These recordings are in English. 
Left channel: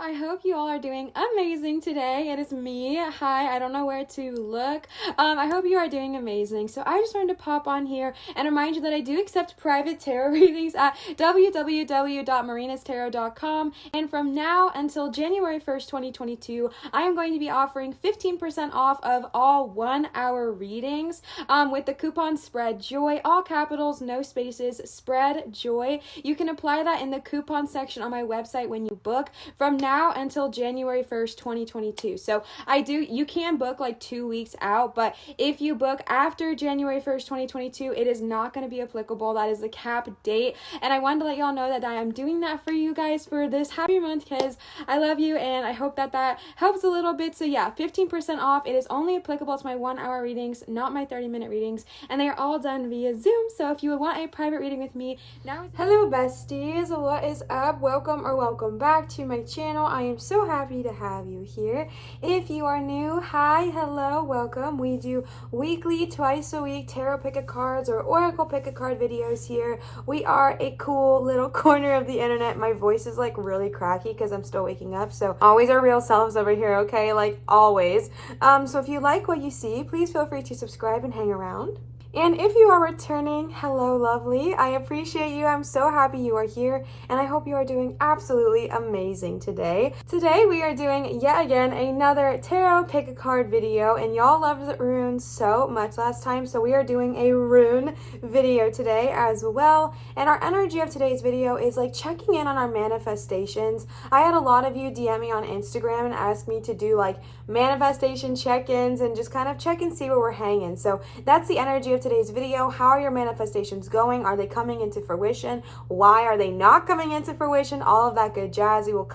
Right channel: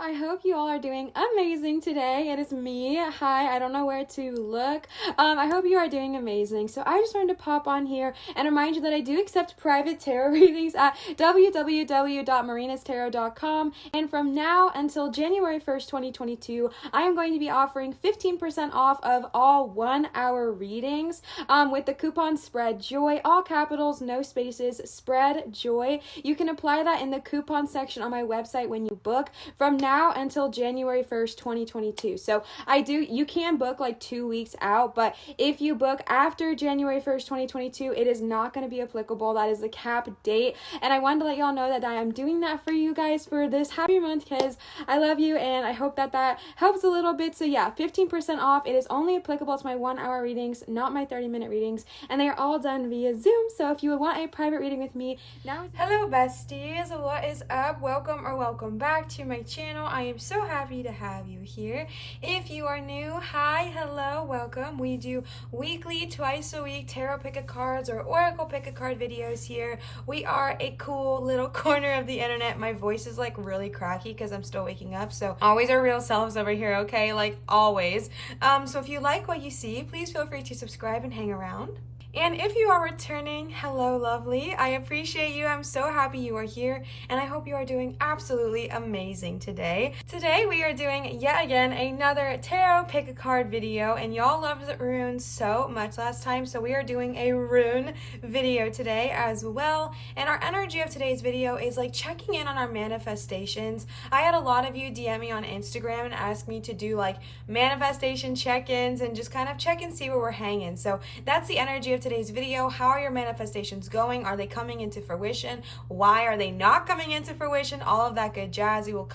I hope you all are doing amazing today. It is me. Hi, I don't know where to look. I hope you are doing amazing. So I just wanted to pop on here and remind you that I do accept private tarot readings at www.marinastarot.com. And from now until January 1st, 2022, I am going to be offering 15% off of all 1-hour readings with the coupon Spread Joy, all capitals, no spaces, Spread Joy. You can apply that in the coupon section on my website when you book from now until January 1st, 2022. So you can book like 2 weeks out, but if you book after January 1st, 2022, it is not going to be applicable. That is the cap date. And I wanted to let y'all know that I am doing that for you guys for this happy month because I love you and I hope that helps a little bit. So yeah, 15% off. It is only applicable to my 1-hour readings, not my 30-minute readings, and they are all done via Zoom. So if you would want a private reading with me, now is hello besties, what is up? Welcome back to my channel. I am so happy to have you here. If you are new, hi, hello, welcome. We do weekly, twice a week tarot pick a cards or oracle pick a card videos here. We are a cool little corner of the internet. My voice is like really cracky because I'm still waking up, so always our real selves over here, okay? Like always. So if you like what you see, please feel free to subscribe and hang around. And if you are returning, hello lovely, I appreciate you. I'm so happy you are here and I hope you are doing absolutely amazing today. Today we are doing yet again another tarot pick a card video, and y'all loved the runes so much last time, so we are doing a rune video today as well. And our energy of today's video is like checking in on our manifestations. I had a lot of you DM me on Instagram and ask me to do like manifestation check-ins and just kind of check and see where we're hanging. So that's the energy of today's video. How are your manifestations going? Are they coming into fruition? Why are they not coming into fruition? All of that good jazz. We will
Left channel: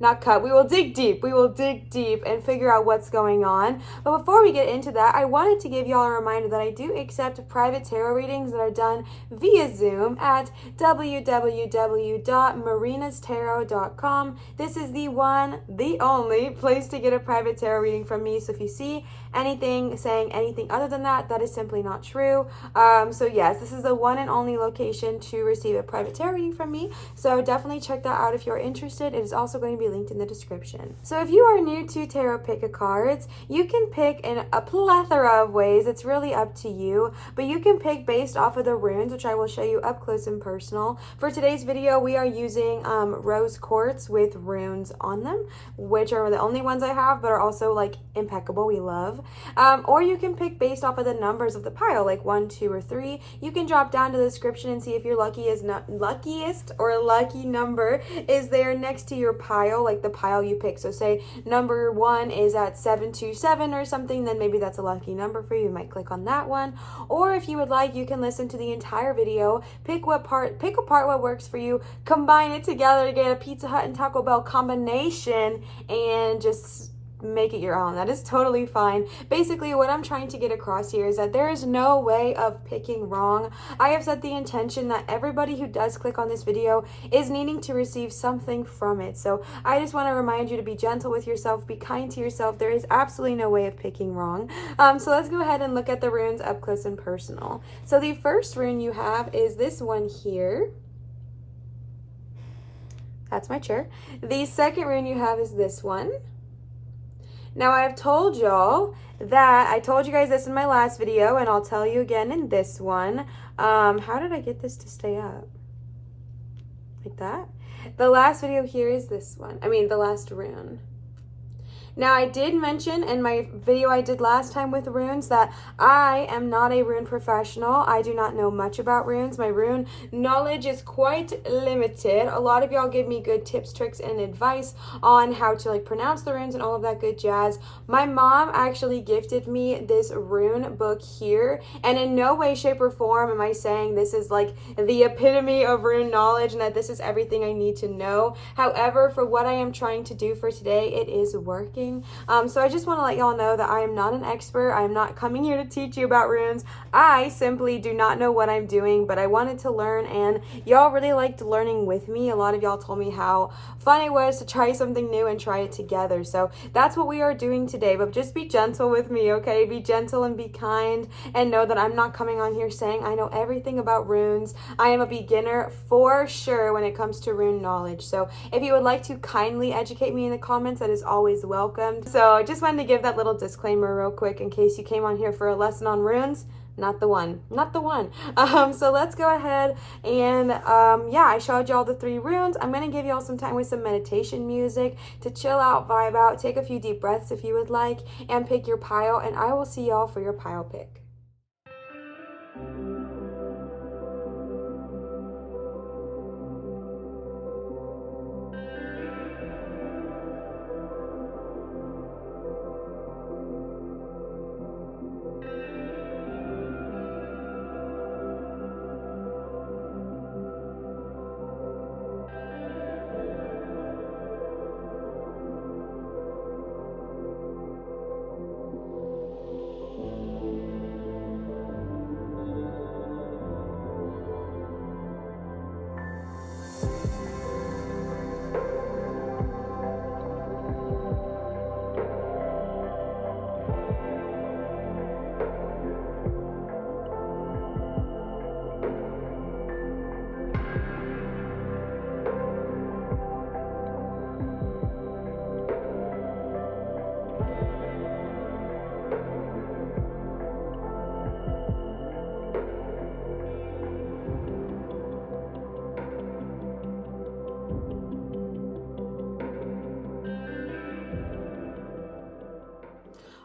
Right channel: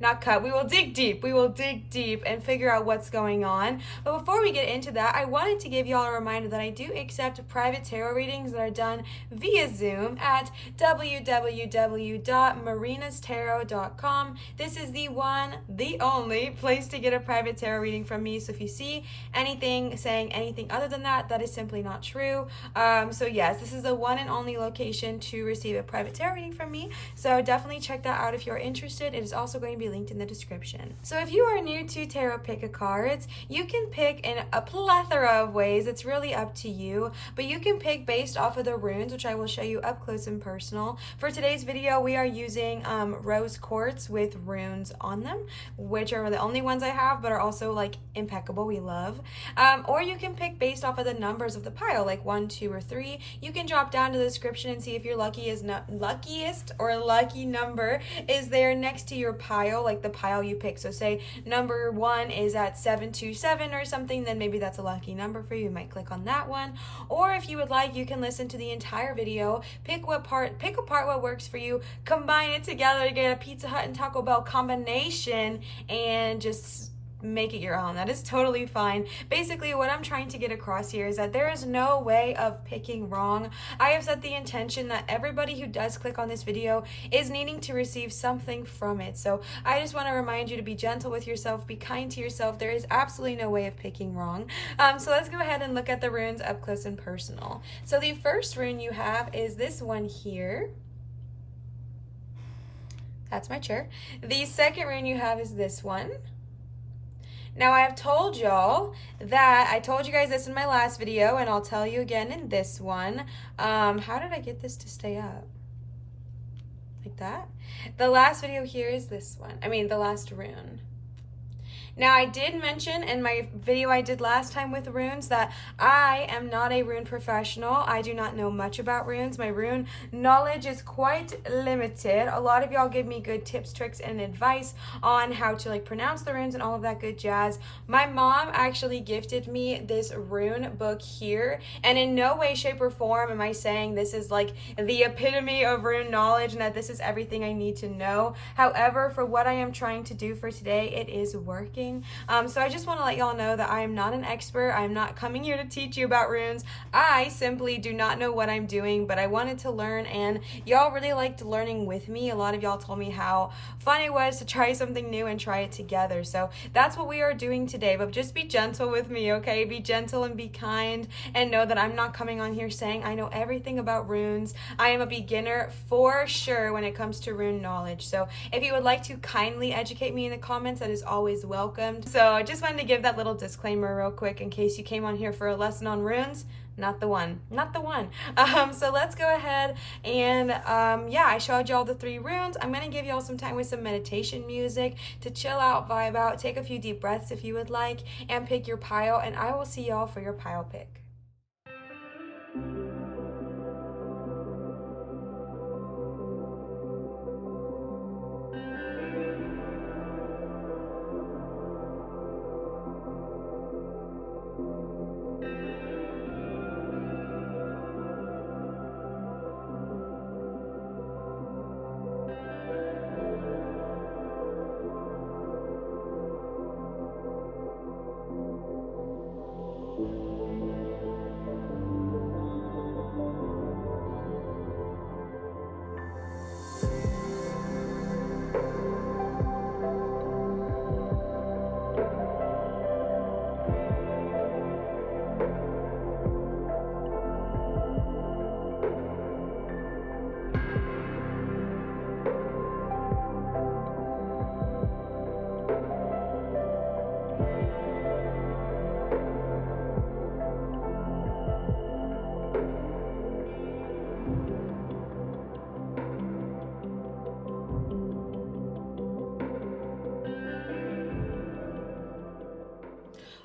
we will dig deep. We will dig deep and figure out what's going on. But before we get into that, I wanted to give y'all a reminder that I do accept private tarot readings that are done via Zoom at www.marinastarot.com. This is the only place to get a private tarot reading from me. So if you see anything saying anything other than that, that is simply not true. So yes, this is the one and only location to receive a private tarot reading from me. So definitely check that out if you're interested. It is also going to be linked in the description. So if you are new to tarot pick a cards, you can pick in a plethora of ways. It's really up to you, but you can pick based off of the runes, which I will show you up close and personal. For today's video, we are using rose quartz with runes on them, which are the only ones I have, but are also like impeccable. We love. Or you can pick based off of the numbers of the pile, like 1, 2, or 3. You can drop down to the description and see if your luckiest or lucky number is there next to your pile, like the pile you pick. So say number 1 is at 727 or something, then maybe that's a lucky number for you. You might click on that one. Or if you would like, you can listen to the entire video, pick apart what works for you, combine it together to get a Pizza Hut and Taco Bell combination, and just make it your own. That is totally fine. Basically, what I'm trying to get across here is that there is no way of picking wrong. I have set the intention that everybody who does click on this video is needing to receive something from it. So I just want to remind you to be gentle with yourself, be kind to yourself. There is absolutely no way of picking wrong. So let's go ahead and look at the runes up close and personal. So the first rune you have is this one here. That's my chair. The second rune you have is this one. Now, I've told y'all that, I told you guys this in my last video, and I'll tell you again in this one. How did I get this to stay up? Like that? The last video here is this one. The last rune. Now, I did mention in my video I did last time with runes that I am not a rune professional. I do not know much about runes. My rune knowledge is quite limited. A lot of y'all give me good tips, tricks, and advice on how to like pronounce the runes and all of that good jazz. My mom actually gifted me this rune book here, and in no way, shape, or form am I saying this is like the epitome of rune knowledge and that this is everything I need to know. However, for what I am trying to do for today, it is working. talking. So I just want to let y'all know that I am not an expert. I am not coming here to teach you about runes. I simply do not know what I'm doing, but I wanted to learn, and y'all really liked learning with me. A lot of y'all told me how fun it was to try something new and try it together. So that's what we are doing today, but just be gentle with me, okay? Be gentle and be kind, and know that I'm not coming on here saying I know everything about runes. I am a beginner for sure when it comes to rune knowledge. So if you would like to kindly educate me in the comments, that is always welcome. So I just wanted to give that little disclaimer real quick in case you came on here for a lesson on runes. Not the one. So let's go ahead and yeah, I showed y'all the 3 runes. I'm gonna give y'all some time with some meditation music to chill out, vibe out, take a few deep breaths if you would like, and pick your pile, and I will see y'all for your pile pick.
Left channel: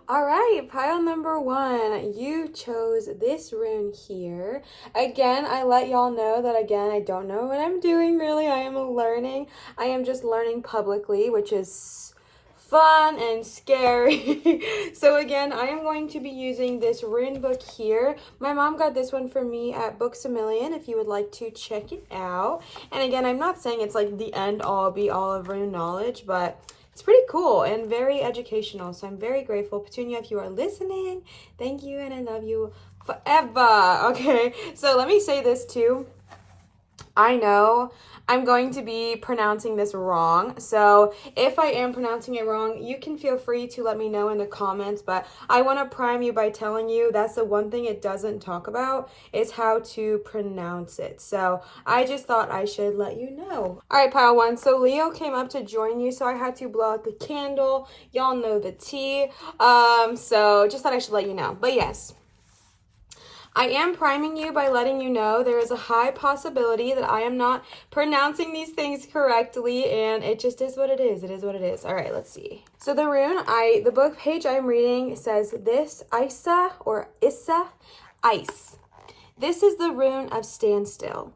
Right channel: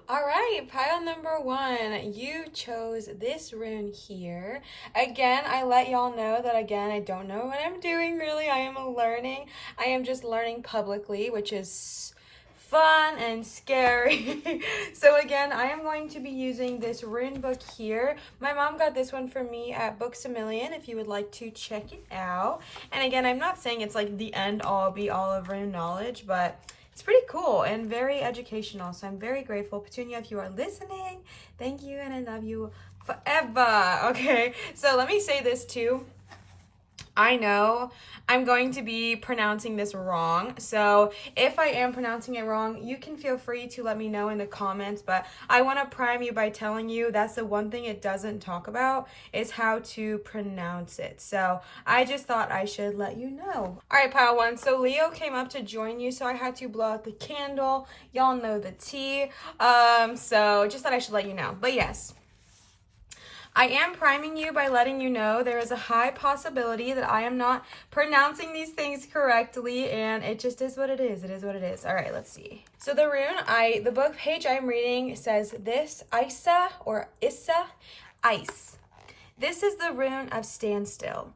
All right, pile number 1, you chose this rune here. Again, I let y'all know that, again, I don't know what I'm doing really. I am learning. I am just learning publicly, which is fun and scary. So again, I am going to be using this rune book here. My mom got this one for me at Books A Million if you would like to check it out. And again, I'm not saying it's like the end all be all of rune knowledge, but it's pretty cool and very educational, so I'm very grateful. Petunia, if you are listening, thank you, and I love you forever. Okay, so let me say this too. I know I'm going to be pronouncing this wrong, so if I am pronouncing it wrong, you can feel free to let me know in the comments, but I want to prime you by telling you that's the one thing it doesn't talk about is how to pronounce it. So I just thought I should let you know. All right, pile 1, so Leo came up to join you, so I had to blow out the candle. Y'all know the tea, so just thought I should let you know. But yes, I am priming you by letting you know there is a high possibility that I am not pronouncing these things correctly, and it just is what it is. It is what it is. All right, let's see. So the rune, the book page I'm reading says this, Isa or Issa, ice. This is the rune of standstill.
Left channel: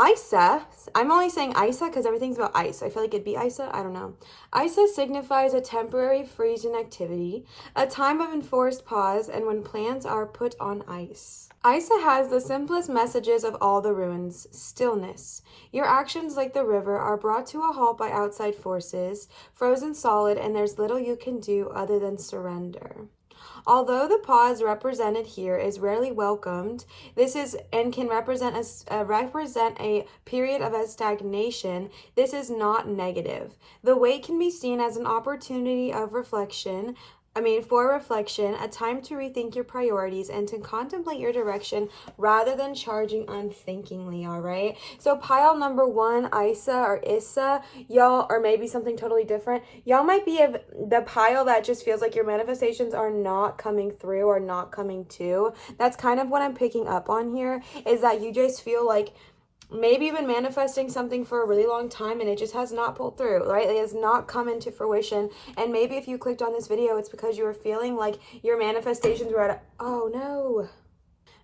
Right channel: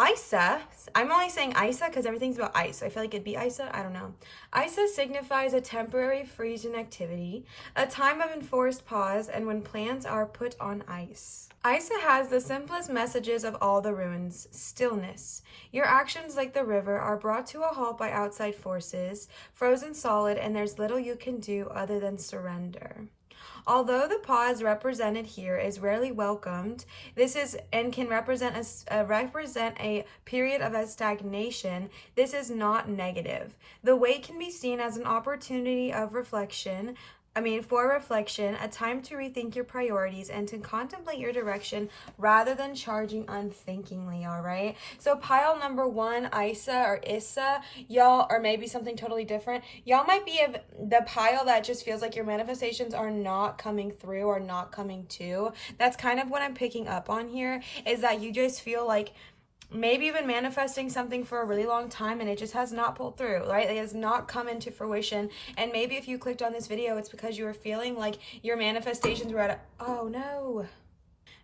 Isa, I'm only saying Isa because everything's about ice. So I feel like it'd be Isa. I don't know. Isa signifies a temporary freeze in activity, a time of enforced pause, and when plans are put on ice. Isa has the simplest messages of all the runes: stillness. Your actions, like the river, are brought to a halt by outside forces, frozen solid, and there's little you can do other than surrender. Although the pause represented here is rarely welcomed, this is and can represent a period of a stagnation. This is not negative. The wait can be seen as an opportunity of reflection. For reflection, a time to rethink your priorities and to contemplate your direction rather than charging unthinkingly, all right? So pile number 1, Isa or Issa, y'all, or maybe something totally different, y'all might be of the pile that just feels like your manifestations are not coming through or not coming to. That's kind of what I'm picking up on here, is that you just feel like maybe you've been manifesting something for a really long time and it just has not pulled through, right? It has not come into fruition. And maybe if you clicked on this video, it's because you were feeling like your manifestations were at oh no.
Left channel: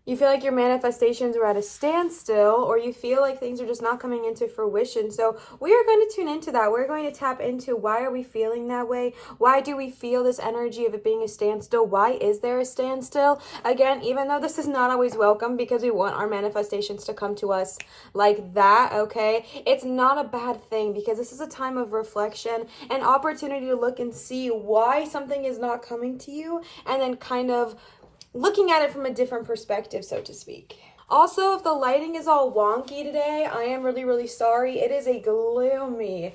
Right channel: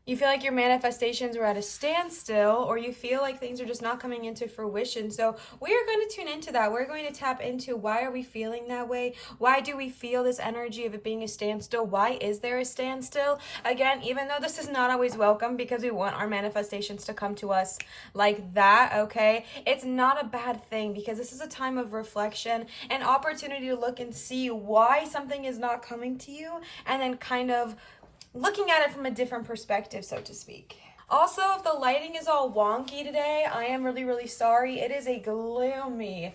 you feel like your manifestations are at a standstill, or you feel like things are just not coming into fruition. So we are going to tune into that. We're going to tap into why are we feeling that way? Why do we feel this energy of it being a standstill? Why is there a standstill? Again, even though this is not always welcome because we want our manifestations to come to us like that, okay? It's not a bad thing because this is a time of reflection, an opportunity to look and see why something is not coming to you, and then kind of looking at it from a different perspective, so to speak. Also, if the lighting is all wonky today, I am really, really sorry. It is a gloomy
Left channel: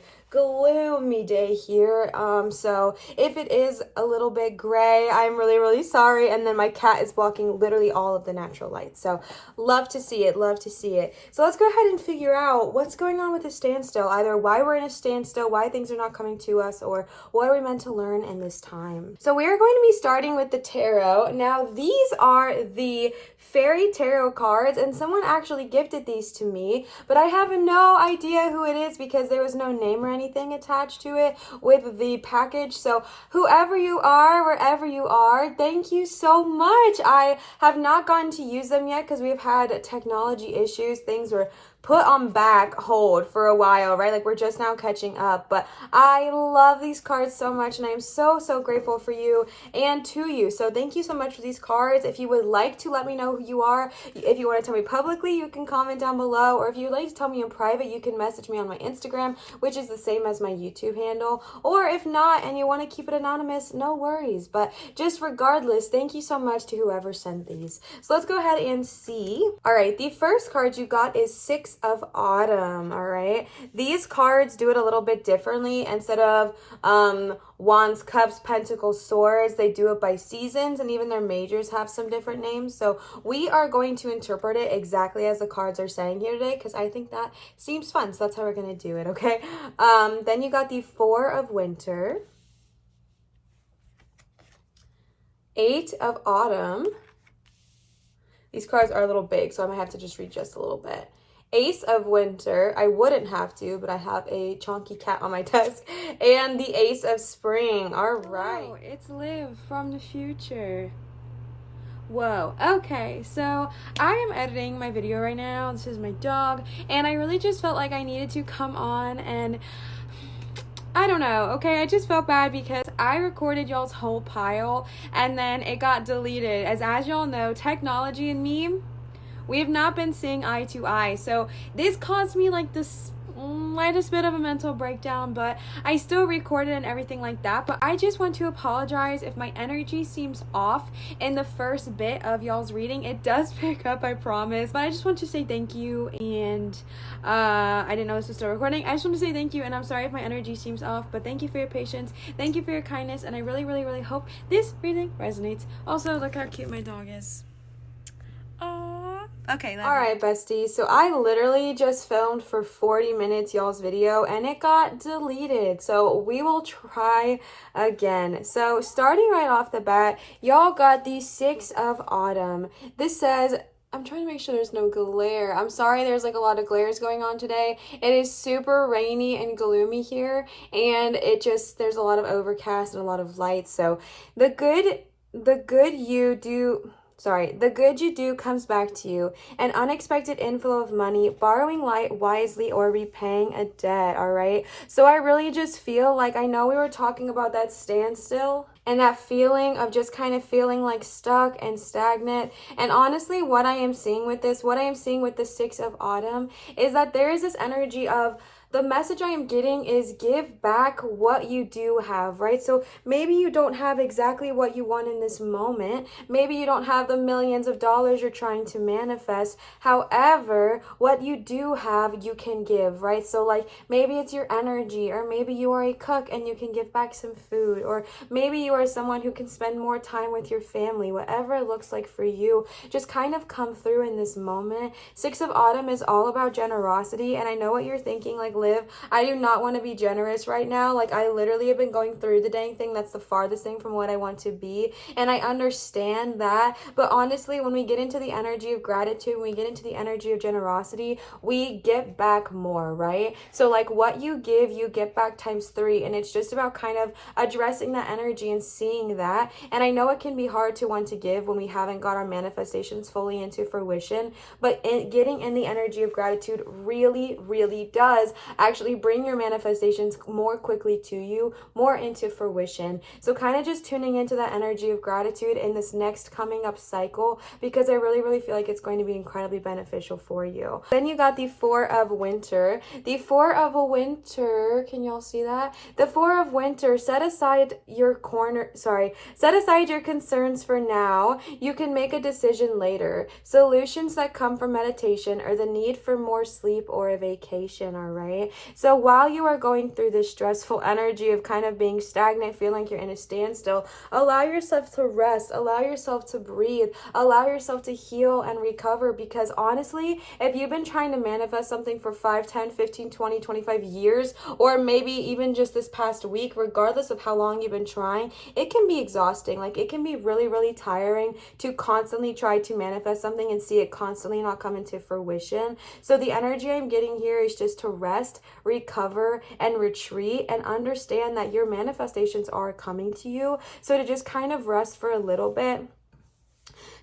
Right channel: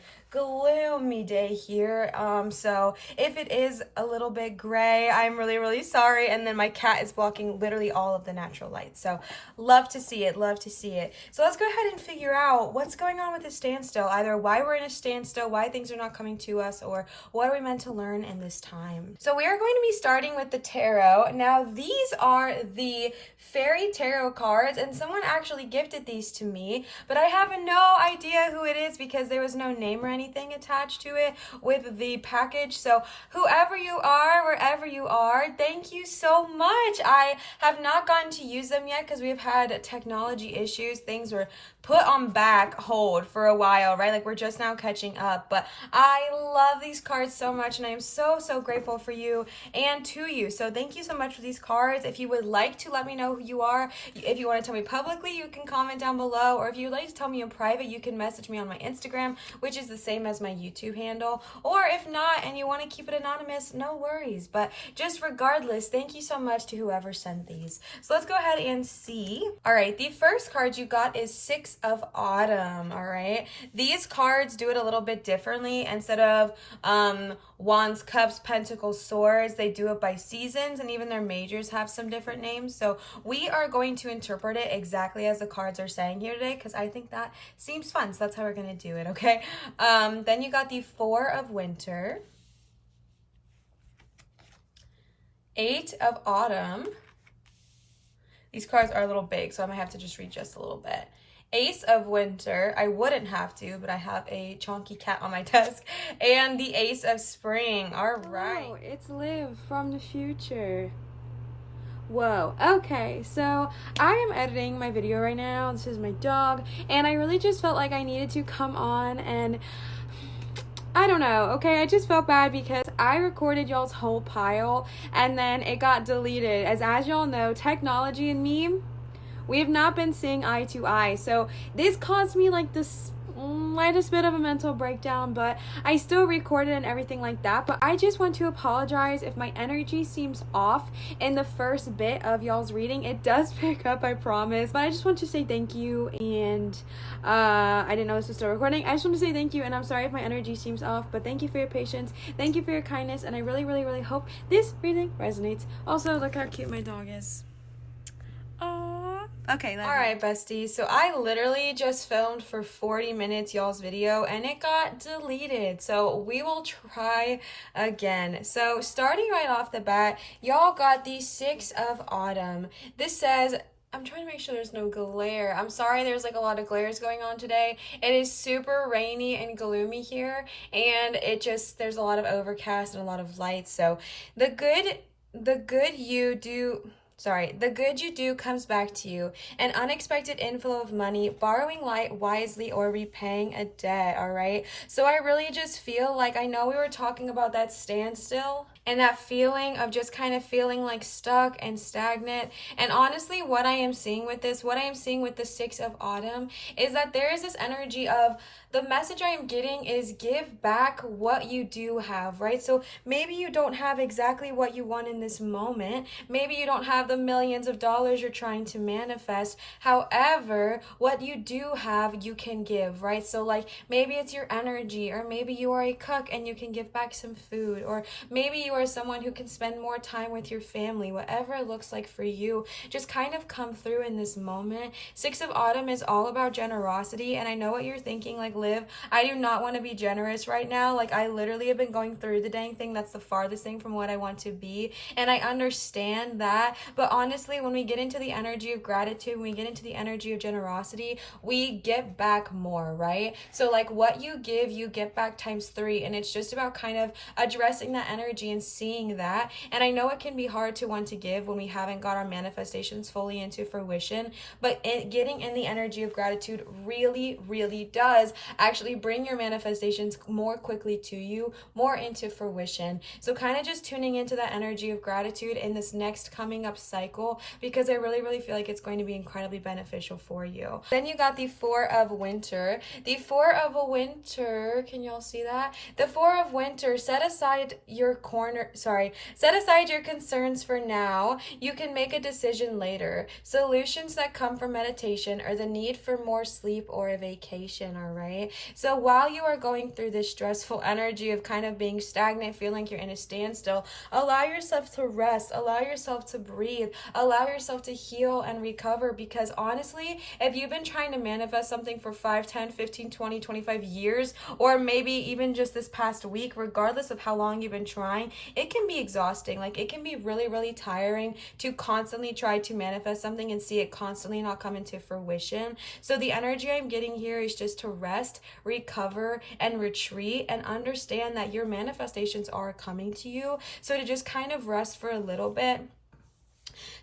day here. So if it is a little bit gray, I'm really, really sorry. And then my cat is blocking literally all of the natural light. So love to see it, love to see it. So let's go ahead and figure out what's going on with the standstill. Either why we're in a standstill, why things are not coming to us, or what are we meant to learn in this time. So we are going to be starting with the tarot. Now these are the fairy tarot cards, and someone actually gifted these to me, but I have no idea who it is because there was no name or anything attached to it with the package. So whoever you are, wherever you are, thank you so much. I have not gotten to use them yet because we've had technology issues. Things were put on back hold for a while, right? Like we're just now catching up, but I love these cards so much, and I'm so grateful for you and to you. So thank you so much for these cards. If you would like to let me know who you are, if you want to tell me publicly, you can comment down below, or if you would like to tell me in private, you can message me on my Instagram, which is the same as my YouTube handle, or if not and you want to keep it anonymous, no worries. But just regardless, thank you so much to whoever sent these. So let's go ahead and see. All right, the first card you got is Six of Autumn. All right, these cards do it a little bit differently. Instead of Wands, Cups, Pentacles, Swords, they do it by seasons, and even their majors have some different names. So we are going to interpret it exactly as the cards are saying here today because I think that seems fun. So that's how we're going to do it, okay? Then you got the Four of Winter, Eight of Autumn. These cards are a little big, so I might have to just read just a little bit. Ace of Winter, I wouldn't have to, but I have a chonky cat on my desk. And the Ace of Spring. All right. Hello, it's Liv from the future. Whoa, okay, so I am editing my video right now. This is my dog, and I really just felt like I needed to come on and I don't know, okay, I just felt bad because I recorded y'all's whole pile and then it got deleted. As y'all know, technology and me, we have not been seeing eye to eye. So this caused me like this slightest bit of a mental breakdown, but I still recorded and everything like that. But I just want to apologize if my energy seems off in the first bit of y'all's reading. It does pick up, I promise. But I just want to say thank you, and I didn't know this was still recording. I just want to say thank you, and I'm sorry if my energy seems off, but thank you for your patience, thank you for your kindness, and I really hope this reading resonates. Also, look how cute my dog is. Okay. All right, besties. So I literally just filmed for 40 minutes y'all's video and it got deleted. So we will try again. So starting right off the bat, y'all got the Six of Autumn. This says, I'm trying to make sure there's no glare. I'm sorry, there's like a lot of glares going on today. It is super rainy and gloomy here, and there's a lot of overcast and a lot of light. So the good you do comes back to you. An unexpected inflow of money, borrowing light wisely, or repaying a debt, all right? So I really just feel like, I know we were talking about that standstill and that feeling of just kind of feeling like stuck and stagnant. And honestly, what I am seeing with the Six of Autumn is that there is this energy of, the message I am getting is give back what you do have, right? So maybe you don't have exactly what you want in this moment. Maybe you don't have the millions of dollars you're trying to manifest. However, what you do have, you can give, right? So like maybe it's your energy, or maybe you are a cook and you can give back some food, or maybe you are someone who can spend more time with your family. Whatever it looks like for you, just kind of come through in this moment. Six of Autumn is all about generosity, and I know what you're thinking, like, live. I do not want to be generous right now. Like, I literally have been going through the dang thing that's the farthest thing from what I want to be. And I understand that. But honestly, when we get into the energy of gratitude, when we get into the energy of generosity, we get back more, right? So like what you give, you get back times 3. And it's just about kind of addressing that energy and seeing that. And I know it can be hard to want to give when we haven't got our manifestations fully into fruition, but getting in the energy of gratitude really, really does actually bring your manifestations more quickly to you, more into fruition. So kind of just tuning into that energy of gratitude in this next coming up cycle, because I really, really feel like it's going to be incredibly beneficial for you. Then you got the 4 of winter. The 4 of winter, can y'all see that? The 4 of winter, set aside your concerns for now. You can make a decision later. Solutions that come from meditation or the need for more sleep or a vacation, all right? So while you are going through this stressful energy of kind of being stagnant, feeling like you're in a standstill, allow yourself to rest, allow yourself to breathe, allow yourself to heal and recover, because honestly, if you've been trying to manifest something for 5, 10, 15, 20, 25 years, or maybe even just this past week, regardless of how long you've been trying, it can be exhausting. Like, it can be really, really tiring to constantly try to manifest something and see it constantly not come into fruition. So the energy I'm getting here is just to rest, recover, and retreat, and understand that your manifestations are coming to you. So to just kind of rest for a little bit.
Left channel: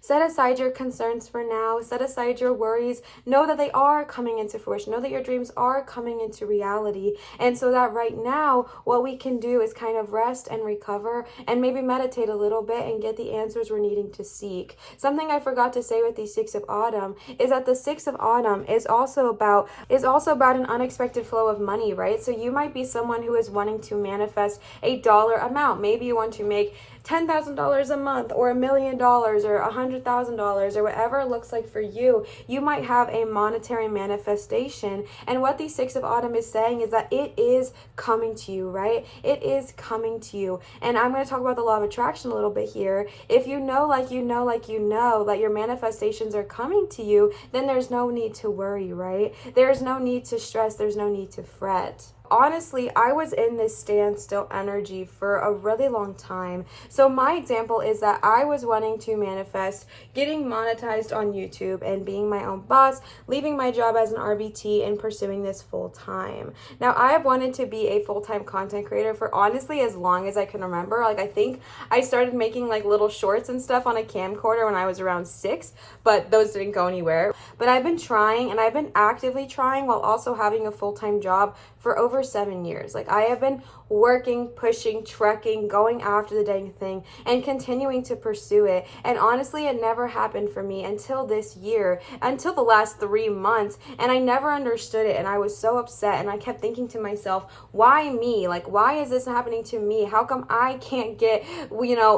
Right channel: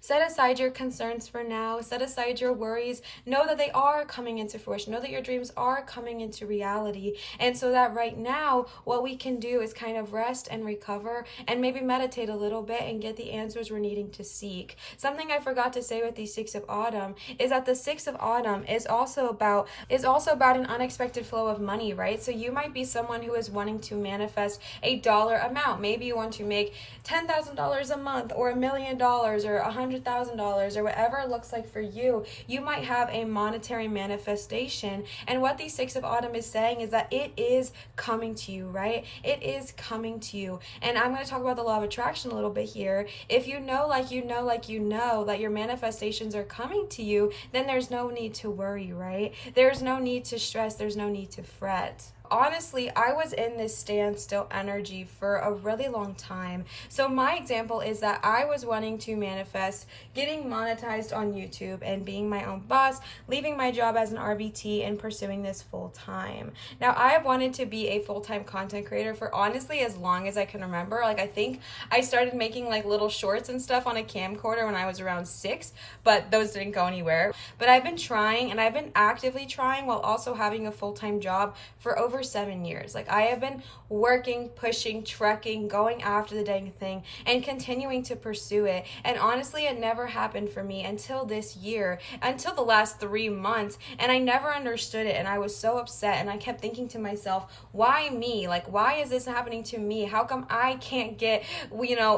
Set aside your concerns for now. Set aside your worries. Know that they are coming into fruition. Know that your dreams are coming into reality. And so that right now, what we can do is kind of rest and recover and maybe meditate a little bit and get the answers we're needing to seek. Something I forgot to say with the 6 of autumn is that the 6 of autumn is also about an unexpected flow of money, right? So you might be someone who is wanting to manifest a dollar amount. Maybe you want to make $10,000 a month or $1 million or $100,000 or whatever it looks like for you. You might have a monetary manifestation, and what the 6 of autumn is saying is that it is coming to you, right? It is coming to you. And I'm going to talk about the law of attraction a little bit here. If you know that your manifestations are coming to you, then there's no need to worry, right? There's no need to stress. There's no need to fret. Honestly, I was in this standstill energy for a really long time. So my example is that I was wanting to manifest getting monetized on YouTube and being my own boss, leaving my job as an RBT and pursuing this full time. Now, I have wanted to be a full-time content creator for honestly as long as I can remember. Like, I think I started making like little shorts and stuff on a camcorder when I was around 6, but those didn't go anywhere. But I've been trying, and I've been actively trying while also having a full-time job for over 7 years. Like, I have been working, pushing, trekking, going after the dang thing and continuing to pursue it. And honestly, it never happened for me until this year, until the last 3 months. And I never understood it. And I was so upset. And I kept thinking to myself, why me? Like, why is this happening to me? How come I can't get,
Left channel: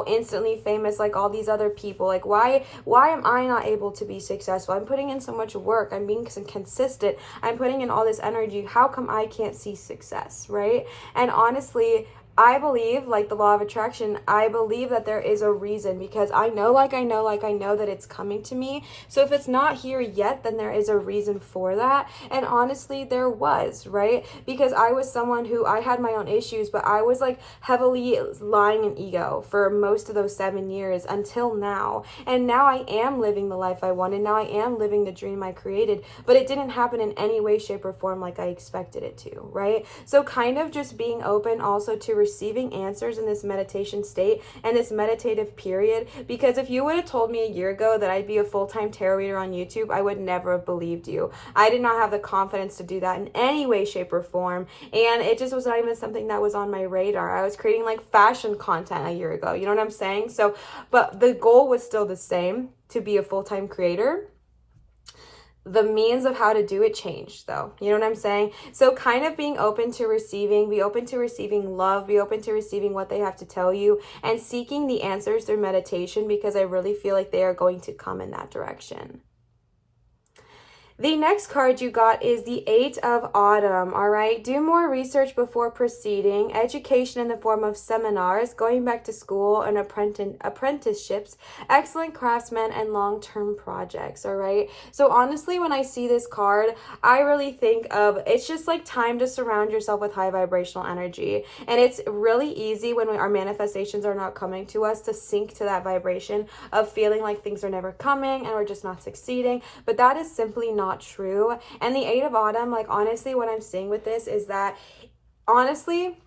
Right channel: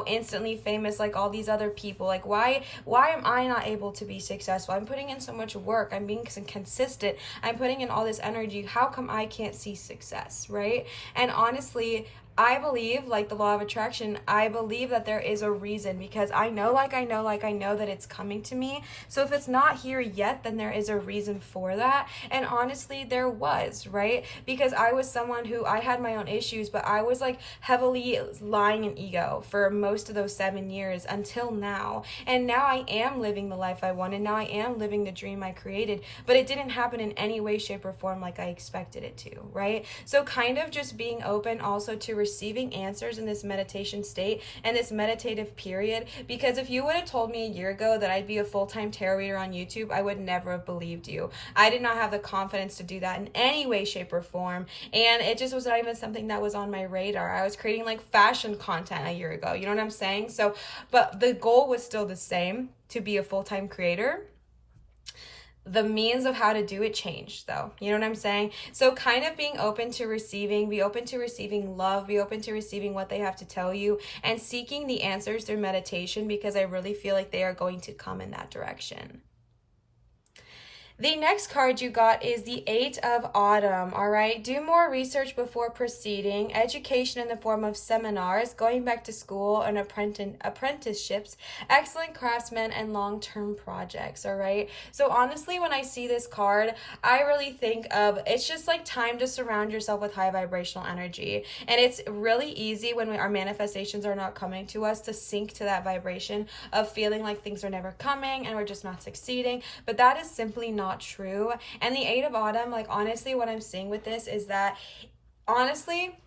instantly famous like all these other people? Like, why am I not able to be successful? I'm putting in so much work. I'm being consistent. I'm putting in all this energy. How come I can't see success, right? And honestly, I believe, like the law of attraction, I believe that there is a reason, because I know that it's coming to me. So if it's not here yet, then there is a reason for that. And honestly, there was, right? Because I was someone who, I had my own issues, but I was like heavily lying in ego for most of those 7 years until now. And now I am living the life I wanted. Now I am living the dream I created, but it didn't happen in any way, shape, or form like I expected it to, right? So kind of just being open also to receiving answers in this meditation state and this meditative period, because if you would have told me a year ago that I'd be a full-time tarot reader on YouTube, I would never have believed you. I did not have the confidence to do that in any way, shape, or form, and it just was not even something that was on my radar. I was creating like fashion content a year ago, you know what I'm saying? So, but the goal was still the same, to be a full-time creator. The means of how to do it changed, though. You know what I'm saying? So kind of being open to receiving, be open to receiving love, be open to receiving what they have to tell you, and seeking the answers through meditation, because I really feel like they are going to come in that direction. The next card you got is the Eight of Autumn, all right? Do more research before proceeding, education in the form of seminars, going back to school and apprenticeships, excellent craftsmen, and long-term projects, all right? So honestly, when I see this card, I really think of, it's just like time to surround yourself with high vibrational energy. And it's really easy when our manifestations are not coming to us to sink to that vibration of feeling like things are never coming and we're just not succeeding. But that is simply not true. And the Eight of Autumn, like honestly, what I'm seeing with this is that honestly,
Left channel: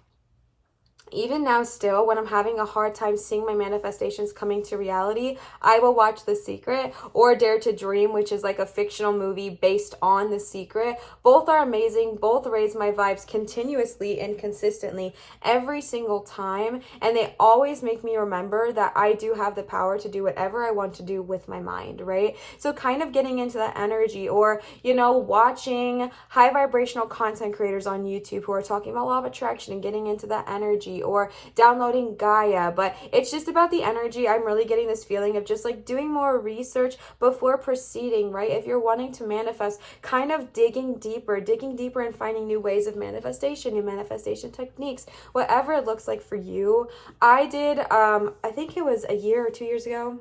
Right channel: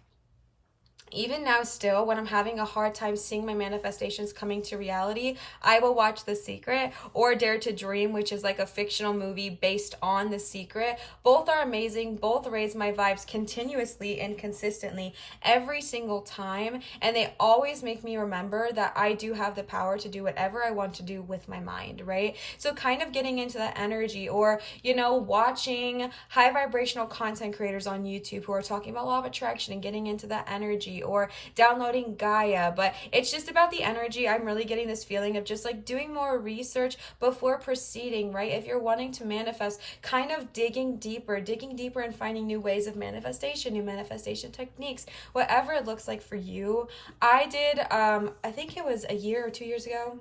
even now still, when I'm having a hard time seeing my manifestations coming to reality, I will watch The Secret or Dare to Dream, which is like a fictional movie based on The Secret. Both are amazing. Both raise my vibes continuously and consistently every single time. And they always make me remember that I do have the power to do whatever I want to do with my mind, right? So kind of getting into that energy, or, you know, watching high vibrational content creators on YouTube who are talking about law of attraction and getting into that energy, or downloading Gaia. But it's just about the energy. I'm really getting this feeling of just like doing more research before proceeding, right? If you're wanting to manifest, kind of digging deeper and finding new ways of manifestation, new manifestation techniques, whatever it looks like for you. I did, I think it was a year or 2 years ago,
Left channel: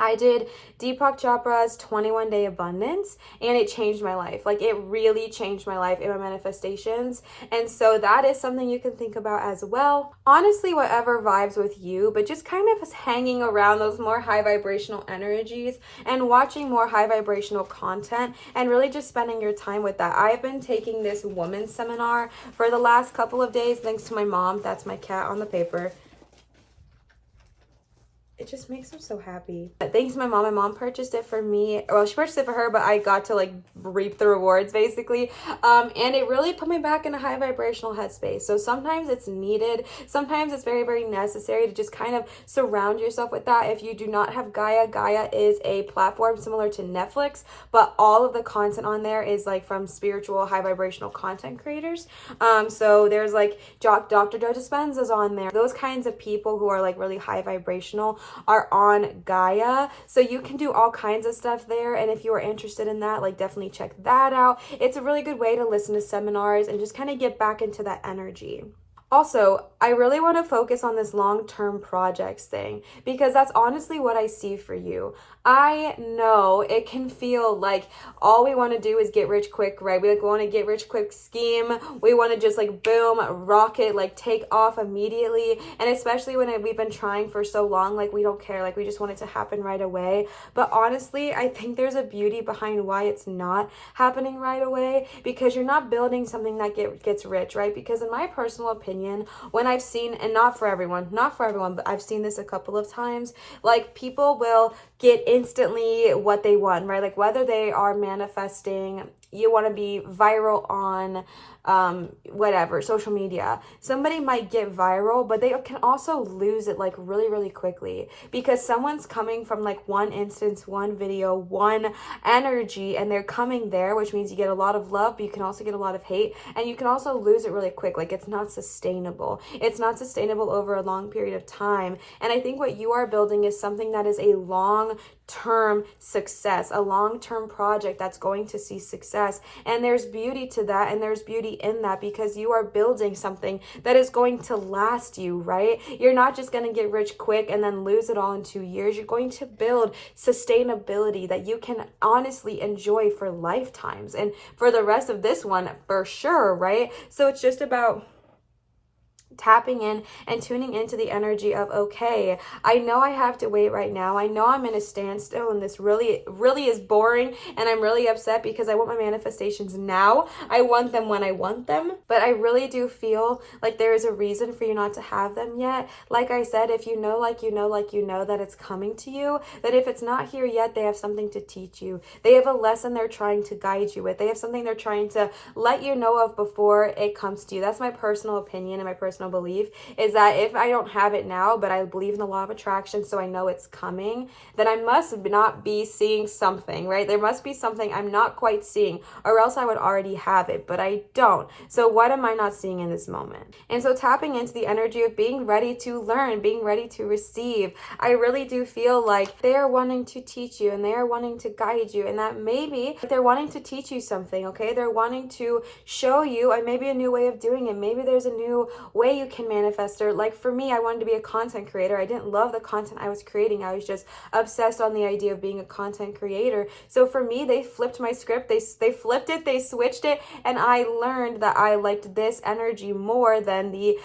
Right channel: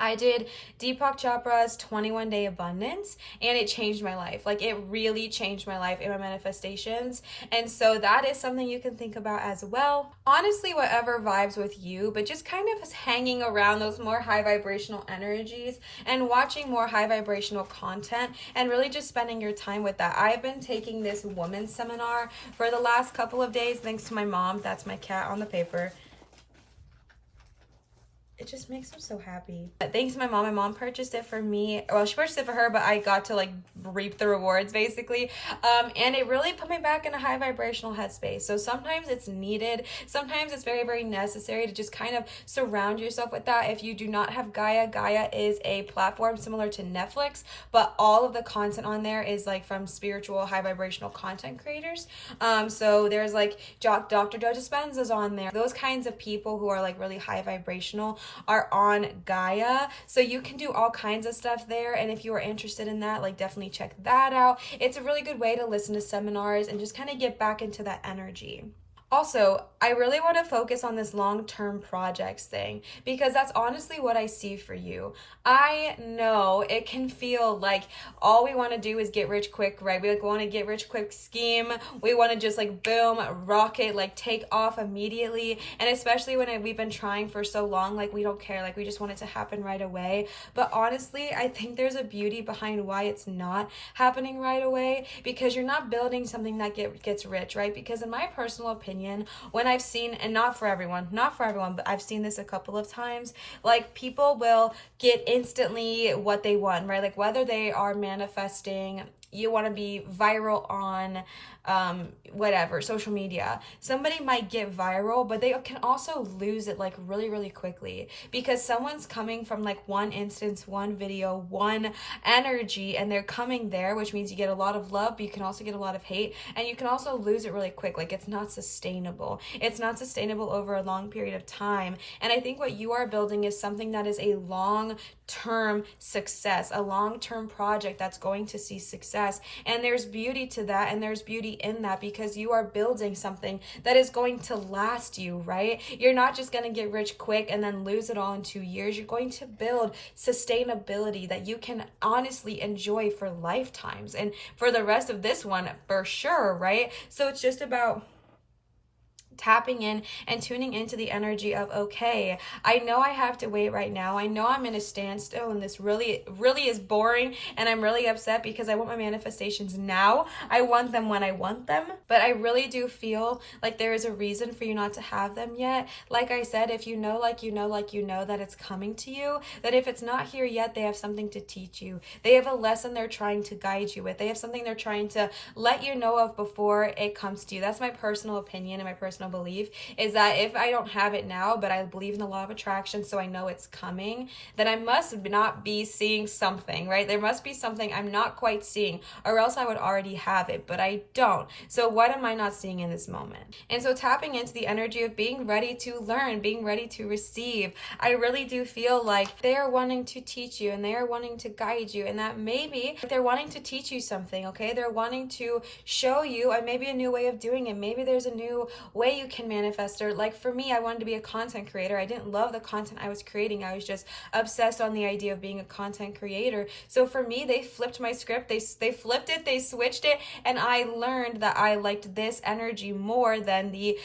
I did Deepak Chopra's 21 Day Abundance, and it changed my life. Like, it really changed my life in my manifestations. And so that is something you can think about as well. Honestly, whatever vibes with you, but just kind of hanging around those more high vibrational energies and watching more high vibrational content and really just spending your time with that. I've been taking this women's seminar for the last couple of days, thanks to my mom. That's my cat on the paper. It just makes me so happy. But thanks to my mom purchased it for me. Well, she purchased it for her, but I got to like reap the rewards basically. And it really put me back in a high vibrational headspace. So sometimes it's needed. Sometimes it's very, very necessary to just kind of surround yourself with that. If you do not have Gaia, Gaia is a platform similar to Netflix, but all of the content on there is like from spiritual high vibrational content creators. So there's like Dr. Joe Dispenza's on there. Those kinds of people who are like really high vibrational are on Gaia, so you can do all kinds of stuff there. And if you are interested in that, like, definitely check that out. It's a really good way to listen to seminars and just kind of get back into that energy. Also, I really want to focus on this long-term projects thing, because that's honestly what I see for you. I know it can feel like all we want to do is get rich quick, right? We want to get rich quick scheme. We want to just like boom, rocket, like take off immediately. And especially when we've been trying for so long, like we don't care, like we just want it to happen right away. But honestly, I think there's a beauty behind why it's not happening right away, because you're not building something that gets rich, right? Because in my personal opinion, when I've seen, and not for everyone, but I've seen this a couple of times, like people will get instantly what they want, right? Like whether they are manifesting, you want to be viral on whatever, social media. Somebody might get viral, but they can also lose it like really, really quickly, because someone's coming from like one instance, one video, one energy, and they're coming there, which means you get a lot of love, but you can also get a lot of hate, and you can also lose it really quick. Like it's not sustainable. It's not sustainable over a long period of time. And I think what you are building is something that is a long-term success, a long-term project that's going to see success. And there's beauty to that, and there's beauty in that, because you are building something that is going to last you, right? You're not just going to get rich quick and then lose it all in 2 years. You're going to build sustainability that you can honestly enjoy for lifetimes, and for the rest of this one for sure, right? So it's just about tapping in and tuning into the energy of, okay, I know I have to wait right now. I know I'm in a standstill and this really, really is boring, and I'm really upset because I want my manifestations now. I want them when I want them, but I really do feel like there is a reason for you not to have them yet. Like I said, if you know, like you know that it's coming to you, that if it's not here yet, they have something to teach you. They have a lesson they're trying to guide you with. They have something they're trying to let you know of before it comes to you. That's my personal opinion and my personal personal belief, is that if I don't have it now, but I believe in the law of attraction, so I know it's coming, then I must not be seeing something, right? There must be something I'm not quite seeing, or else I would already have it, but I don't. So what am I not seeing in this moment? And so tapping into the energy of being ready to learn, being ready to receive, I really do feel like they are wanting to teach you and they are wanting to guide you, and that maybe they're wanting to teach you something, okay? They're wanting to show you maybe a new way of doing it. Maybe there's a new way you can manifest, or like for me, I wanted to be a content creator. I didn't love the content I was creating. I was just obsessed on the idea of being a content creator. So for me, they flipped my script. They flipped it, they switched it, and I learned that I liked this energy more than the,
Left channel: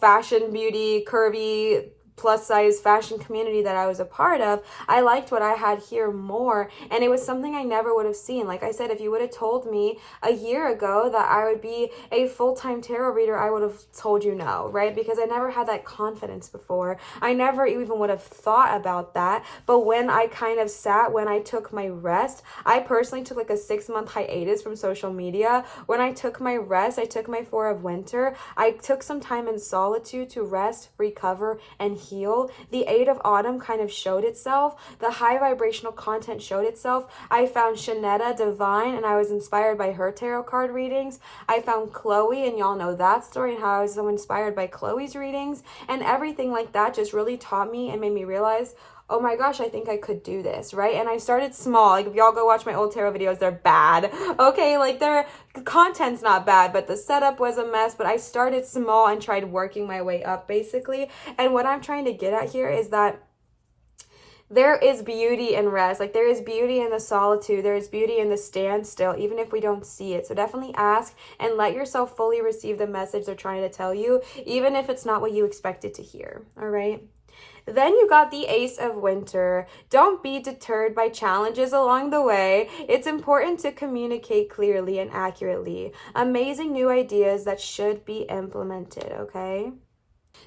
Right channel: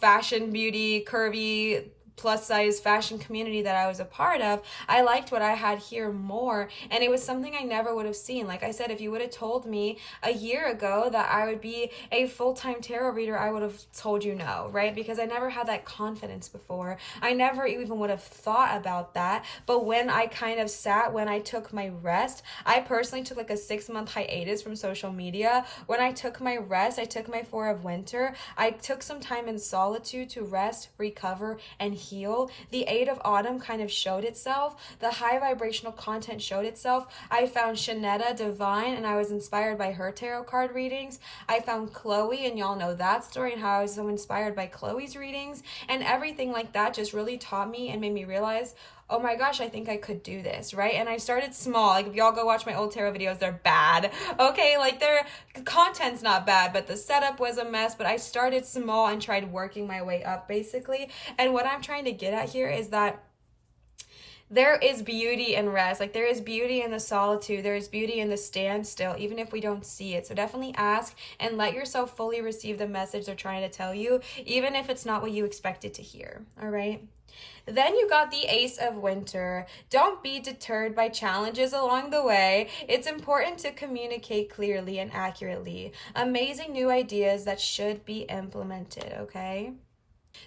fashion, beauty, curvy, plus size fashion community that I was a part of. I liked what I had here more, and it was something I never would have seen. Like I said, if you would have told me a year ago that I would be a full-time tarot reader, I would have told you no, right? Because I never had that confidence before. I never even would have thought about that. But when I kind of when I took my rest, I personally took like a 6-month hiatus from social media. When I took my rest, I took my 4 of winter, I took some time in solitude to rest, recover, and heal. The 8 of autumn kind of showed itself. The high vibrational content showed itself. I found Shanetta Divine, and I was inspired by her tarot card readings. I found Chloe, and y'all know that story and how I was so inspired by Chloe's readings, and everything like that just really taught me and made me realize, oh my gosh, I think I could do this, right? And I started small. Like if y'all go watch my old tarot videos, they're bad. Okay, like their content's not bad, but the setup was a mess. But I started small and tried working my way up, basically. And what I'm trying to get at here is that there is beauty in rest. Like there is beauty in the solitude. There is beauty in the standstill, even if we don't see it. So definitely ask and let yourself fully receive the message they're trying to tell you, even if it's not what you expected to hear. All right. Then you got the Ace of Winter. Don't be deterred by challenges along the way. It's important to communicate clearly and accurately. Amazing new ideas that should be implemented, okay?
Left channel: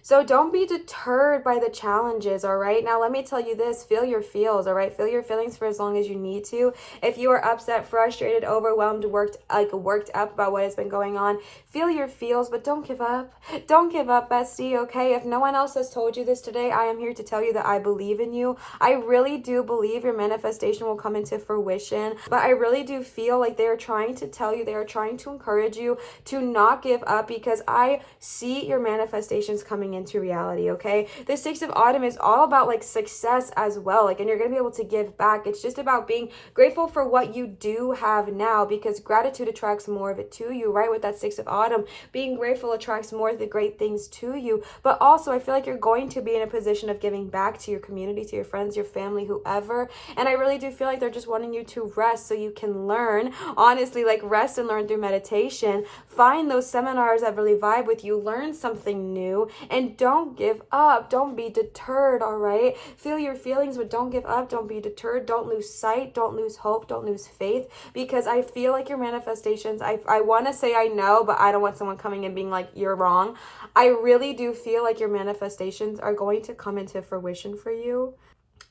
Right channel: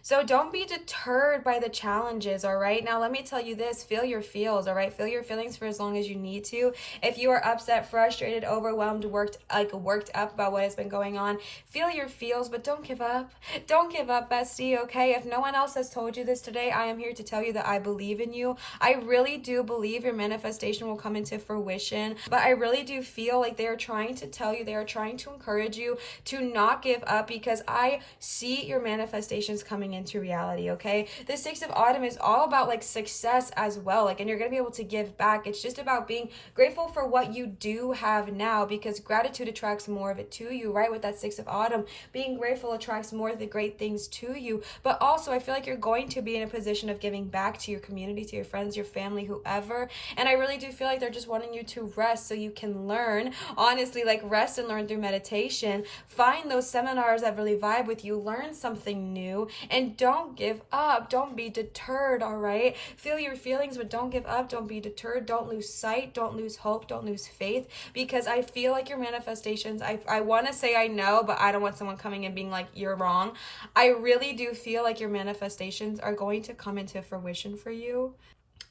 So don't be deterred by the challenges, all right? Now, let me tell you this, feel your feels, all right? Feel your feelings for as long as you need to. If you are upset, frustrated, overwhelmed, worked up about what has been going on, feel your feels, but don't give up. Don't give up, bestie, okay? If no one else has told you this today, I am here to tell you that I believe in you. I really do believe your manifestation will come into fruition, but I really do feel like they are trying to tell you, they are trying to encourage you to not give up, because I see your manifestations coming into reality, okay? The 6 of autumn is all about like success as well, like, and you're gonna be able to give back. It's just about being grateful for what you do have now, because gratitude attracts more of it to you, right? With that 6 of autumn, being grateful attracts more of the great things to you. But also I feel like you're going to be in a position of giving back to your community, to your friends, your family, whoever. And I really do feel like they're just wanting you to rest so you can learn, honestly, like rest and learn through meditation. Find those seminars that really vibe with you, learn something new, and don't give up. Don't be deterred, all right? Feel your feelings, but don't give up. Don't be deterred. Don't lose sight. Don't lose hope. Don't lose faith, because I feel like your manifestations, I want to say I know, but I don't want someone coming and being like, you're wrong. I really do feel like your manifestations are going to come into fruition for you.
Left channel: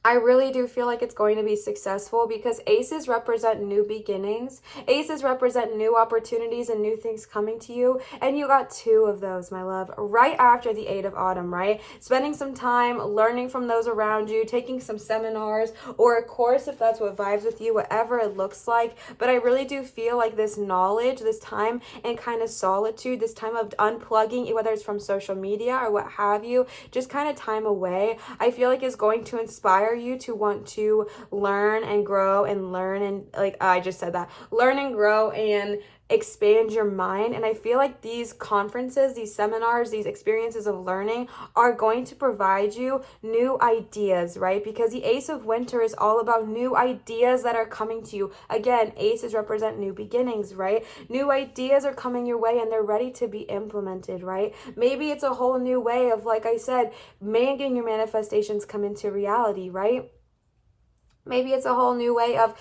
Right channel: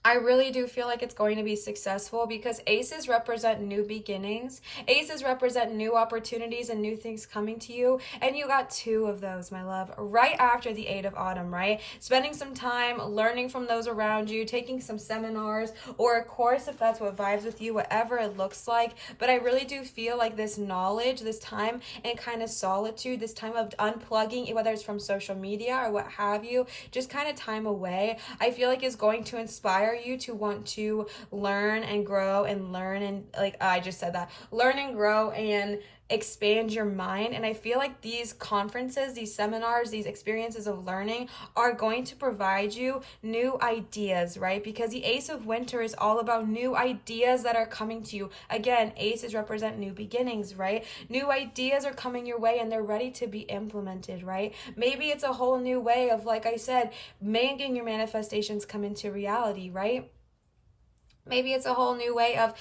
I really do feel like it's going to be successful, because aces represent new beginnings. Aces represent new opportunities and new things coming to you. And you got 2 of those, my love, right after the 8 of autumn, right? Spending some time learning from those around you, taking some seminars or a course if that's what vibes with you, whatever it looks like. But I really do feel like this knowledge, this time and kind of solitude, this time of unplugging, whether it's from social media or what have you, just kind of time away, I feel like is going to inspire you to want to learn and grow and learn, and like I just said that, learn and grow and expand your mind. And I feel like these conferences, these seminars, these experiences of learning are going to provide you new ideas, right? Because the Ace of Winter is all about new ideas that are coming to you. Again, aces represent new beginnings, right? New ideas are coming your way and they're ready to be implemented, right? Maybe it's a whole new way of, like I said, making your manifestations come into reality, right? Maybe it's a whole new way of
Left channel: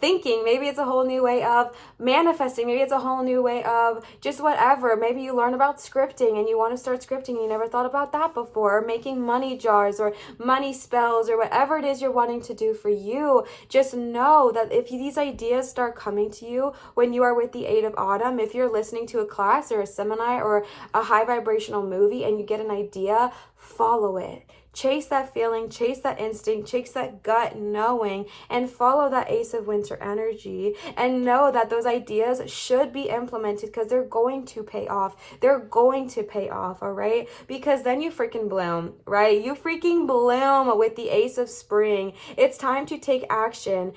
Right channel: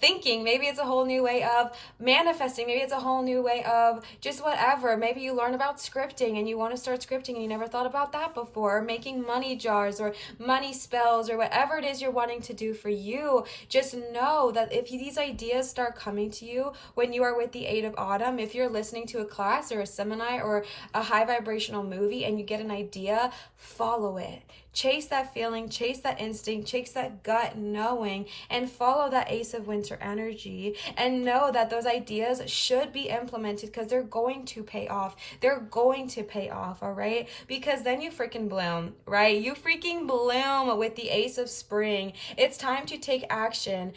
thinking. Maybe it's a whole new way of manifesting. Maybe it's a whole new way of just whatever. Maybe you learn about scripting and you want to start scripting and you never thought about that before. Or making money jars or money spells or whatever it is you're wanting to do for you. Just know that if these ideas start coming to you when you are with the 8 of Autumn, if you're listening to a class or a seminar or a high vibrational movie and you get an idea, follow it. Chase that feeling, chase that instinct, chase that gut knowing, and follow that Ace of Winter energy, and know that those ideas should be implemented because they're going to pay off. They're going to pay off, all right? Because then you freaking bloom, right? You freaking bloom with the Ace of Spring. It's time to take action.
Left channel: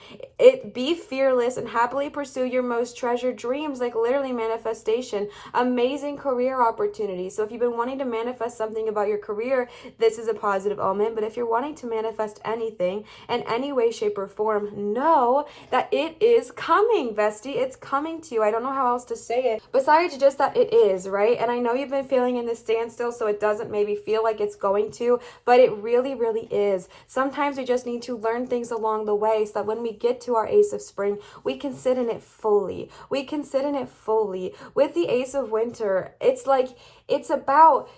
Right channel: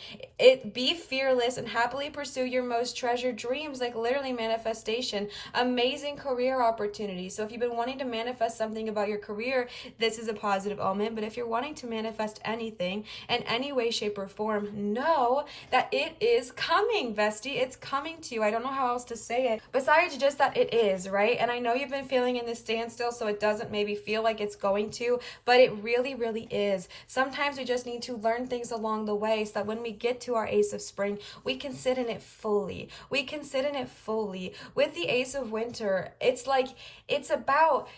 Be fearless and happily pursue your most treasured dreams, like literally manifestation. Amazing career opportunities. So if you've been wanting to manifest something about your career, this is a positive omen. But if you're wanting to manifest anything in any way, shape, or form, know that it is coming, bestie. It's coming to you. I don't know how else to say it besides just that it is, right? And I know you've been feeling in this standstill, so it doesn't maybe feel like it's going to, but it really, really is. Sometimes we just need to learn things along the way so that when we get to our Ace of Spring, we can sit in it fully. We can sit in it fully. With the Ace of Winter, it's like, it's about,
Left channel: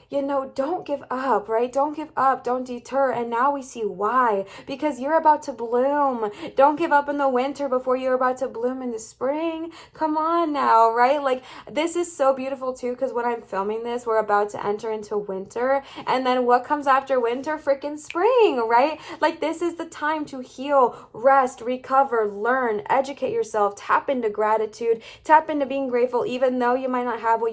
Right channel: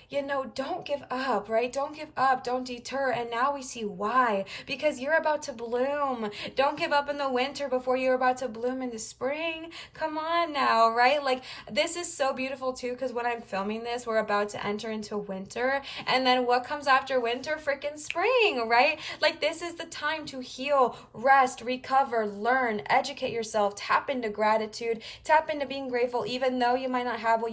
don't give up, right? Don't give up, don't deter. And now we see why. Because you're about to bloom. Don't give up in the winter before you're about to bloom in the spring. Come on now, right? Like, this is so beautiful too, because when I'm filming this, we're about to enter into winter. And then what comes after winter? Freaking spring, right? Like, this is the time to heal, rest, recover, learn, educate yourself, tap into gratitude, tap into being grateful, even though you might not have what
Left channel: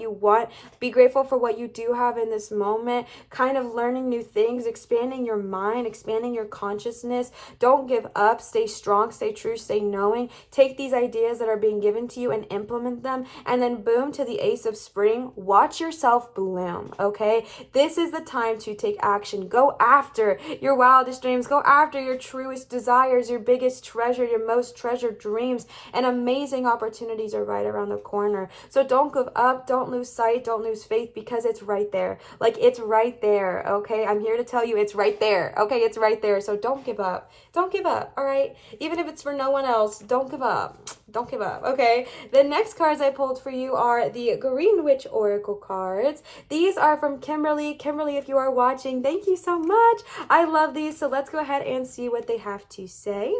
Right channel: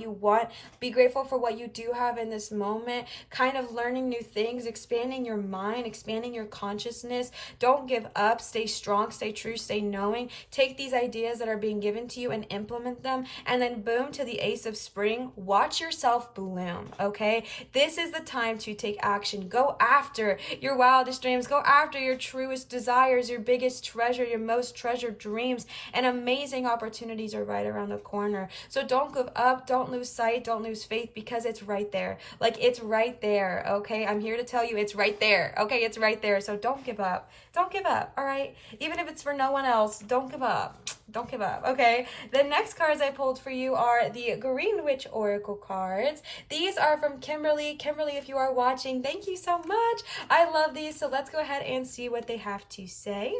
you want. Be grateful for what you do have in this moment, kind of learning new things, expanding your mind, expanding your consciousness. Don't give up. Stay strong, stay true, stay knowing. Take these ideas that are being given to you and implement them. And then boom, to the Ace of Spring. Watch yourself bloom, okay? This is the time to take action. Go after your wildest dreams. Go after your truest desires, your biggest treasure, your most treasured dreams. And amazing opportunities are right around the corner. So don't give up. Don't lose sight. Don't lose faith, because it's right there. Like, it's right there, okay? I'm here to tell you it's right there, okay? It's right there. So don't give up. Don't give up, all right? Even if it's for no one else, don't give up. Don't give up, okay? The next cards I pulled for you are the Green Witch Oracle cards. These are from Kimberly. Kimberly, if you are watching, thank you so much. I love these. So let's go ahead and see what they have to say.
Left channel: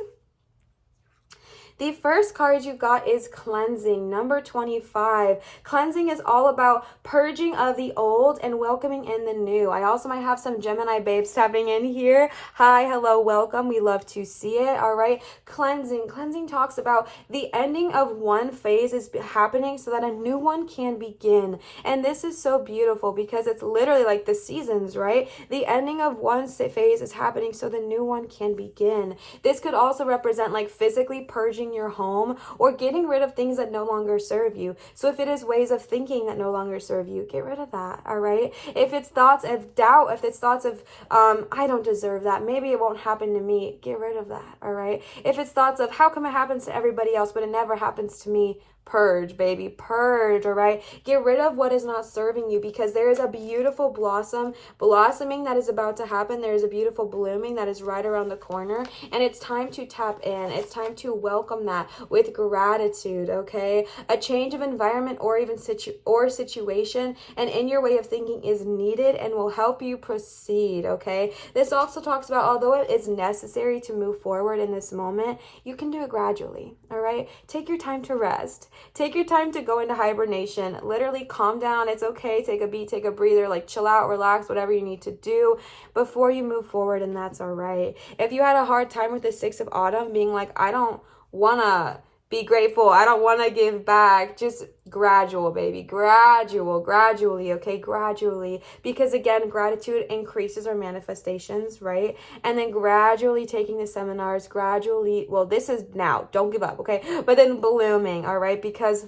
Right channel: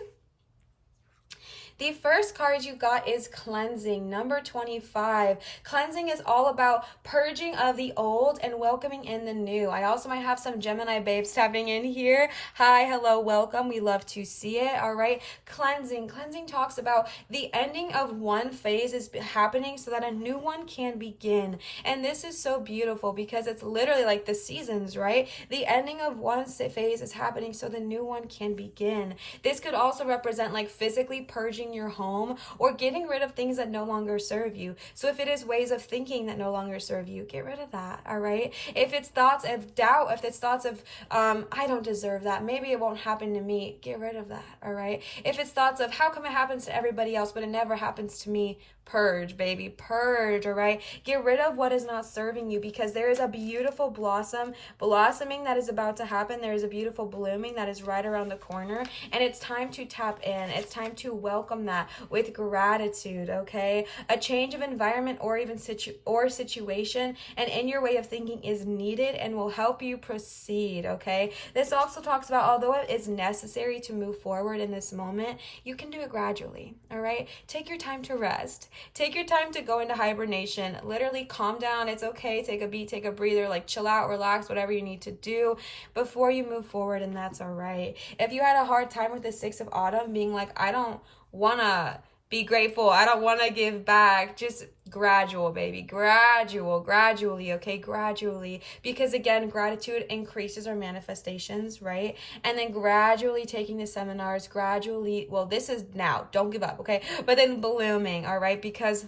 The first card you got is Cleansing, number 25. Cleansing is all about purging of the old and welcoming in the new. I also might have some Gemini babes tapping in here. Hi, hello, welcome. We love to see it, all right? Cleansing. Cleansing talks about the ending of one phase is happening so that a new one can begin. And this is so beautiful because it's literally like the seasons, right? The ending of one phase is happening so the new one can begin. This could also represent like physically purging your home or getting rid of things that no longer serve you. So if it is ways of thinking that no longer serve you, get rid of that, all right? If it's thoughts of doubt, if it's thoughts of I don't deserve that, maybe it won't happen to me, get rid of that, all right? If it's thoughts of how come it happens to everybody else but it never happens to me, purge, baby, purge, all right? Get rid of what is not serving you, because there is a beautiful blossoming that is about to happen. There is a beautiful blooming that is right around the corner, and it's time to tap in. It's time to welcome that with gratitude, okay? A change of environment or even situation and in your way of thinking is needed and will help you proceed, okay? This also talks about, although it is necessary to move forward in this moment, you can do it gradually, all right? Take your time to rest. Take your time to go into hibernation. Literally calm down. It's okay. Take a beat, take a breather, like chill out, relax, whatever you need to do before you move forward, and that's all right. If you had a hard time with the 6 of Autumn being like, I don't want to be grateful, I don't want to give back, just gradual, baby, gradually, okay, gradually, because again, gratitude increases our manifestations, right? And then gradually taking the seminars, gradually, well, this is now, don't give up, okay, but then blooming, all right, because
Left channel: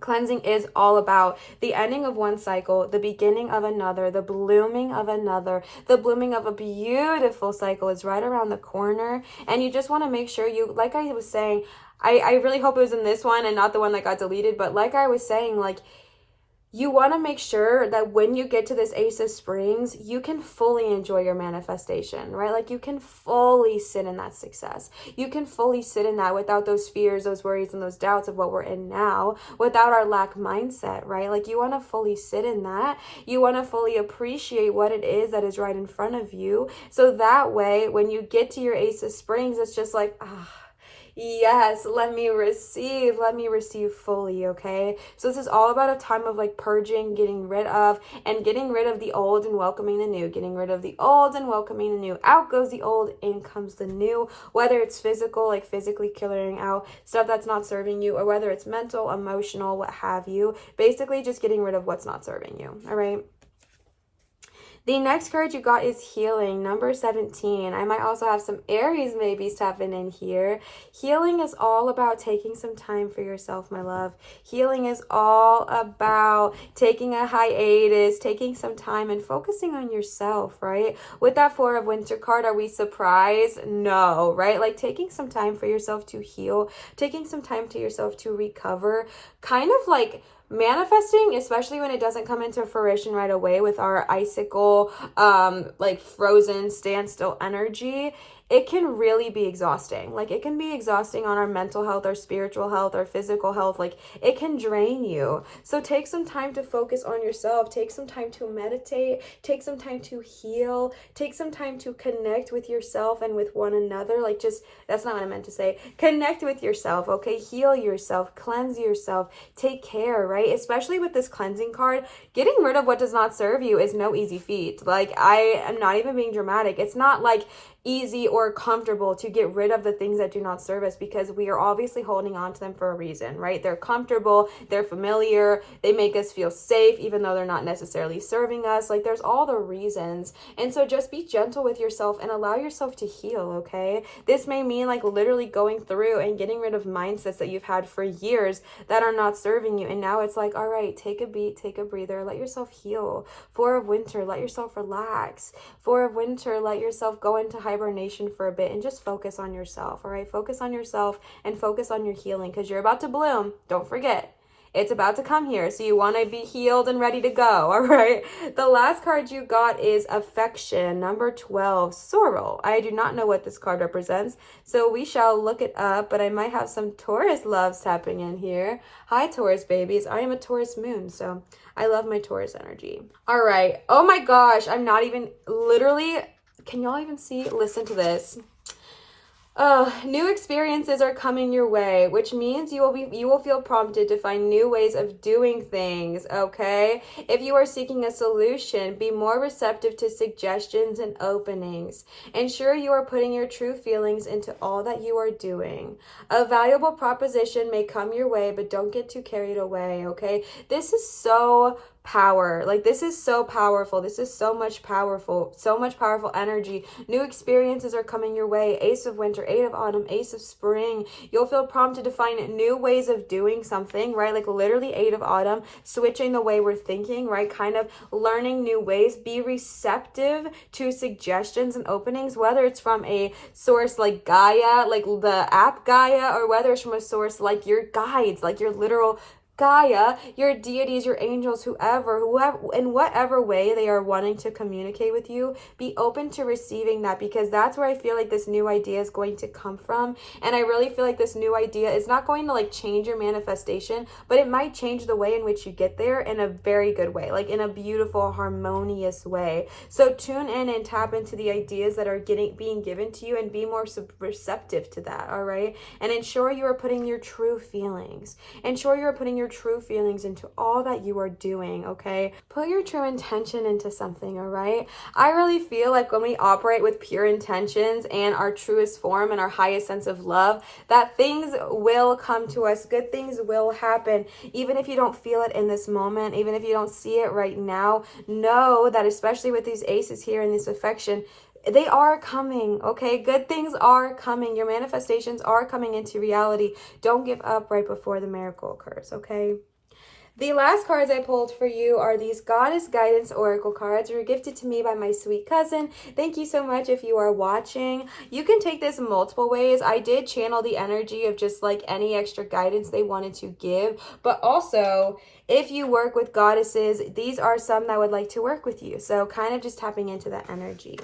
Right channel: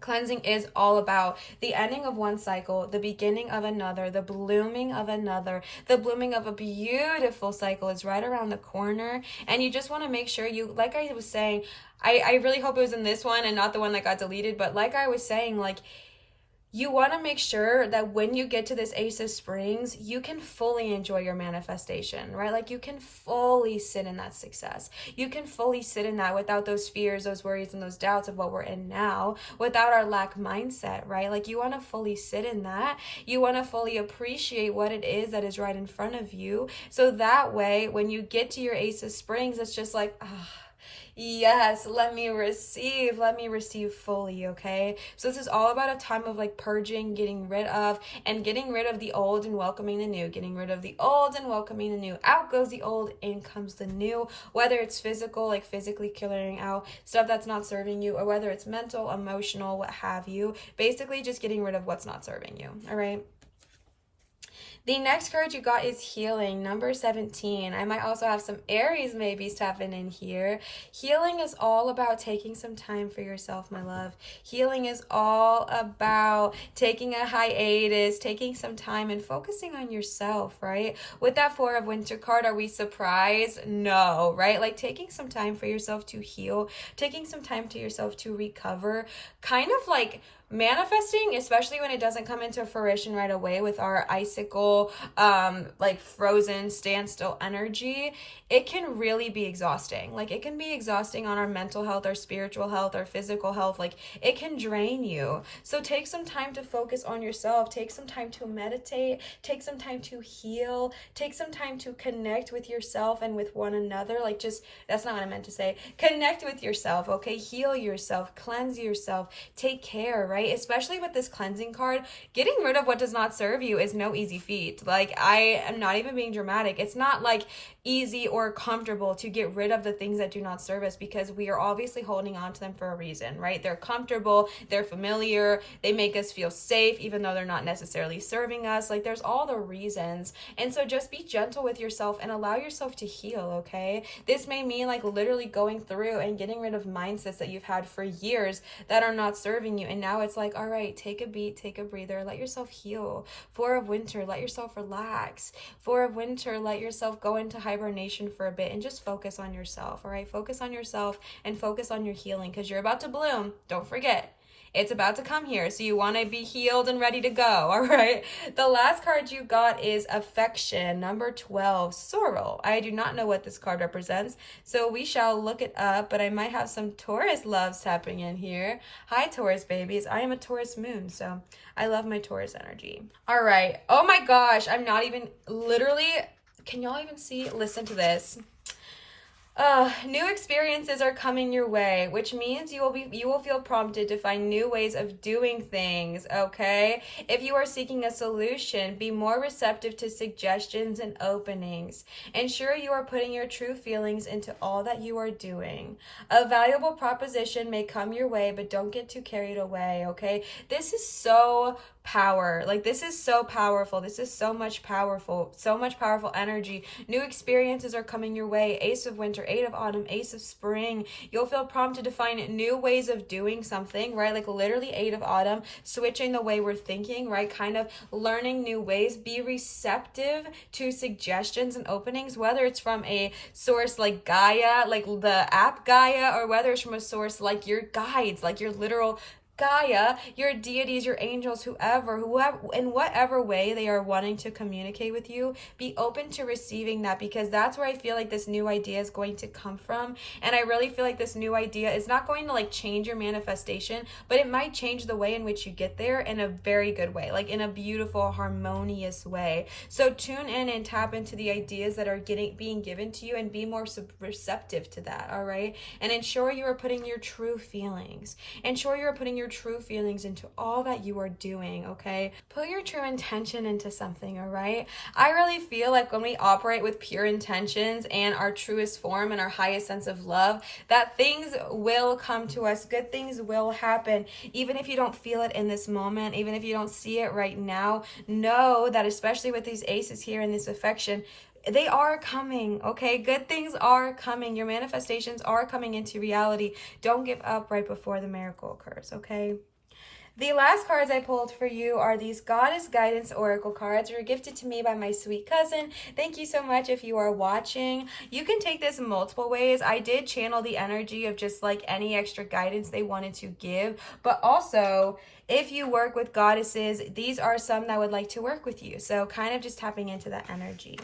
cleansing is all about the ending of one cycle, the beginning of another, the blooming of another. The blooming of a beautiful cycle is right around the corner, and you just want to make sure you, like I was saying, I really hope it was in this one and not the one that got deleted, but like I was saying, like, you want to make sure that when you get to this Ace of Springs, you can fully enjoy your manifestation, right? Like you can fully sit in that success. You can fully sit in that without those fears, those worries, and those doubts of what we're in now, without our lack mindset, right? Like you want to fully sit in that. You want to fully appreciate what it is that is right in front of you. So that way, when you get to your Ace of Springs, it's just like, yes, let me receive fully, okay? So this is all about a time of like purging, getting rid of the old and welcoming the new, getting rid of the old and welcoming the new. Out goes the old, in comes the new, whether it's physical, like physically clearing out stuff that's not serving you, or whether it's mental, emotional, what have you. Basically just getting rid of what's not serving you, all right? The next card you got is healing, number 17. I might also have some Aries maybe stepping in here. Healing is all about taking some time for yourself, my love. Healing is all about taking a hiatus, taking some time and focusing on yourself, right? With that Four of Winter card, are we surprised? No, right? Like taking some time for yourself to heal, taking some time to yourself to recover, kind of like manifesting, especially when it doesn't come into fruition right away with our icicle, like frozen standstill energy, it can really be exhausting. Like it can be exhausting on our mental health, our spiritual health, our physical health. Like it can drain you. So take some time to focus on yourself. Take some time to meditate. Take some time to heal. Take some time to connect with yourself and with one another. Like just, that's not what I meant to say. Connect with yourself, okay? Heal yourself. Cleanse yourself. Take care, right? Especially with this cleansing card, getting rid of what does not serve you is no easy feat. Like I am not even being dramatic. It's not like easy or comfortable to get rid of the things that do not serve us, because we are obviously holding on to them for a reason, right? They're comfortable, they're familiar, they make us feel safe even though they're not necessarily serving us. Like there's all the reasons. And so just be gentle with yourself and allow yourself to heal, okay? This may mean like literally going through and getting rid of mindsets that you've had for years that are not serving you. And now it's like, all right, take a beat, take a breather, let yourself heal. Four of Winter, let yourself relax. Four of Winter, let yourself go into hibernation for a bit and just focus on yourself, all right? Focus on yourself and focus on your healing, because you're about to bloom. Don't forget. It's about to come here, so you want to be healed and ready to go, all right? The last card you got is affection, number 12, sorrel. I do not know what this card represents, so we shall look it up, but I might have some Taurus loves tapping in here. Hi, Taurus babies. I am a Taurus moon, so I love my Taurus energy. All right. Oh my gosh, I'm not even, literally, can y'all even see? Listen to this. New experiences are coming your way, which means you will feel prompted to find new ways of doing things, okay? If you are seeking a solution, be more receptive to suggestions and openings. Ensure you are putting your true feelings into all that you are doing. A valuable proposition may come your way, but don't get too carried away, okay? This is so power. Like this is so powerful. This is so much powerful energy. New experiences are coming your way. Ace of Winter, Eight of Autumn, Ace of Spring. You'll feel prompted to find new ways of doing something, right? Like literally Eight of Autumn, switching the way we're thinking, right? Kind of learning new ways. Be receptive to suggestions and openings, whether it's from a source like Gaia, like the app Gaia, or whether it's from a source like your guides, like your literal Gaia, your deities, your angels, whoever, in whatever way they are wanting to communicate with you, be open to receiving that, because that's where I feel like this new idea is going to come from. And I really feel like this new idea is not going to like change your manifestation, but it might change the way in which you get there in a very good way, like in a beautiful, harmonious way. So tune in and tap into the ideas that are being given to you and be more receptive to that, all right? And ensure you are putting your true feelings. Ensure you are putting your true feelings into all that you are doing, okay? Put your true intention into something, all right? I really feel like when we operate with pure intentions and our truest form and our highest sense of love, that things will come to us. Good things will happen. Even if you don't feel it in this moment, even if you don't see it right now, know that especially with these aces here and this affection, they are coming, okay? Good things are coming. Your manifestations are coming into reality. Don't give up right before the miracle occurs, okay? The last cards I pulled for you are these Goddess Guidance Oracle cards. They were gifted to me by my sweet cousin. Thank you so much if you are watching. You can take this multiple ways. I did channel the energy of just like any extra guidance they wanted to give, but also if you work with goddesses, these are some that would like to work with you. So kind of just tapping into that energy.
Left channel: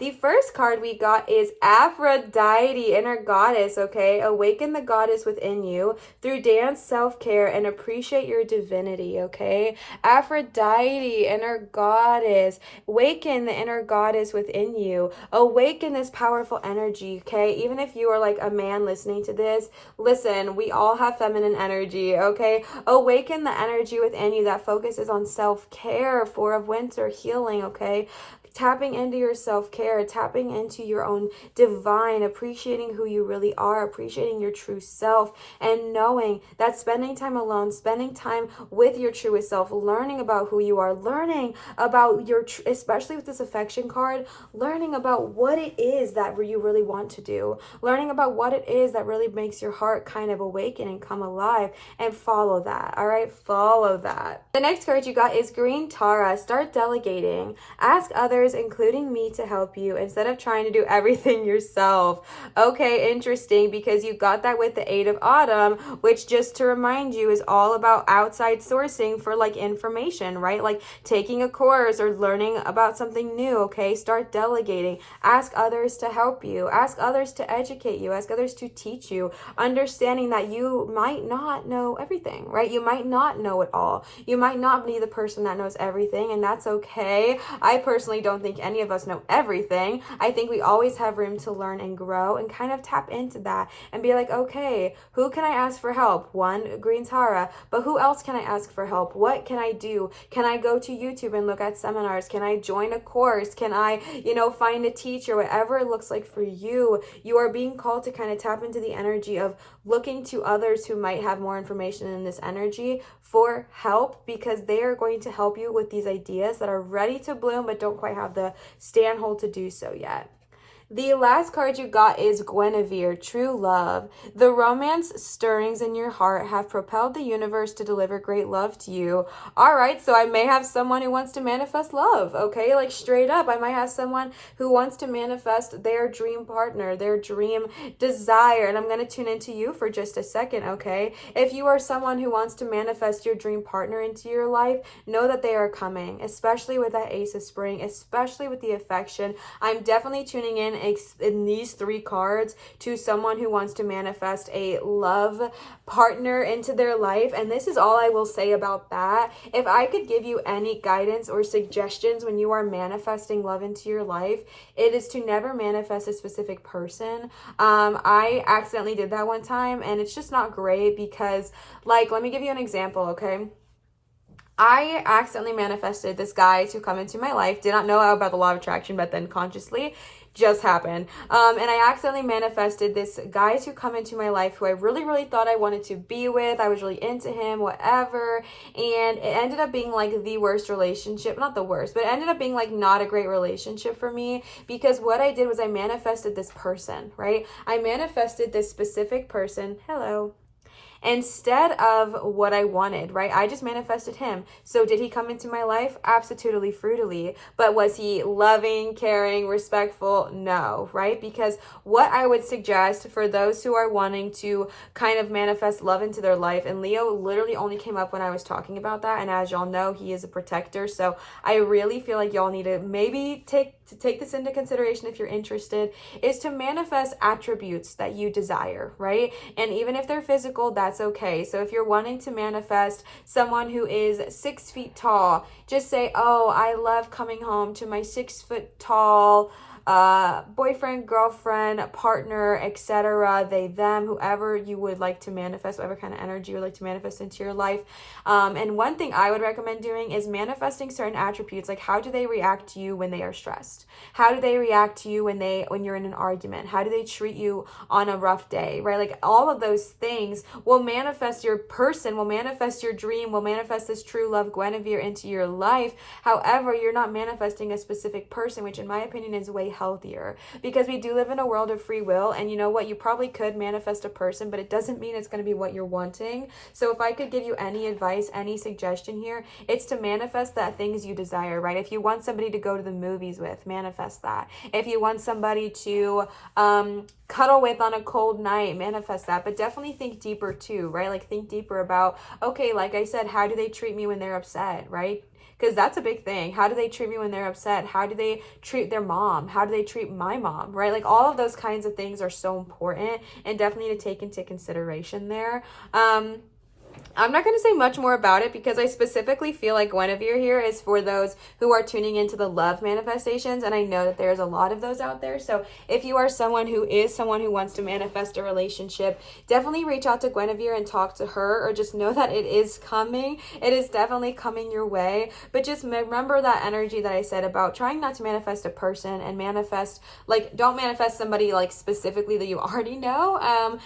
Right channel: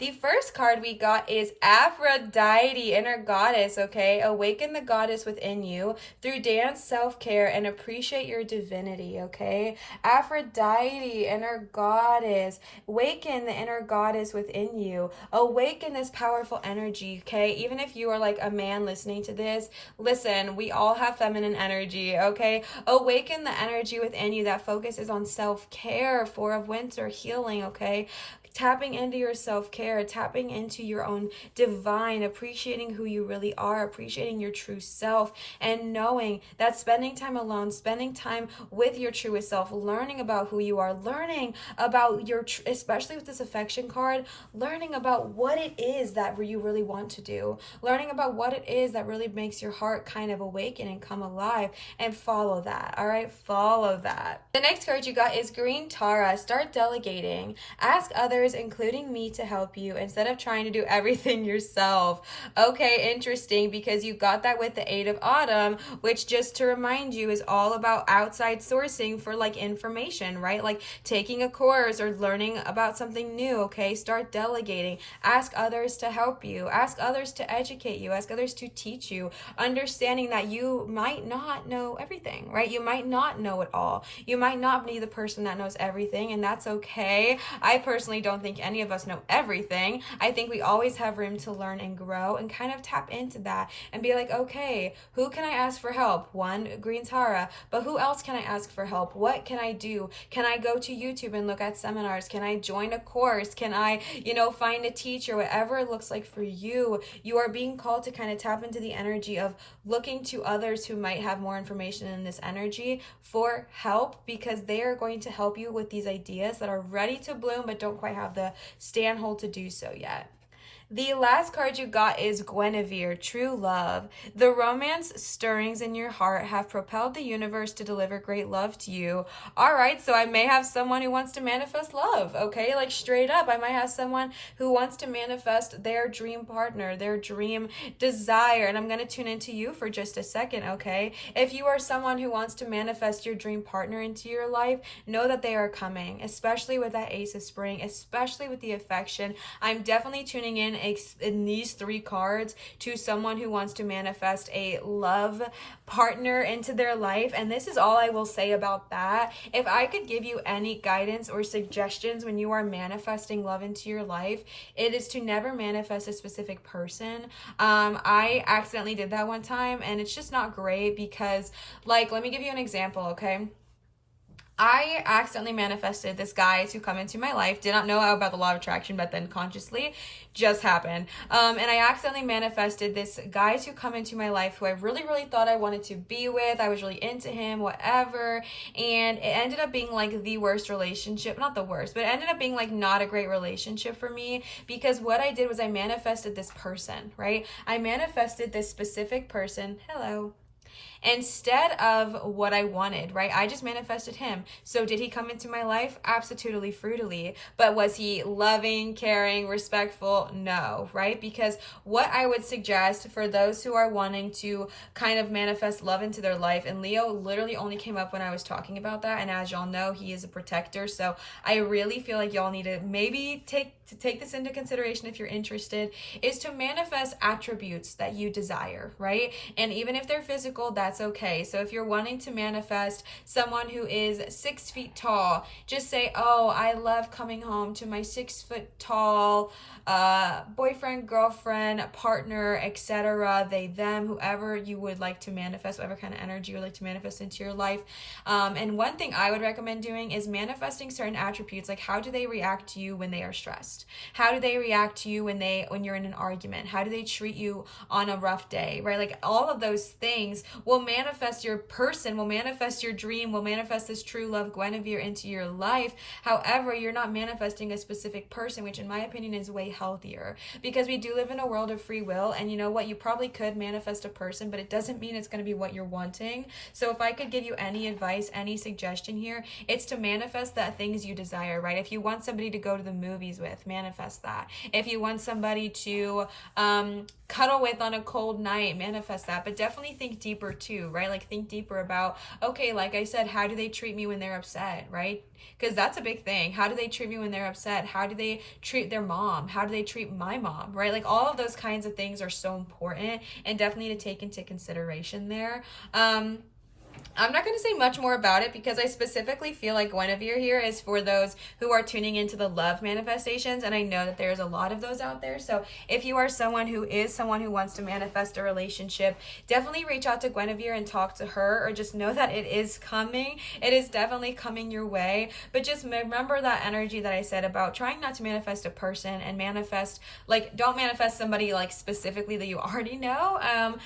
The first card we got is Aphrodite, inner goddess, okay? Awaken the goddess within you through dance, self-care, and appreciate your divinity, okay? Aphrodite, inner goddess. Awaken the inner goddess within you. Awaken this powerful energy, okay? Even if you are like a man listening to this, listen, we all have feminine energy, okay? Awaken the energy within you that focuses on self-care, Four of Winter, healing, okay? Tapping into your self-care, tapping into your own divine, appreciating who you really are, appreciating your true self, and knowing that spending time alone, spending time with your truest self, learning about who you are, learning about your, especially with this affection card, learning about what it is that you really want to do, learning about what it is that really makes your heart kind of awaken and come alive, and follow that, all right? Follow that. The next card you got is Green Tara. Start delegating. Ask others, including me, to help you instead of trying to do everything yourself. Okay, interesting, because you got that with the Eight of Autumn, which, just to remind you, is all about outside sourcing for like information, right? Like taking a course or learning about something new, okay? Start delegating. Ask others to help you. Ask others to educate you. Ask others to teach you, understanding that you might not know everything, right? You might not know it all. You might not be the person that knows everything, and that's okay. I personally don't think any of us know everything. I think we always have room to learn and grow, and kind of tap into that and be like, okay, who can I ask for help? One, Green Tara, but who else can I ask for help? What can I do? Can I go to YouTube and look at seminars? Can I join a course? Can I, find a teacher? Whatever it looks like for you, you are being called to kind of tap into the energy of looking to others who might have more information in this energy for help, because they are going to help you with these ideas that are ready to bloom but don't quite have the stand-hold to do so yet. The last card you got is Guinevere, True Love. The romance stirrings in your heart have propelled the universe to deliver great love to you. All right, so I may have someone who wants to manifest love, okay? Like straight up, I might have someone who wants to manifest their dream partner, their dream desire, and I'm going to tune into you for just a second, okay? If you are someone who wants to manifest your dream partner into your life, know that they are coming, especially with that Ace of Spring, especially with the affection. I'm definitely tuning in these three cards to someone who wants to manifest a love partner into their life, and this is all I will say about that. If I could give you any guidance or suggestions when you are manifesting love into your life, it is to never manifest a specific person. I accidentally did that one time, and it's just not great because, like, let me give you an example, okay? I accidentally manifested this guy to come into my life. Did not know about the law of attraction, but then consciously just happened. And I accidentally manifested this guy to come into my life who I really, really thought I wanted to be with. I was really into him, whatever. And it ended up being like the worst relationship. Not the worst, but it ended up being like not a great relationship for me, because what I did was I manifested this person, right? I manifested this specific person. Hello. Instead of what I wanted, right? I just manifested him. So did he come into my life? Absolutely, fruitily. But was he loving, caring, respectful? No, right? Because what I would suggest for those who are wanting to kind of manifest love into their life, and Leo literally only came up when I was talking about that, and as y'all know, he is a protector, so I really feel like y'all need to maybe take this into consideration if you're interested, is to manifest attributes that you desire, right? And even if they're physical, that's okay. So if you're wanting to manifest someone who is 6 feet tall, just say, oh, I love coming home to my 6 foot tall boyfriend, girlfriend, partner, etc., they, them, whoever you would like to manifest, whatever kind of energy you would like to manifest into your life. And one thing I would recommend doing is manifesting certain attributes, like how do they react to you when they are stressed? How do they react to you when you're in an argument? How do they treat you on a rough day, right? Like all of those things will manifest your person, will manifest your dream, will manifest this true love Guinevere into your life. However, you're not manifesting a specific person, which in my opinion is way healthier, because we do live in a world of free will. And you know what? You probably could manifest a person, but it doesn't mean it's going to be what you're wanting. So if I could give you any advice, any suggestion here, it's to manifest the things you desire, right? If you want somebody to go to the movies with, manifest that. If you want somebody to cuddle with on a cold night, manifest that. But definitely think deeper too, right? Like think deeper about, okay, like I said, how do they treat me when they're upset, right? Because that's a big thing. How do they treat me when they're upset? How do they treat their mom? How do they treat my mom, right? Like all of those kinds of things are so important and definitely to take into consideration there. I'm not going to say much more about it because I specifically feel like Guinevere here is for those who are tuning into the love manifestations, and I know that there's a lot of those out there. So if you are someone who wants to manifest a relationship, definitely reach out to Guinevere and talk to her, or just know that it is coming. It is definitely coming your way. But just remember that energy that I said about trying not to manifest a person and manifest, like, don't manifest somebody like specifically that you already know.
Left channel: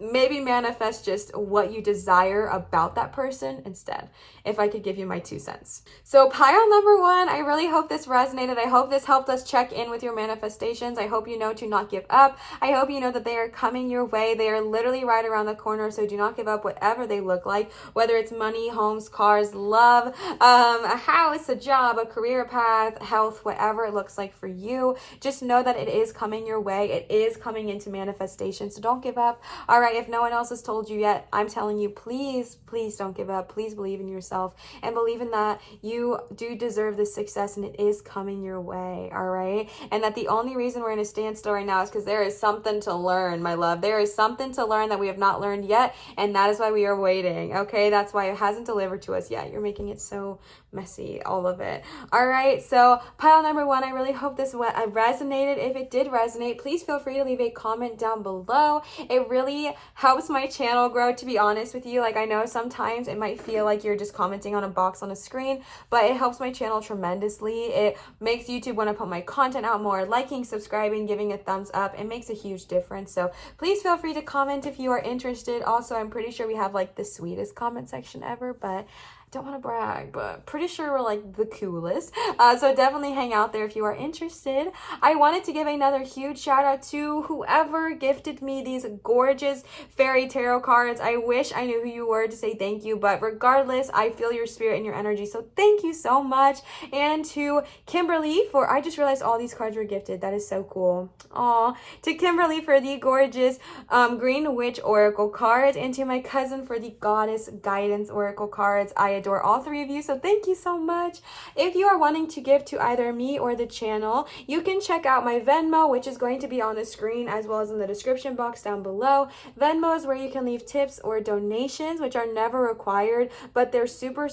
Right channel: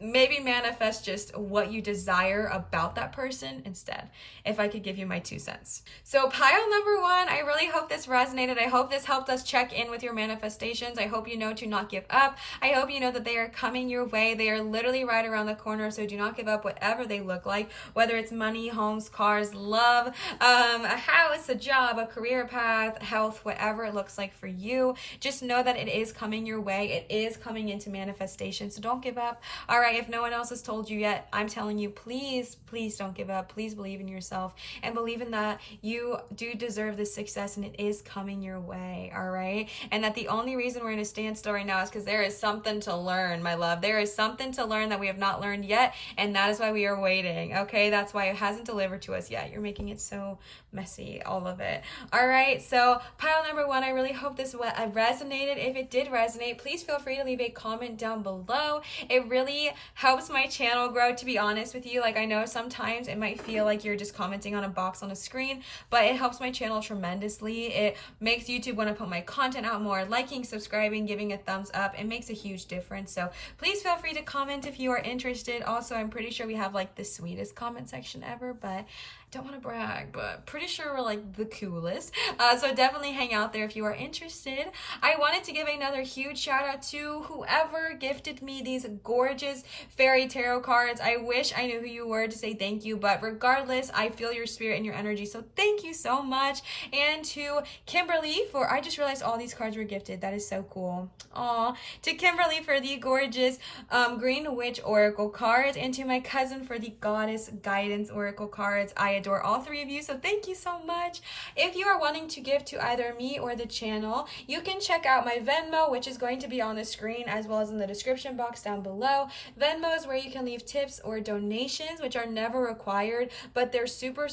Maybe manifest just what you desire about that person instead, if I could give you my 2 cents. So pile number 1, I really hope this resonated. I hope this helped us check in with your manifestations. I hope you know to not give up. I hope you know that they are coming your way. They are literally right around the corner, so do not give up, whatever they look like, whether it's money, homes, cars, love, a house, a job, a career path, health, whatever it looks like for you. Just know that it is coming your way. It is coming into manifestation, so don't give up. All right. If no one else has told you yet, I'm telling you, please don't give up. Please believe in yourself and believe in that you do deserve this success and it is coming your way, all right? And that the only reason we're in a standstill right now is because there is something to learn, my love. There is something to learn that we have not learned yet, and that is why we are waiting, okay? That's why it hasn't delivered to us yet. You're making it so messy, all of it. All right, so pile number 1, I really hope this resonated. If it did resonate, please feel free to leave a comment down below. It really helps my channel grow, to be honest with you. Like, I know sometimes it might feel like you're just commenting on a box on a screen, but it helps my channel tremendously. It makes YouTube want to put my content out more. Liking, subscribing, giving a thumbs up, it makes a huge difference. So please feel free to comment if you are interested. Also, I'm pretty sure we have like the sweetest comment section ever, but don't want to brag, but pretty sure we're like the coolest. So definitely hang out there if you are interested. I wanted to give another huge shout out to whoever gifted me these gorgeous fairy tarot cards. I wish I knew who you were to say thank you, but regardless, I feel your spirit and your energy, so thank you so much. And to Kimberly I just realized all these cards were gifted. That is so cool. Aw. To Kimberly for the gorgeous Green Witch Oracle cards, and to my cousin for the Goddess Guidance Oracle cards. I adore all 3 of you, so thank you so much. If you are wanting to give to either me or the channel, you can check out my Venmo, which is going to be on the screen as well as in the description box down below. Venmo is where you can leave tips or donations, which are never required, but they're super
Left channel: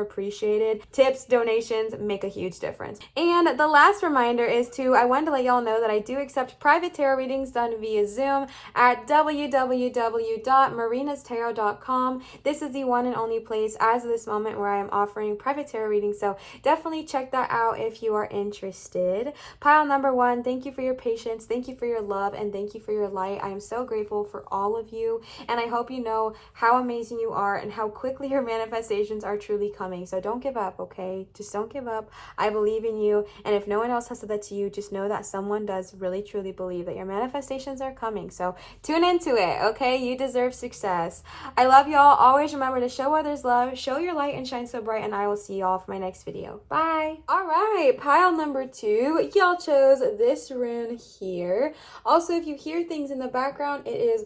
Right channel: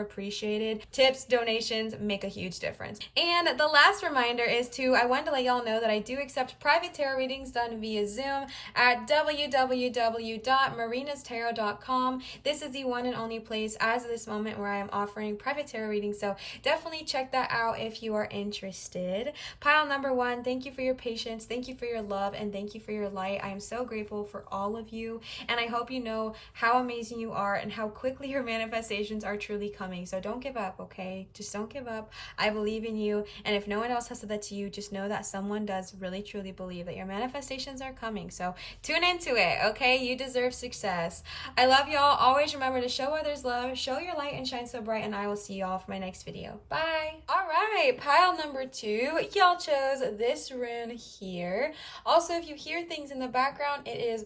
appreciated. Tips, donations make a huge difference. And the last reminder is I wanted to let y'all know that I do accept private tarot readings done via Zoom at www.marinastarot.com. This is the one and only place as this moment where I am offering private tarot readings, so definitely check that out if you are interested. Pile number 1, thank you for your patience, thank you for your love, and thank you for your light. I am so grateful for all of you, and I hope you know how amazing you are and how quickly your manifestations are truly coming. So don't give up, okay? Just don't give up. I believe in you, and if no one else has said that to you, just know that someone does really truly believe that your manifestations are coming. So tune into it, okay? You deserve success. I love y'all. Always remember to show others love, show your light, and shine so bright, and I will see y'all for my next video. Bye. All right, pile number 2, y'all chose this rune here. Also, if you hear things in the background, it is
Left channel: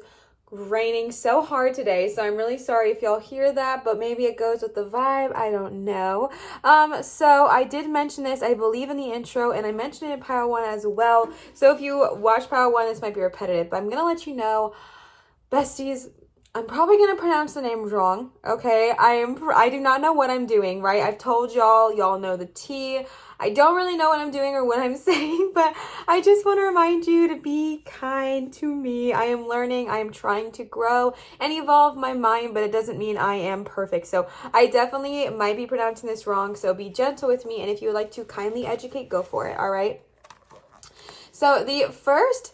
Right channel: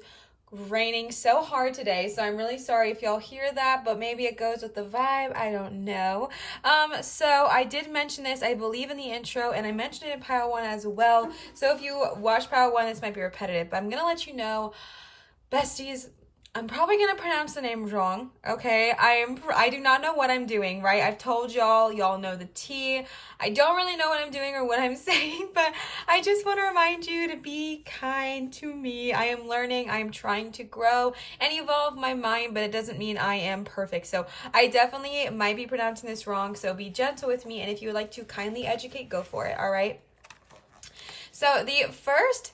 raining so hard today, so I'm really sorry if y'all hear that, but maybe it goes with the vibe, I don't know. So I did mention this, I believe, in the intro, and I mentioned it in pile 1 as well. So if you watch pile 1, this might be repetitive, but I'm gonna let you know, besties, I'm probably going to pronounce the name wrong, okay? I do not know what I'm doing, right? I've told y'all know the tea. I don't really know what I'm doing or what I'm saying, but I just want to remind you to be kind to me. I am learning. I am trying to grow and evolve my mind, but it doesn't mean I am perfect. So I definitely might be pronouncing this wrong, so be gentle with me, and if you would like to kindly educate, go for it, all right? So the first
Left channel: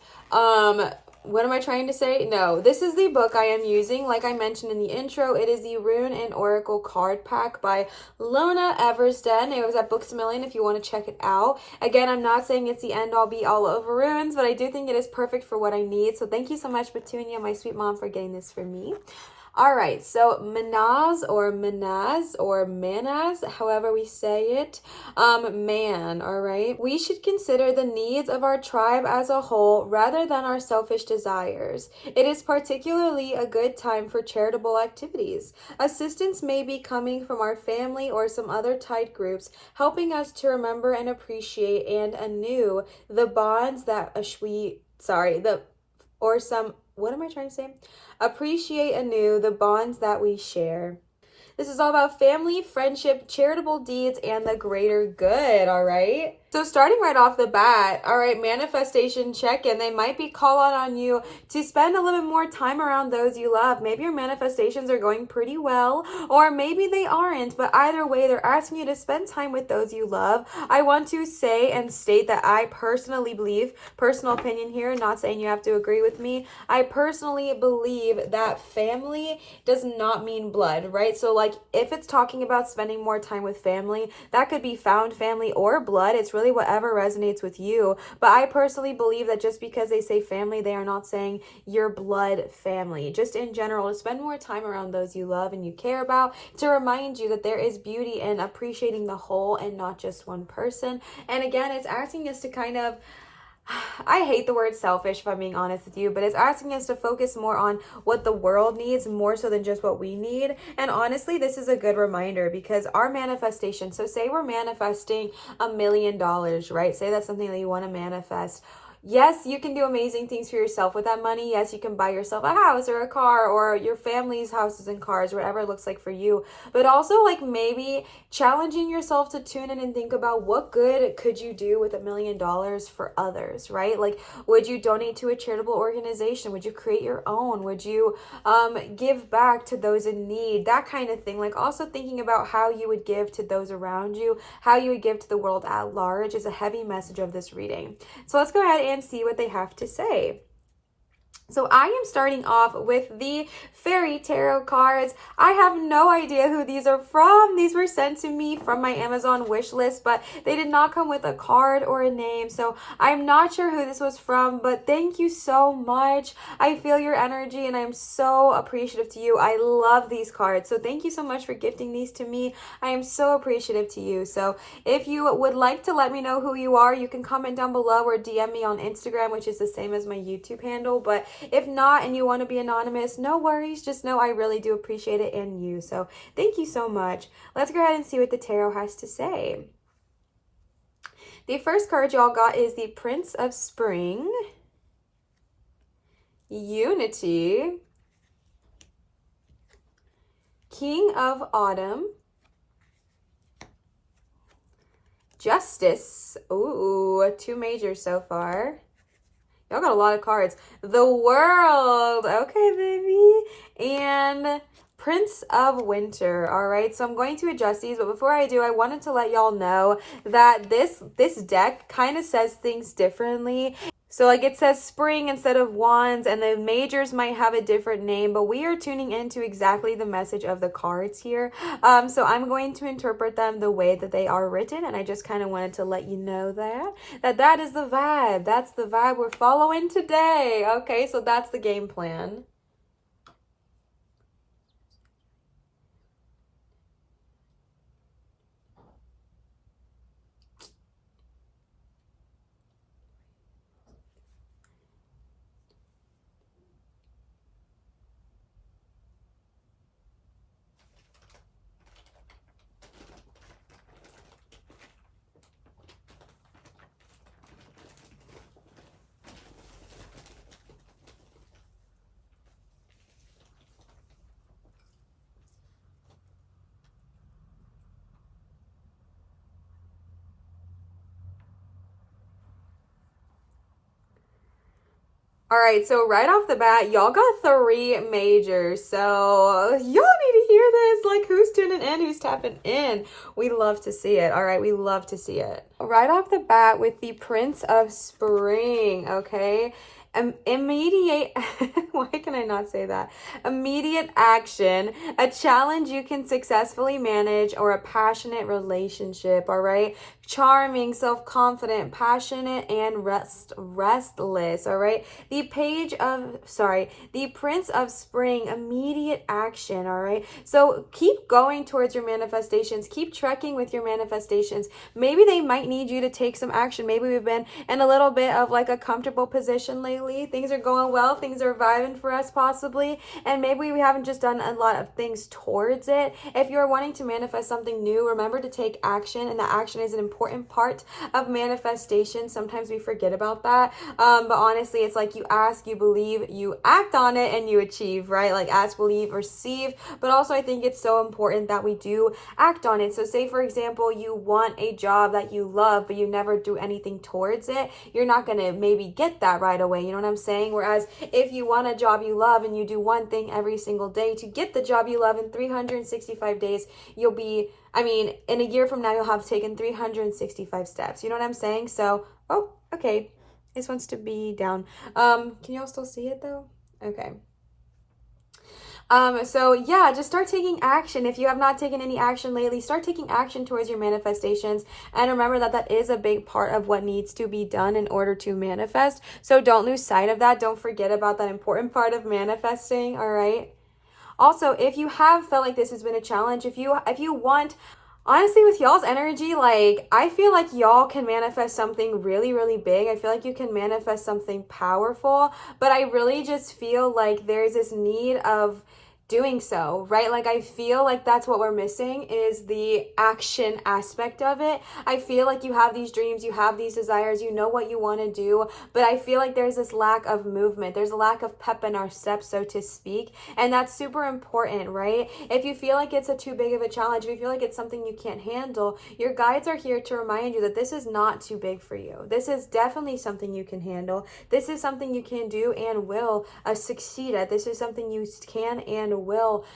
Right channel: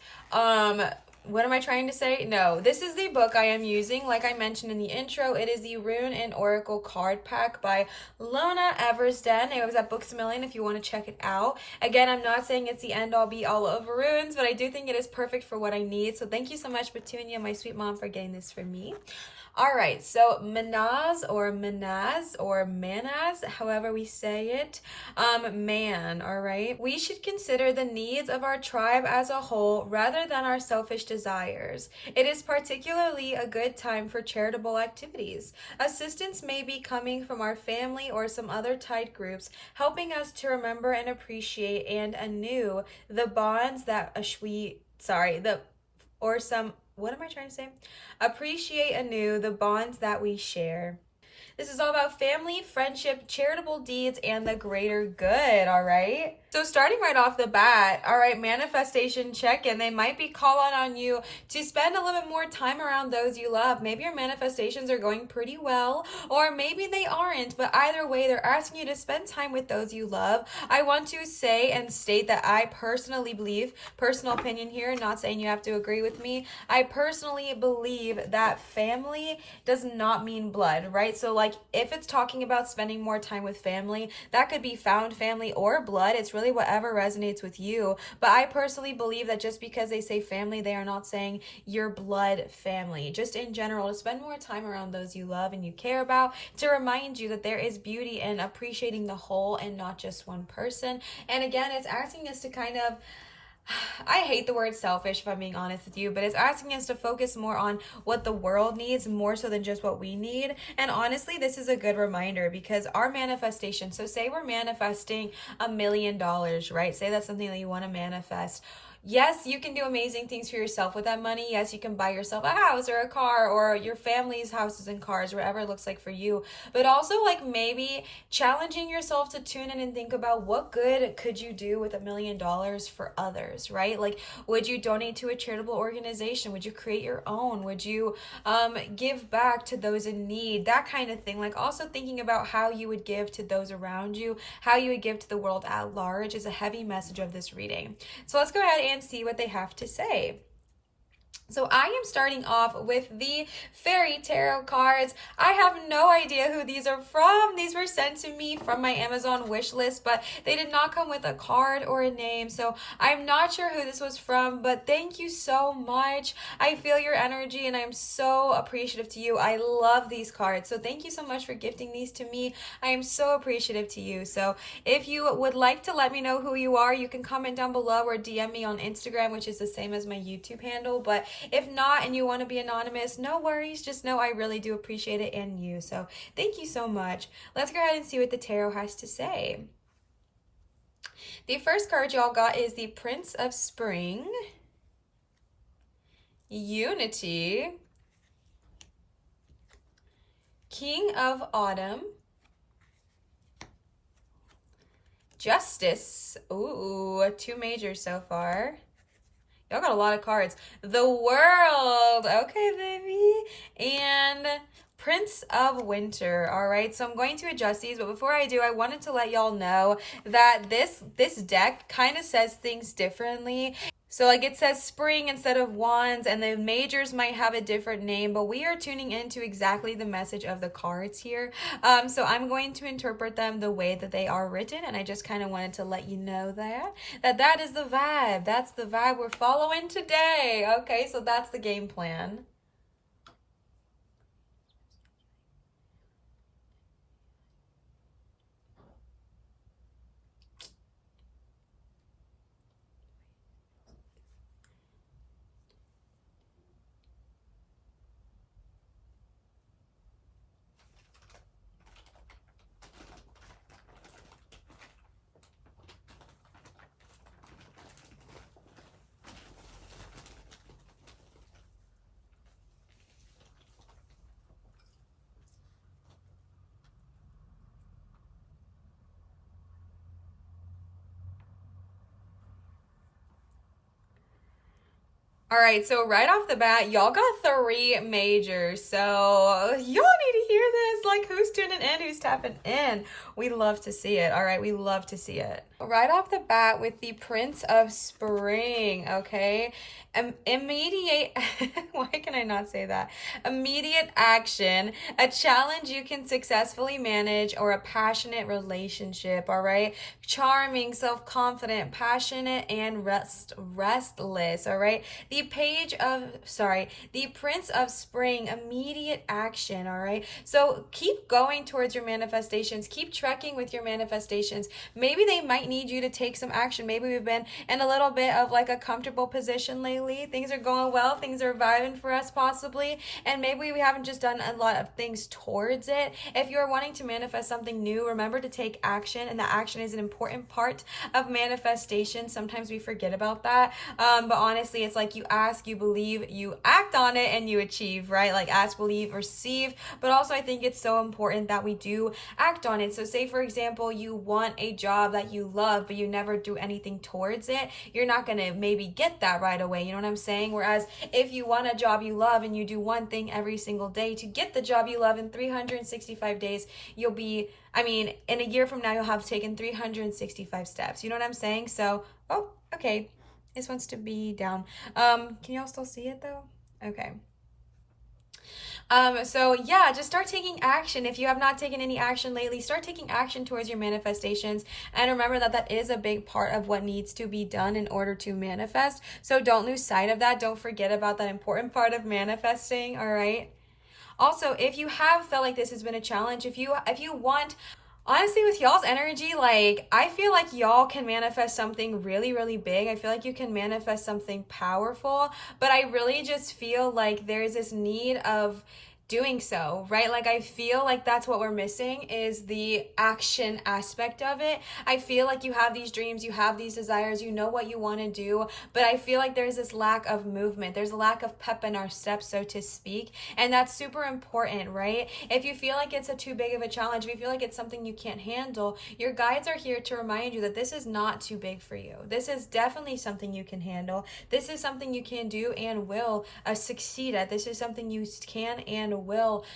what am I trying to say? No, this is the book I am using. Like I mentioned in the intro, it is the Rune and Oracle card pack by Lona Eversden. It was at Books A Million if you want to check it out. Again, I'm not saying it's the end all be all of runes, but I do think it is perfect for what I need. So thank you so much, Petunia, my sweet mom, for getting this for me. All right, so Manaz or Manaz or Manaz, however we say it, man, all right? We should consider the needs of our tribe as a whole rather than our selfish desires. It is particularly a good time for charitable activities. Assistance may be coming from our family or some other tight groups, helping us to remember and appreciate and anew the bonds that what am I trying to say? Appreciate anew the bonds that we share. This is all about family, friendship, charitable deeds, and the greater good, all right? So starting right off the bat, all right, manifestation check-in. They might be calling on you to spend a little bit more time around those you love. Maybe your manifestations are going pretty well, or maybe they aren't, but either way, they're asking you to spend time with those you love. I want to say and state that I personally believe, personal opinion here, not saying you have to agree with me, I personally believe that family does not mean blood, right? So like if it's talking about spending more time with family, that could be found family or blood. It's really whatever resonates with you. But I personally believe that just because they say family, they are not saying your blood family. Just in general, to spend more time around those you love and you care about, to remind you that there is beauty in appreciating the whole and not just one person. And again, it's asking us to kind of, I hate the word selfish if I'm being honest with you, but it's asking us to focus more on what the world needs more so than just what we need. And honestly, this is a good reminder because our manifestation, so say we're manifesting $1 million, right? Say that's something that you want to manifest. Yes, you can do amazing things for yourself with that money. Yes, you can buy yourself a house or a car or your family's houses and cars, whatever it looks like for you. But also like maybe challenging yourself to tune in and think about what good could you do with $1 million for others, right? Like, would you donate to a charitable organization? Would you create your own? Would you give back to those in need? That kind of thing. Like also thinking about how you would give to those around you, how you would give to the world at large is a heavy message of this reading. So let's go ahead and see what they have to say. So I am starting off with the Fairy Tarot cards. I have no idea who these are from. These were sent to me from my Amazon wish list, but they did not come with a card or a name. So I'm not sure who this was from, but thank you so much. I feel your energy and I'm so appreciative to you. I love these cards. So thank you so much for gifting these to me. I am so appreciative to you. So if you would like to let me know who you are, you can comment down below or DM me on Instagram, which is the same as my YouTube handle. But if not and you want to be anonymous, no worries. Just know I really do appreciate it in you. So thank you so much. Let's go ahead and see what the tarot has to say. The first card y'all got is the Prince of Spring, Unity, King of Autumn, Justice. Ooh, 2 majors so far. Y'all got a lot of cards. The World. Okay, baby. And Prince of Winter. All right, so I'm going to adjust these, but before I do, I wanted to let y'all know that this deck kind of says things differently. So like it says spring instead of wands, and the majors might have a different name, but we are tuning into exactly the message of the cards here. So I'm going to interpret them the way that they are written, and I just kind of wanted to let you know that is the vibe. That's the vibe we're following today. Okay, so that's the game plan. All right, so right off the bat, y'all got 3 majors. So y'all need to hear this. Like, who's tuning in, who's tapping in? We love to see it. All right, we love to see it. Right off the bat with the Prince of Spring, okay? Immediate, why can I not say that? Immediate action, a challenge you can successfully manage, or a passionate relationship, all right? Charming, self-confident, passionate, and restless, all right? The Prince of Spring, immediate action, all right? So keep going towards your manifestations. Keep trekking with your manifestations. Maybe they might need you to take some action. Maybe we've been in a little bit of like a comfortable position lately. Things are going well. Things are vibing for us possibly. And maybe we haven't just done a lot of things towards it. If you're wanting to manifest something new, remember to take action. And that action is an important part of manifestation. Sometimes we forget about that. But honestly, it's like you ask, you believe, you act on it, and you achieve, right? Like ask, believe, receive. But also I think it's so important that we do act on it. So say, for example, you want a job that you love, but you never do anything towards it. You're not going to maybe get that right away. You know what I'm saying? Whereas if you want a job you love and you do one thing every single day to get the job you love, in 365 days, you'll be, in a year from now, you'll have taken 365 steps. You know what I'm saying? So, oh, okay. This wants to be down. Can y'all still see it though? Okay. So yeah, just start taking action. If you have not taken any action lately, start taking action towards your manifestations. And remember that that is a big part of what needs to be done in order to manifest. So don't lose sight of that. Don't forget about that important part of manifesting, all right? Also, if you have felt like this has been a challenge, if you want, honestly, with y'all's energy, like, I feel like y'all can manifest something really, really big. I feel like you can manifest something powerful, but I really just feel like there's this need of doing so, right? Like I feel like that's what we're missing, is the action aspect of it. I feel like you have these dreams, you have these desires, you know what you want to do, but I feel like there's this lack of movement. There's a lack of pep in our steps, so to speak, and that's super important, right? If you feel like it's too big of a challenge, if you feel like it's something you can't handle, your guides are here to remind you that this is not too big for you. This is definitely something you can handle. This is something you can do and will succeed at. This is something you can and will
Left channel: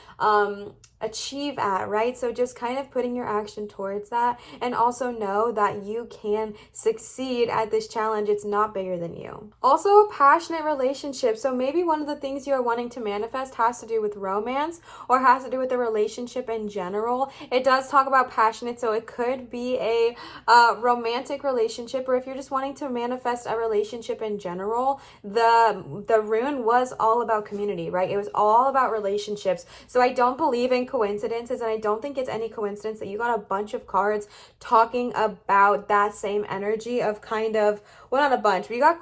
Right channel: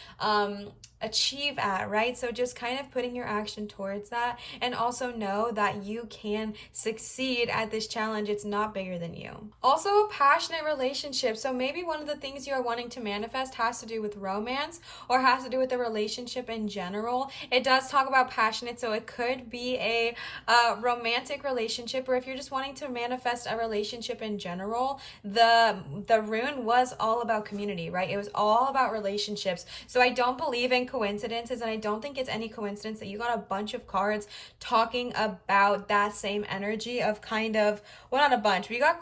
achieve at, right? So just kind of putting your action towards that, and also know that you can succeed at this challenge. It's not bigger than you. Also, a passionate relationship. So maybe one of the things you are wanting to manifest has to do with romance, or has to do with the relationship in general. It does talk about passionate, so it could be a romantic relationship, or if you're just wanting to manifest a relationship in general, the rune was all about community, right? It was all about relationships. So I don't believe in coincidences, and I don't think it's any coincidence that you got a bunch of cards talking about that same energy of kind of, well, not a bunch, but you got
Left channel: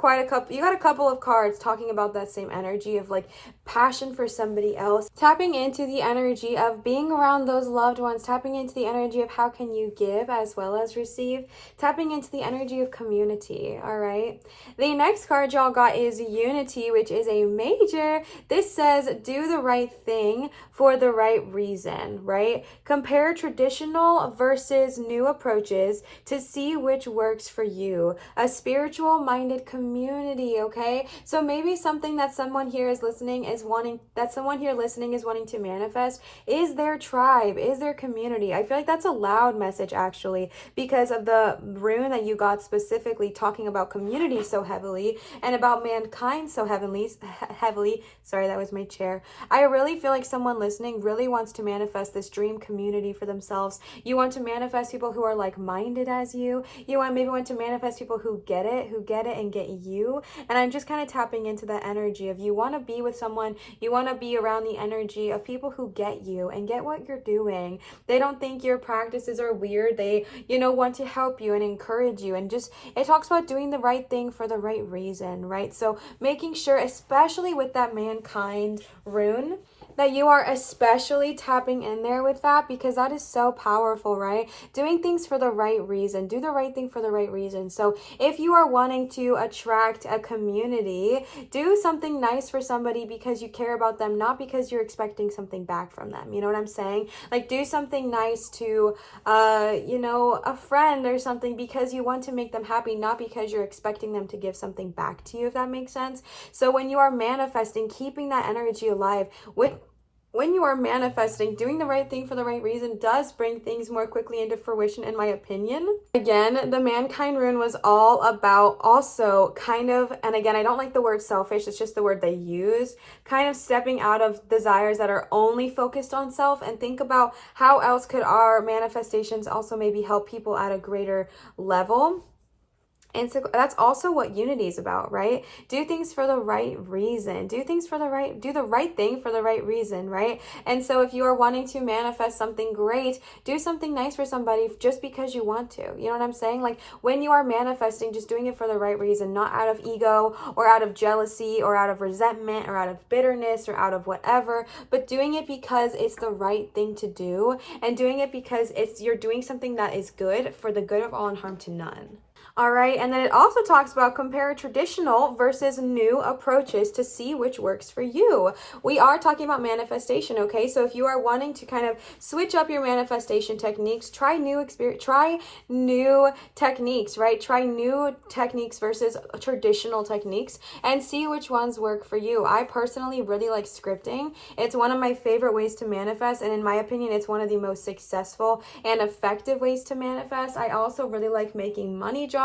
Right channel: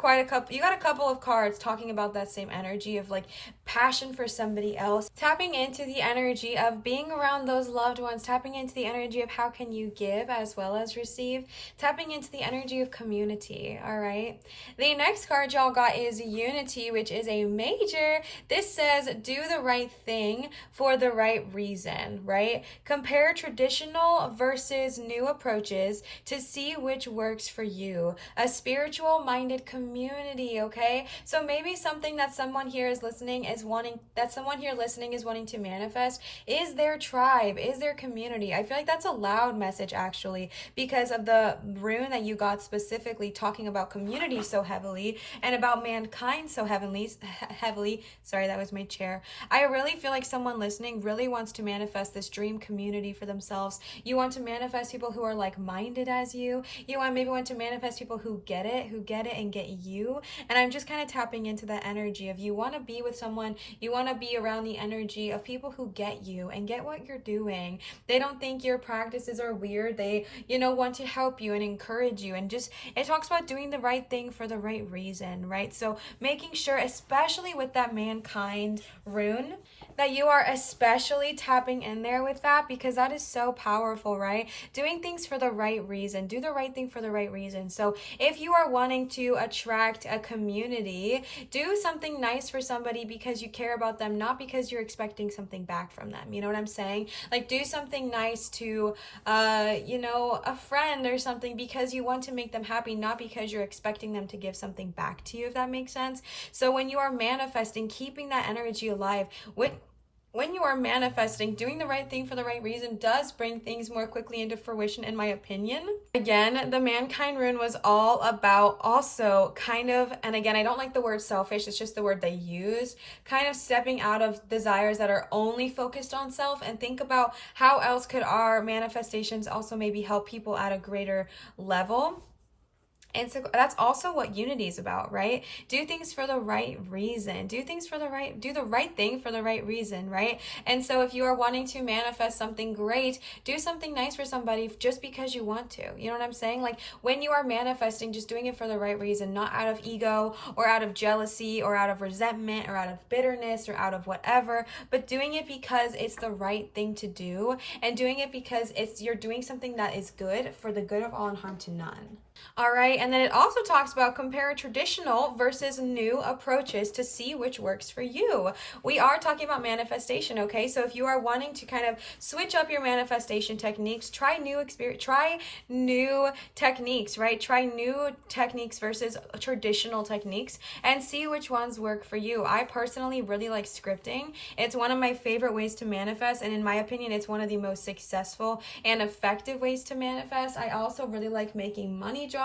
a couple of cards talking about that same energy of like passion for somebody else, tapping into the energy of being around those loved ones, tapping into the energy of how can you give as well as receive, tapping into the energy of community, all right? The next card y'all got is unity, which is a major. This says do the right thing for the right reason, right? Compare traditional versus new approaches to see which works for you. A spiritual minded community, okay? So maybe something that someone here is listening is wanting to manifest is their tribe, is their community. I feel like that's a loud message actually, because of the rune that you got specifically talking about community so heavily and about mankind so heavily. Sorry, that was my chair. I really feel like someone listening really wants to manifest this dream community for themselves. You want to manifest people who are like-minded as you. You want to manifest people who get it and get you. And I'm just kind of tapping into that energy of you want to be with someone, you want to be around the energy of people who get you and get what you're doing. They don't think your practices are weird. They, want to help you and encourage you. And just, it talks about doing the right thing for the right reason, right? So making sure, especially with that mankind rune, that you are especially tapping in there with that, because that is so powerful, right? Doing things for the right reason. Do the right thing for the right reason. So if you are wanting to attract a community, do something nice for somebody because you care about them, not because you're expecting something back from them. You know what I'm saying? Like do something nice to, a friend or something because you want to make them happy, not because you're expecting them to give something back to you, if that makes sense. So when you are manifesting, keeping that energy alive when you are manifesting, doing the right thing for the right reason does bring things more quickly into fruition, in my opinion. Again, the mankind rune was all about also kind of, and again, I don't like the word selfish, it's just the word they use, kind of stepping out of desires that are only focused on self and think about how else could our manifestations also maybe help people at a greater level. And so that's also what unity is about, right? Do things for the right reason. Do the right thing for the right reason, right? And so if you are wanting to manifest something great, do something nice for somebody just because you want to. You know what I'm saying? Like when you are manifesting, just doing it for the right reason, not out of ego or out of jealousy or out of resentment or out of bitterness or out of whatever, but doing it because it's the right thing to do and doing it because you're doing something that is good for the good of all and harm to none. All right, and then it also talks about compare traditional versus new approaches to see which works for you. We are talking about manifestation, okay? So if you are wanting to kind of switch up your manifestation techniques, try new techniques, right? Try new techniques versus traditional techniques and see which ones work for you. I personally really like scripting. It's one of my favorite ways to manifest, and in my opinion, it's one of the most successful and effective ways to manifest. I also really like making money jars.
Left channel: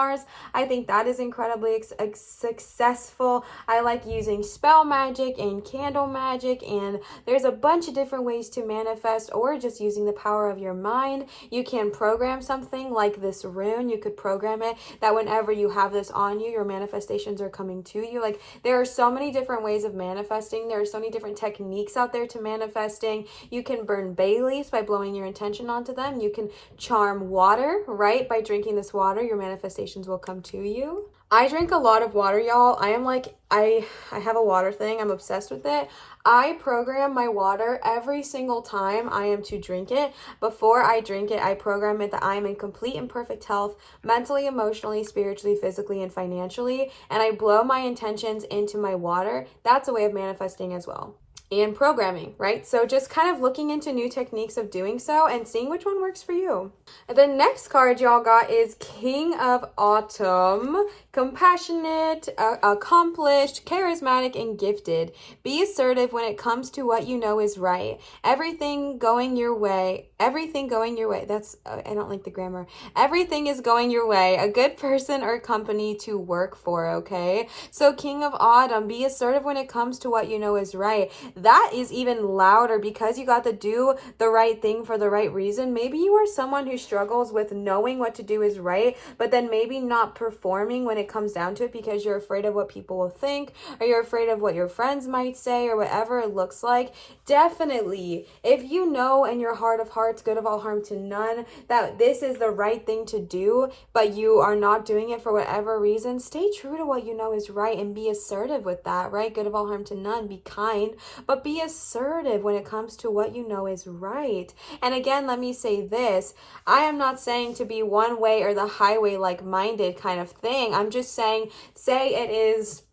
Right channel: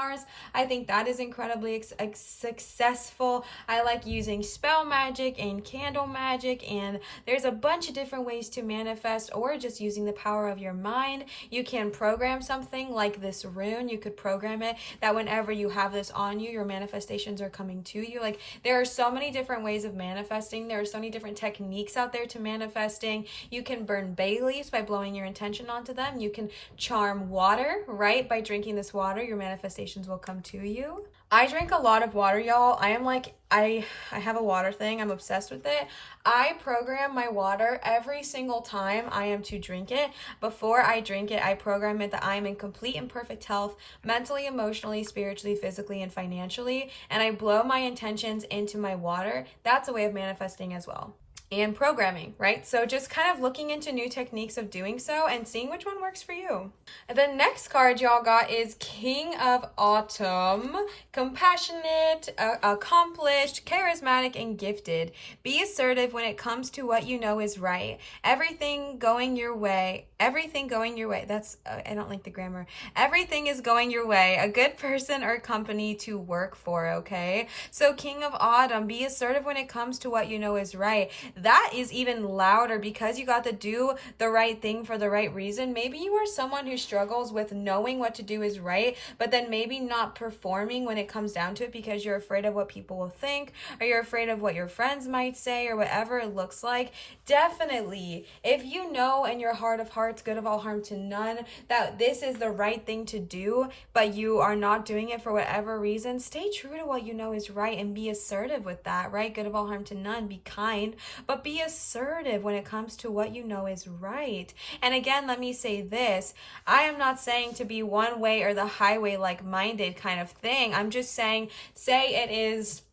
I think that is incredibly successful. I like using spell magic and candle magic, and there's a bunch of different ways to manifest, or just using the power of your mind. You can program something like this rune. You could program it that whenever you have this on you, your manifestations are coming to you. Like there are so many different ways of manifesting. There are so many different techniques out there to manifesting. You can burn bay leaves by blowing your intention onto them. You can charm water, right? By drinking this water, your manifestations will come to you. I drink a lot of water, y'all. I have a water thing. I'm obsessed with it. I program my water every single time I am to drink it. Before I drink it, I program it that I am in complete and perfect health, mentally, emotionally, spiritually, physically, and financially. And I blow my intentions into my water. That's a way of manifesting as well. And programming, right? So just kind of looking into new techniques of doing so and seeing which one works for you. The next card y'all got is King of Autumn. Compassionate, accomplished, charismatic, and gifted. Be assertive when it comes to what you know is right. Everything going your way. That's, I don't like the grammar. Everything is going your way. A good person or company to work for, okay? So King of Autumn, be assertive when it comes to what you know is right. That is even louder because you got to do the right thing for the right reason. Maybe you are someone who struggles with knowing what to do is right, but then maybe not performing when it comes down to it because you're afraid of what people will think, or you're afraid of what your friends might say, or whatever it looks like. Definitely, if you know in your heart of hearts, good of all harm to none, that this is the right thing to do, but you are not doing it for whatever reason, stay true to what you know is right and be assertive with that, right? Good of all harm to none. Be kind, but be assertive when it comes to what you know is right. And again, let me say this. I am not saying to be one way or the highway like-minded kind of thing. I'm just saying, say it is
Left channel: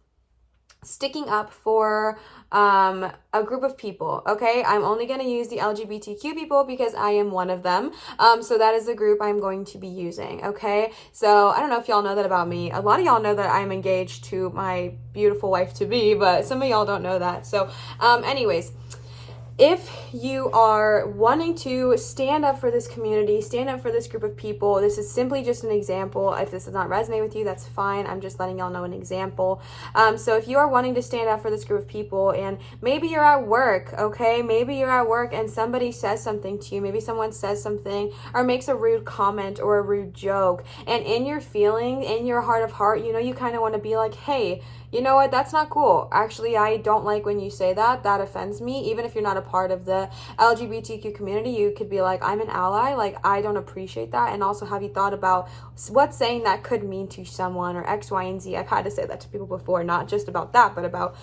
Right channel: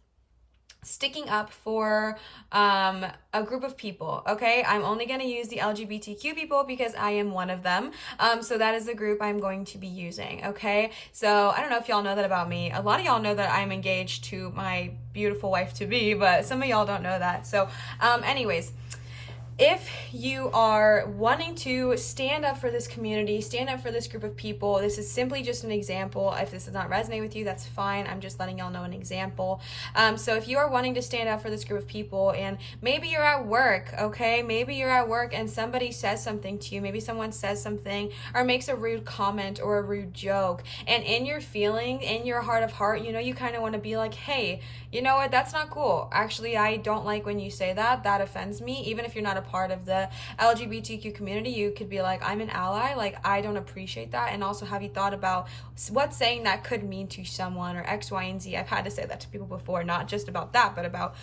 sticking up for a group of people, okay? I'm only going to use the LGBTQ people because I am one of them. So that is the group I'm going to be using, okay? So I don't know if y'all know that about me. A lot of y'all know that I'm engaged to my beautiful wife-to-be, but some of y'all don't know that. So anyways, if you are wanting to stand up for this community, stand up for this group of people, this is simply just an example. If this does not resonate with you, that's fine. I'm just letting y'all know an example. So if you are wanting to stand up for this group of people, and maybe you're at work, okay? Maybe you're at work and somebody says something to you. Maybe someone says something or makes a rude comment or a rude joke. And in your feeling, in your heart of heart, you know, you kind of want to be like, hey, you know what? That's not cool. Actually, I don't like when you say that. That offends me. Even if you're not a part of the LGBTQ community, you could be like, I'm an ally. Like, I don't appreciate that. And also, have you thought about what saying that could mean to someone, or X, Y, and Z? I've had to say that to people before, not just about that, but about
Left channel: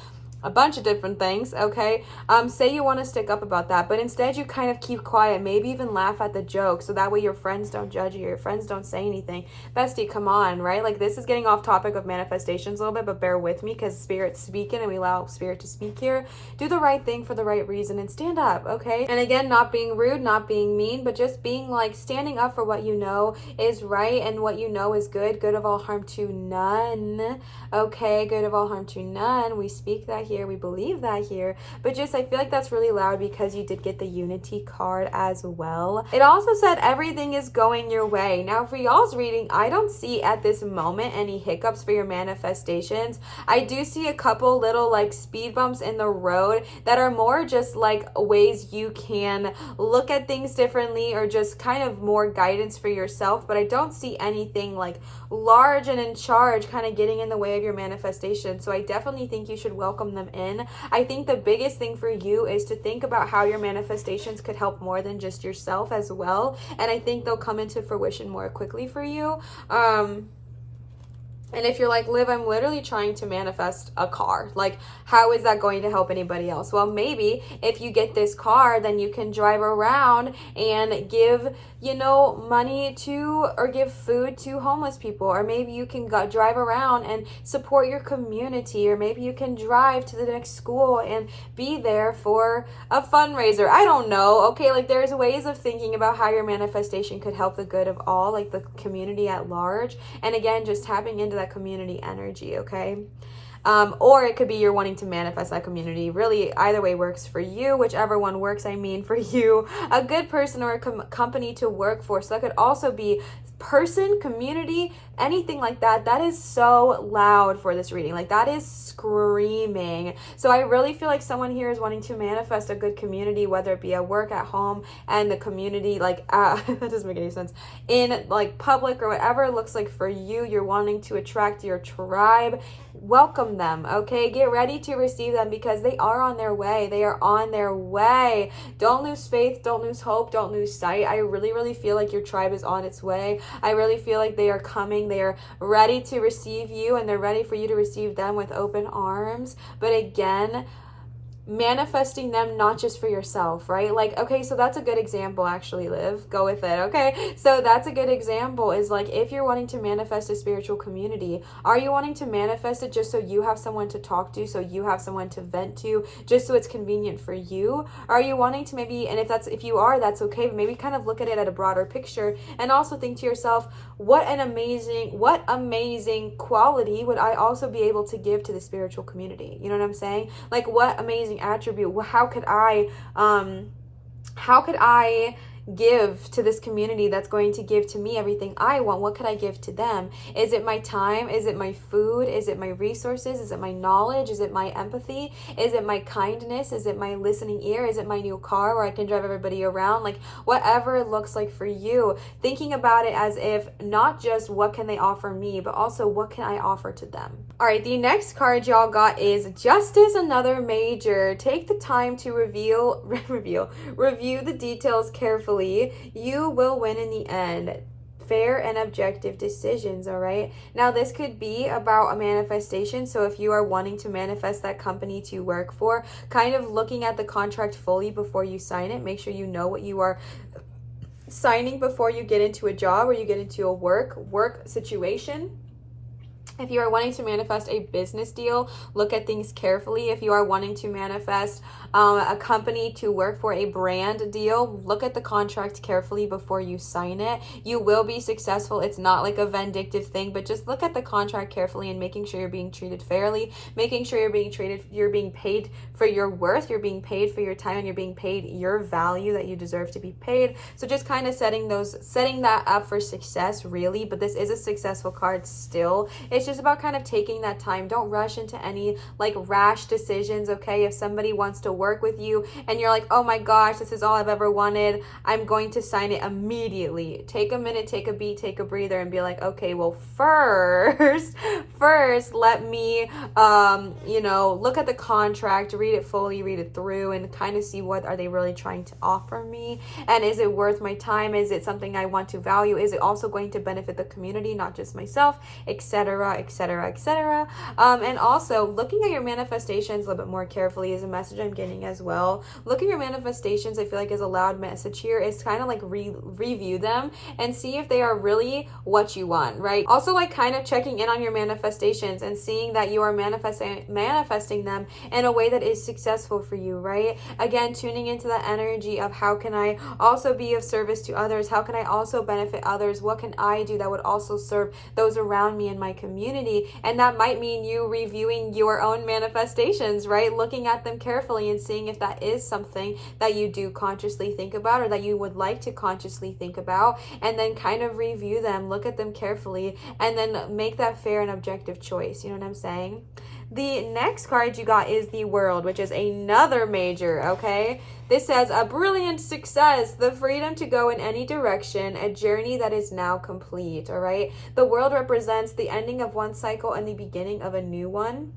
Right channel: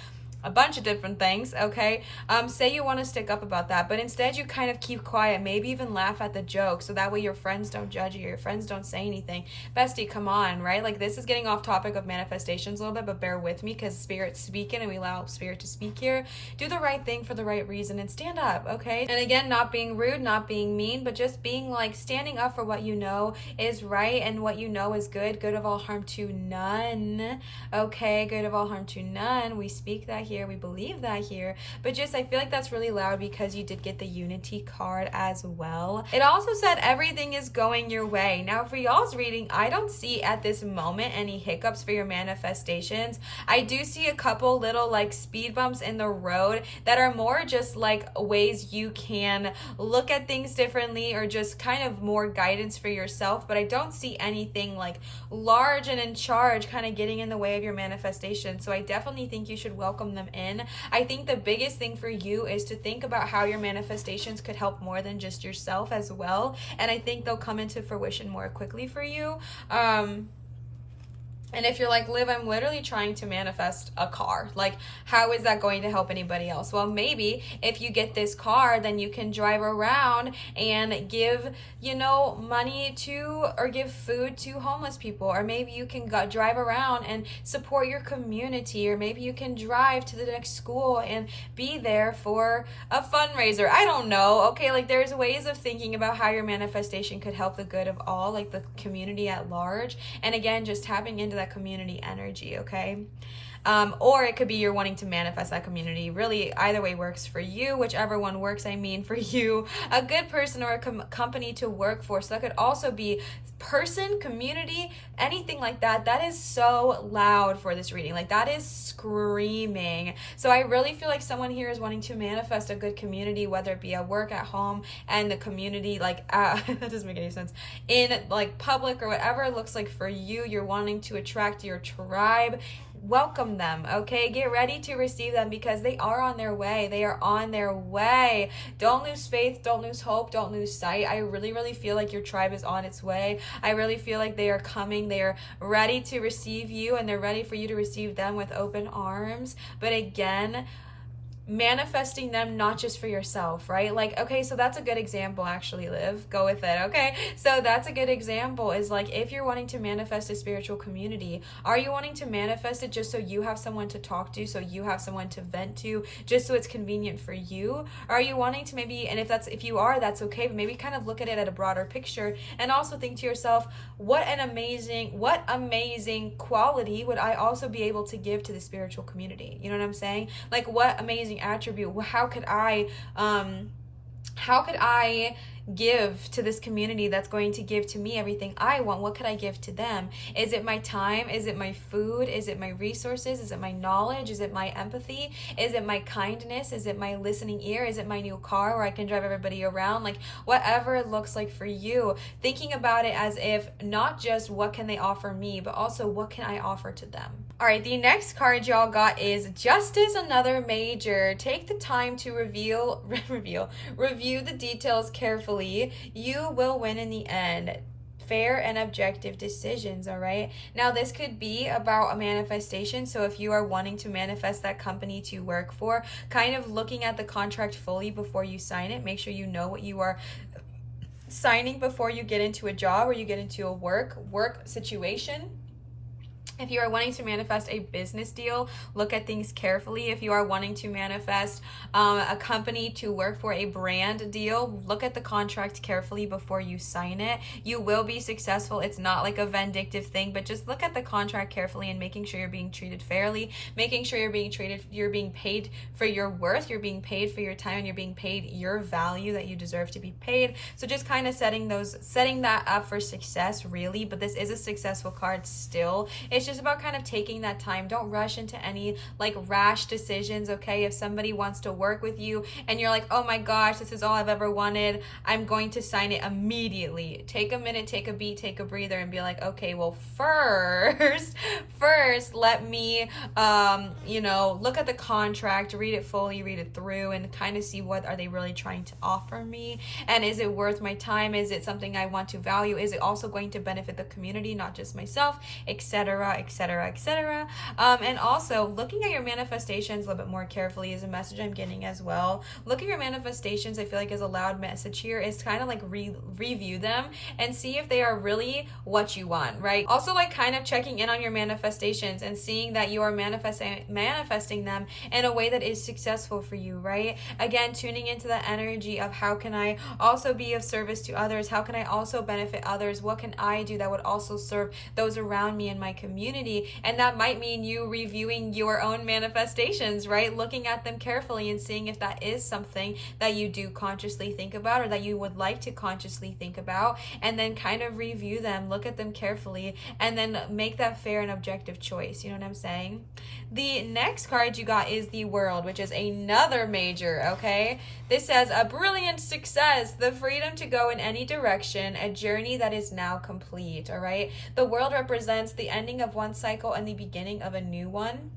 a bunch of different things, okay? Say you want to stick up about that, but instead you kind of keep quiet, maybe even laugh at the joke, so that way your friends don't judge you, your friends don't say anything. Bestie, come on, right? Like, this is getting off topic of manifestations a little bit, but bear with me because Spirit's speaking and we allow Spirit to speak here. Do the right thing for the right reason and stand up, okay? And again, not being rude, not being mean, but just being like standing up for what you know is right and what you know is good of all harm to none, okay? Good of all harm to none. We speak that here, we believe that here, but just I feel like that's really loud because you did get the unity card as well. It also said everything is going your way. Now for y'all's reading, I don't see at this moment any hiccups for your manifestations. I do see a couple little like speed bumps in the road that are more just like ways you can look at things differently or just kind of more guidance for yourself, but I don't see anything like large and in charge kind of getting in the way of your manifestation. So I definitely think you should welcome them in. I think the biggest thing for you is to think about how your manifestations could help more than just yourself as well, and I think they'll come into fruition more quickly for you. And if you're like, Liv, I'm literally trying to manifest a car. Like, how is that going to help anybody else? Well, maybe if you get this car, then you can drive around and give, money to, or give food to homeless people. Or maybe you can drive around and support your community. Or maybe you can drive to the next school and be there for a fundraiser. I don't know. Okay, like there's ways of thinking about how your manifestation could help the good of all, like the community at large. And again, just tapping into that community energy, okay? Or it could be you're wanting to manifest that community. Really, either way works for you, whichever one works, for you. A good person or a company to work for. So that could also be person, community, anything like that. That is so loud for this reading. Like that is screaming. So I really feel like someone here is wanting to manifest a good community, whether it be at work, at home, and the community, like, that doesn't make any sense, in like public or whatever it looks like for you. You're wanting to attract your tribe. Welcome them, okay? Get ready to receive them because they are on their way. They are on their way. Don't lose faith. Don't lose hope. Don't lose sight. I really, really feel like your tribe is on its way. I really feel like they are coming. They are ready to receive you, and they're ready for you to receive them with open arms. But again, manifesting them not just for yourself, right? Like, okay, so that's a good example, actually, Liv. Go with it, okay? So that's a good example is like, if you're wanting to manifest a spiritual community, are you wanting to manifest it just so you have someone to talk to, so you have someone to vent to, just so it's convenient for you? Or are you wanting to maybe, and if you are, that's okay, but maybe kind of look at it at a broader picture and also think to yourself, what amazing quality would I also be able to give to the spiritual community? You know what I'm saying? Like, what amazing attribute, how could I give to this community that's going to give to me everything I want? What could I give to them? Is it my time? Is it my food? Is it my resources? Is it my knowledge? Is it my empathy? Is it my kindness? Is it my listening ear? Is it my new car where I can drive everybody around? Like, whatever it looks like for you, thinking about it as if not just what can they offer me, but also what can I offer to them. All right, the next card y'all got is Justice, another major. Take the time to review the details carefully. You will win in the end. Fair and objective decisions, all right? Now, this could be about a manifestation. So if you are wanting to manifest that company to work for, kind of looking at the contract fully before you sign it. Make sure you know what you are signing before you get into a job or you get into a work situation. If you are wanting to manifest a business deal, look at things carefully. If you are wanting to manifest a company to work for a brand deal, look at the contract carefully before you sign it. You will be successful. It's not like a vindictive thing, but just look at the contract carefully and making sure you're being treated fairly, making sure you're being paid for your worth, you're being paid for your time, and you're being paid your value that you deserve to be paid. So just kind of setting that up for success, really. But this is a successful card still. It's just about kind of taking that time. Don't rush into any like rash decisions, okay? If somebody wants to work with you and you're like, oh my gosh, this is all I've ever wanted, I'm going to sign it immediately. Take a minute, take a beat, take a breather, and be like, okay, well, first, let me, look at the contract, read it fully, read it through, and kind of see what are they really trying to offer me, and is it worth my time? Is it something I want to value? Is it also going to benefit the community, not just myself, etc., etc., etc. And also looking at your manifestations a little bit more carefully is a message I'm getting as well. Look at your manifestations, I feel like, is a loud message here. Is kind of like review them and see if they are really what you want, right? Also, like, kind of checking in on your manifestations and seeing that you are manifesting them in a way that is successful for you, right? Again, tuning into the energy of how can I also be of service to others? How can I also benefit others? What can I do that would also serve those around me in my community? community. And that might mean you reviewing your own manifestations, right? Looking at them carefully and seeing if that is something that you do consciously think about or that you would like to consciously think about, and then kind of review them, look at them carefully, and then make that fair and objective choice. You know what I'm saying? The next card you got is the World, which is another major, okay? This says a brilliant success, the freedom to go in any direction, a journey that is now complete, all right? The World represents the ending of one cycle and the beginning of a new one.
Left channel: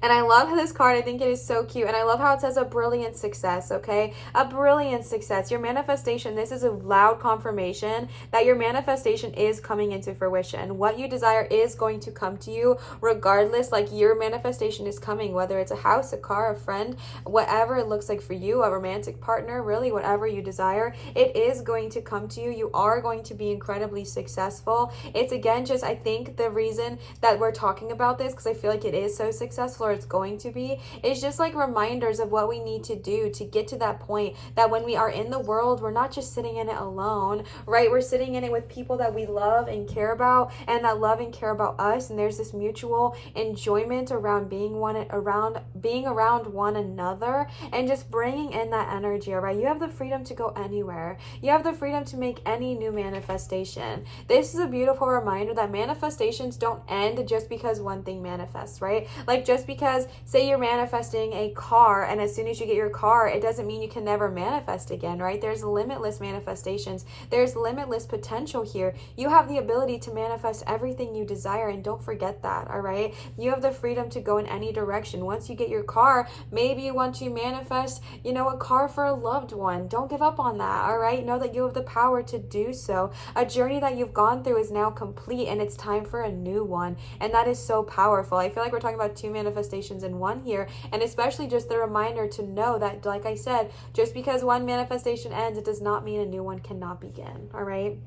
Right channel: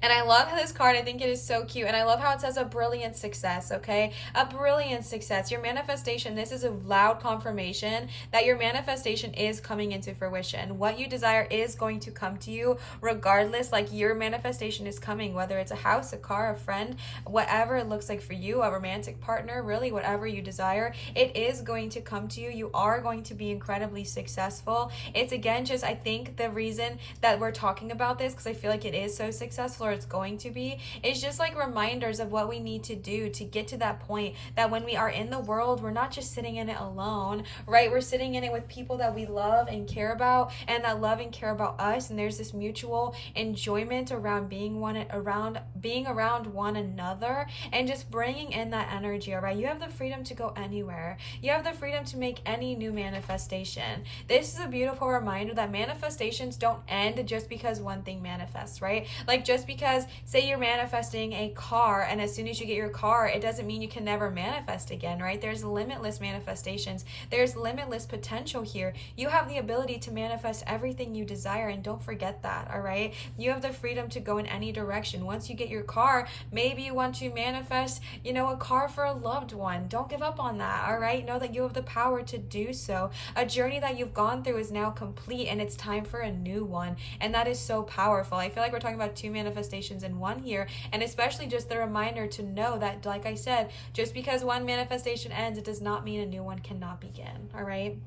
And I love this card. I think it is so cute. And I love how it says a brilliant success, okay? A brilliant success. Your manifestation, this is a loud confirmation that your manifestation is coming into fruition. What you desire is going to come to you regardless. Like, your manifestation is coming, whether it's a house, a car, a friend, whatever it looks like for you, a romantic partner, really whatever you desire, it is going to come to you. You are going to be incredibly successful. It's, again, just, I think the reason that we're talking about this, because I feel like it is so successful, or it's going to be, is just like reminders of what we need to do to get to that point that when we are in the world, we're not just sitting in it alone, right? We're sitting in it with people that we love and care about, and that love and care about us, and there's this mutual enjoyment around being around one another, and just bringing in that energy, all right? You have the freedom to go anywhere. You have the freedom to make any new manifestation. This is a beautiful reminder that manifestations don't end just because one thing manifests, right? Like, just because, say you're manifesting a car, and as soon as you get your car, it doesn't mean you can never manifest again, right? There's limitless manifestations. There's limitless potential here. You have the ability to manifest everything you desire, and don't forget that, all right? You have the freedom to go in any direction. Once you get your car, maybe you want to manifest, a car for a loved one. Don't give up on that, all right? Know that you have the power to do so. A journey that you've gone through is now complete, and it's time for a new one, and that is so powerful. I feel like we're talking about two manifestations in one here, and especially just the reminder to know that, like I said, just because one manifestation ends, it does not mean a new one cannot begin, all right?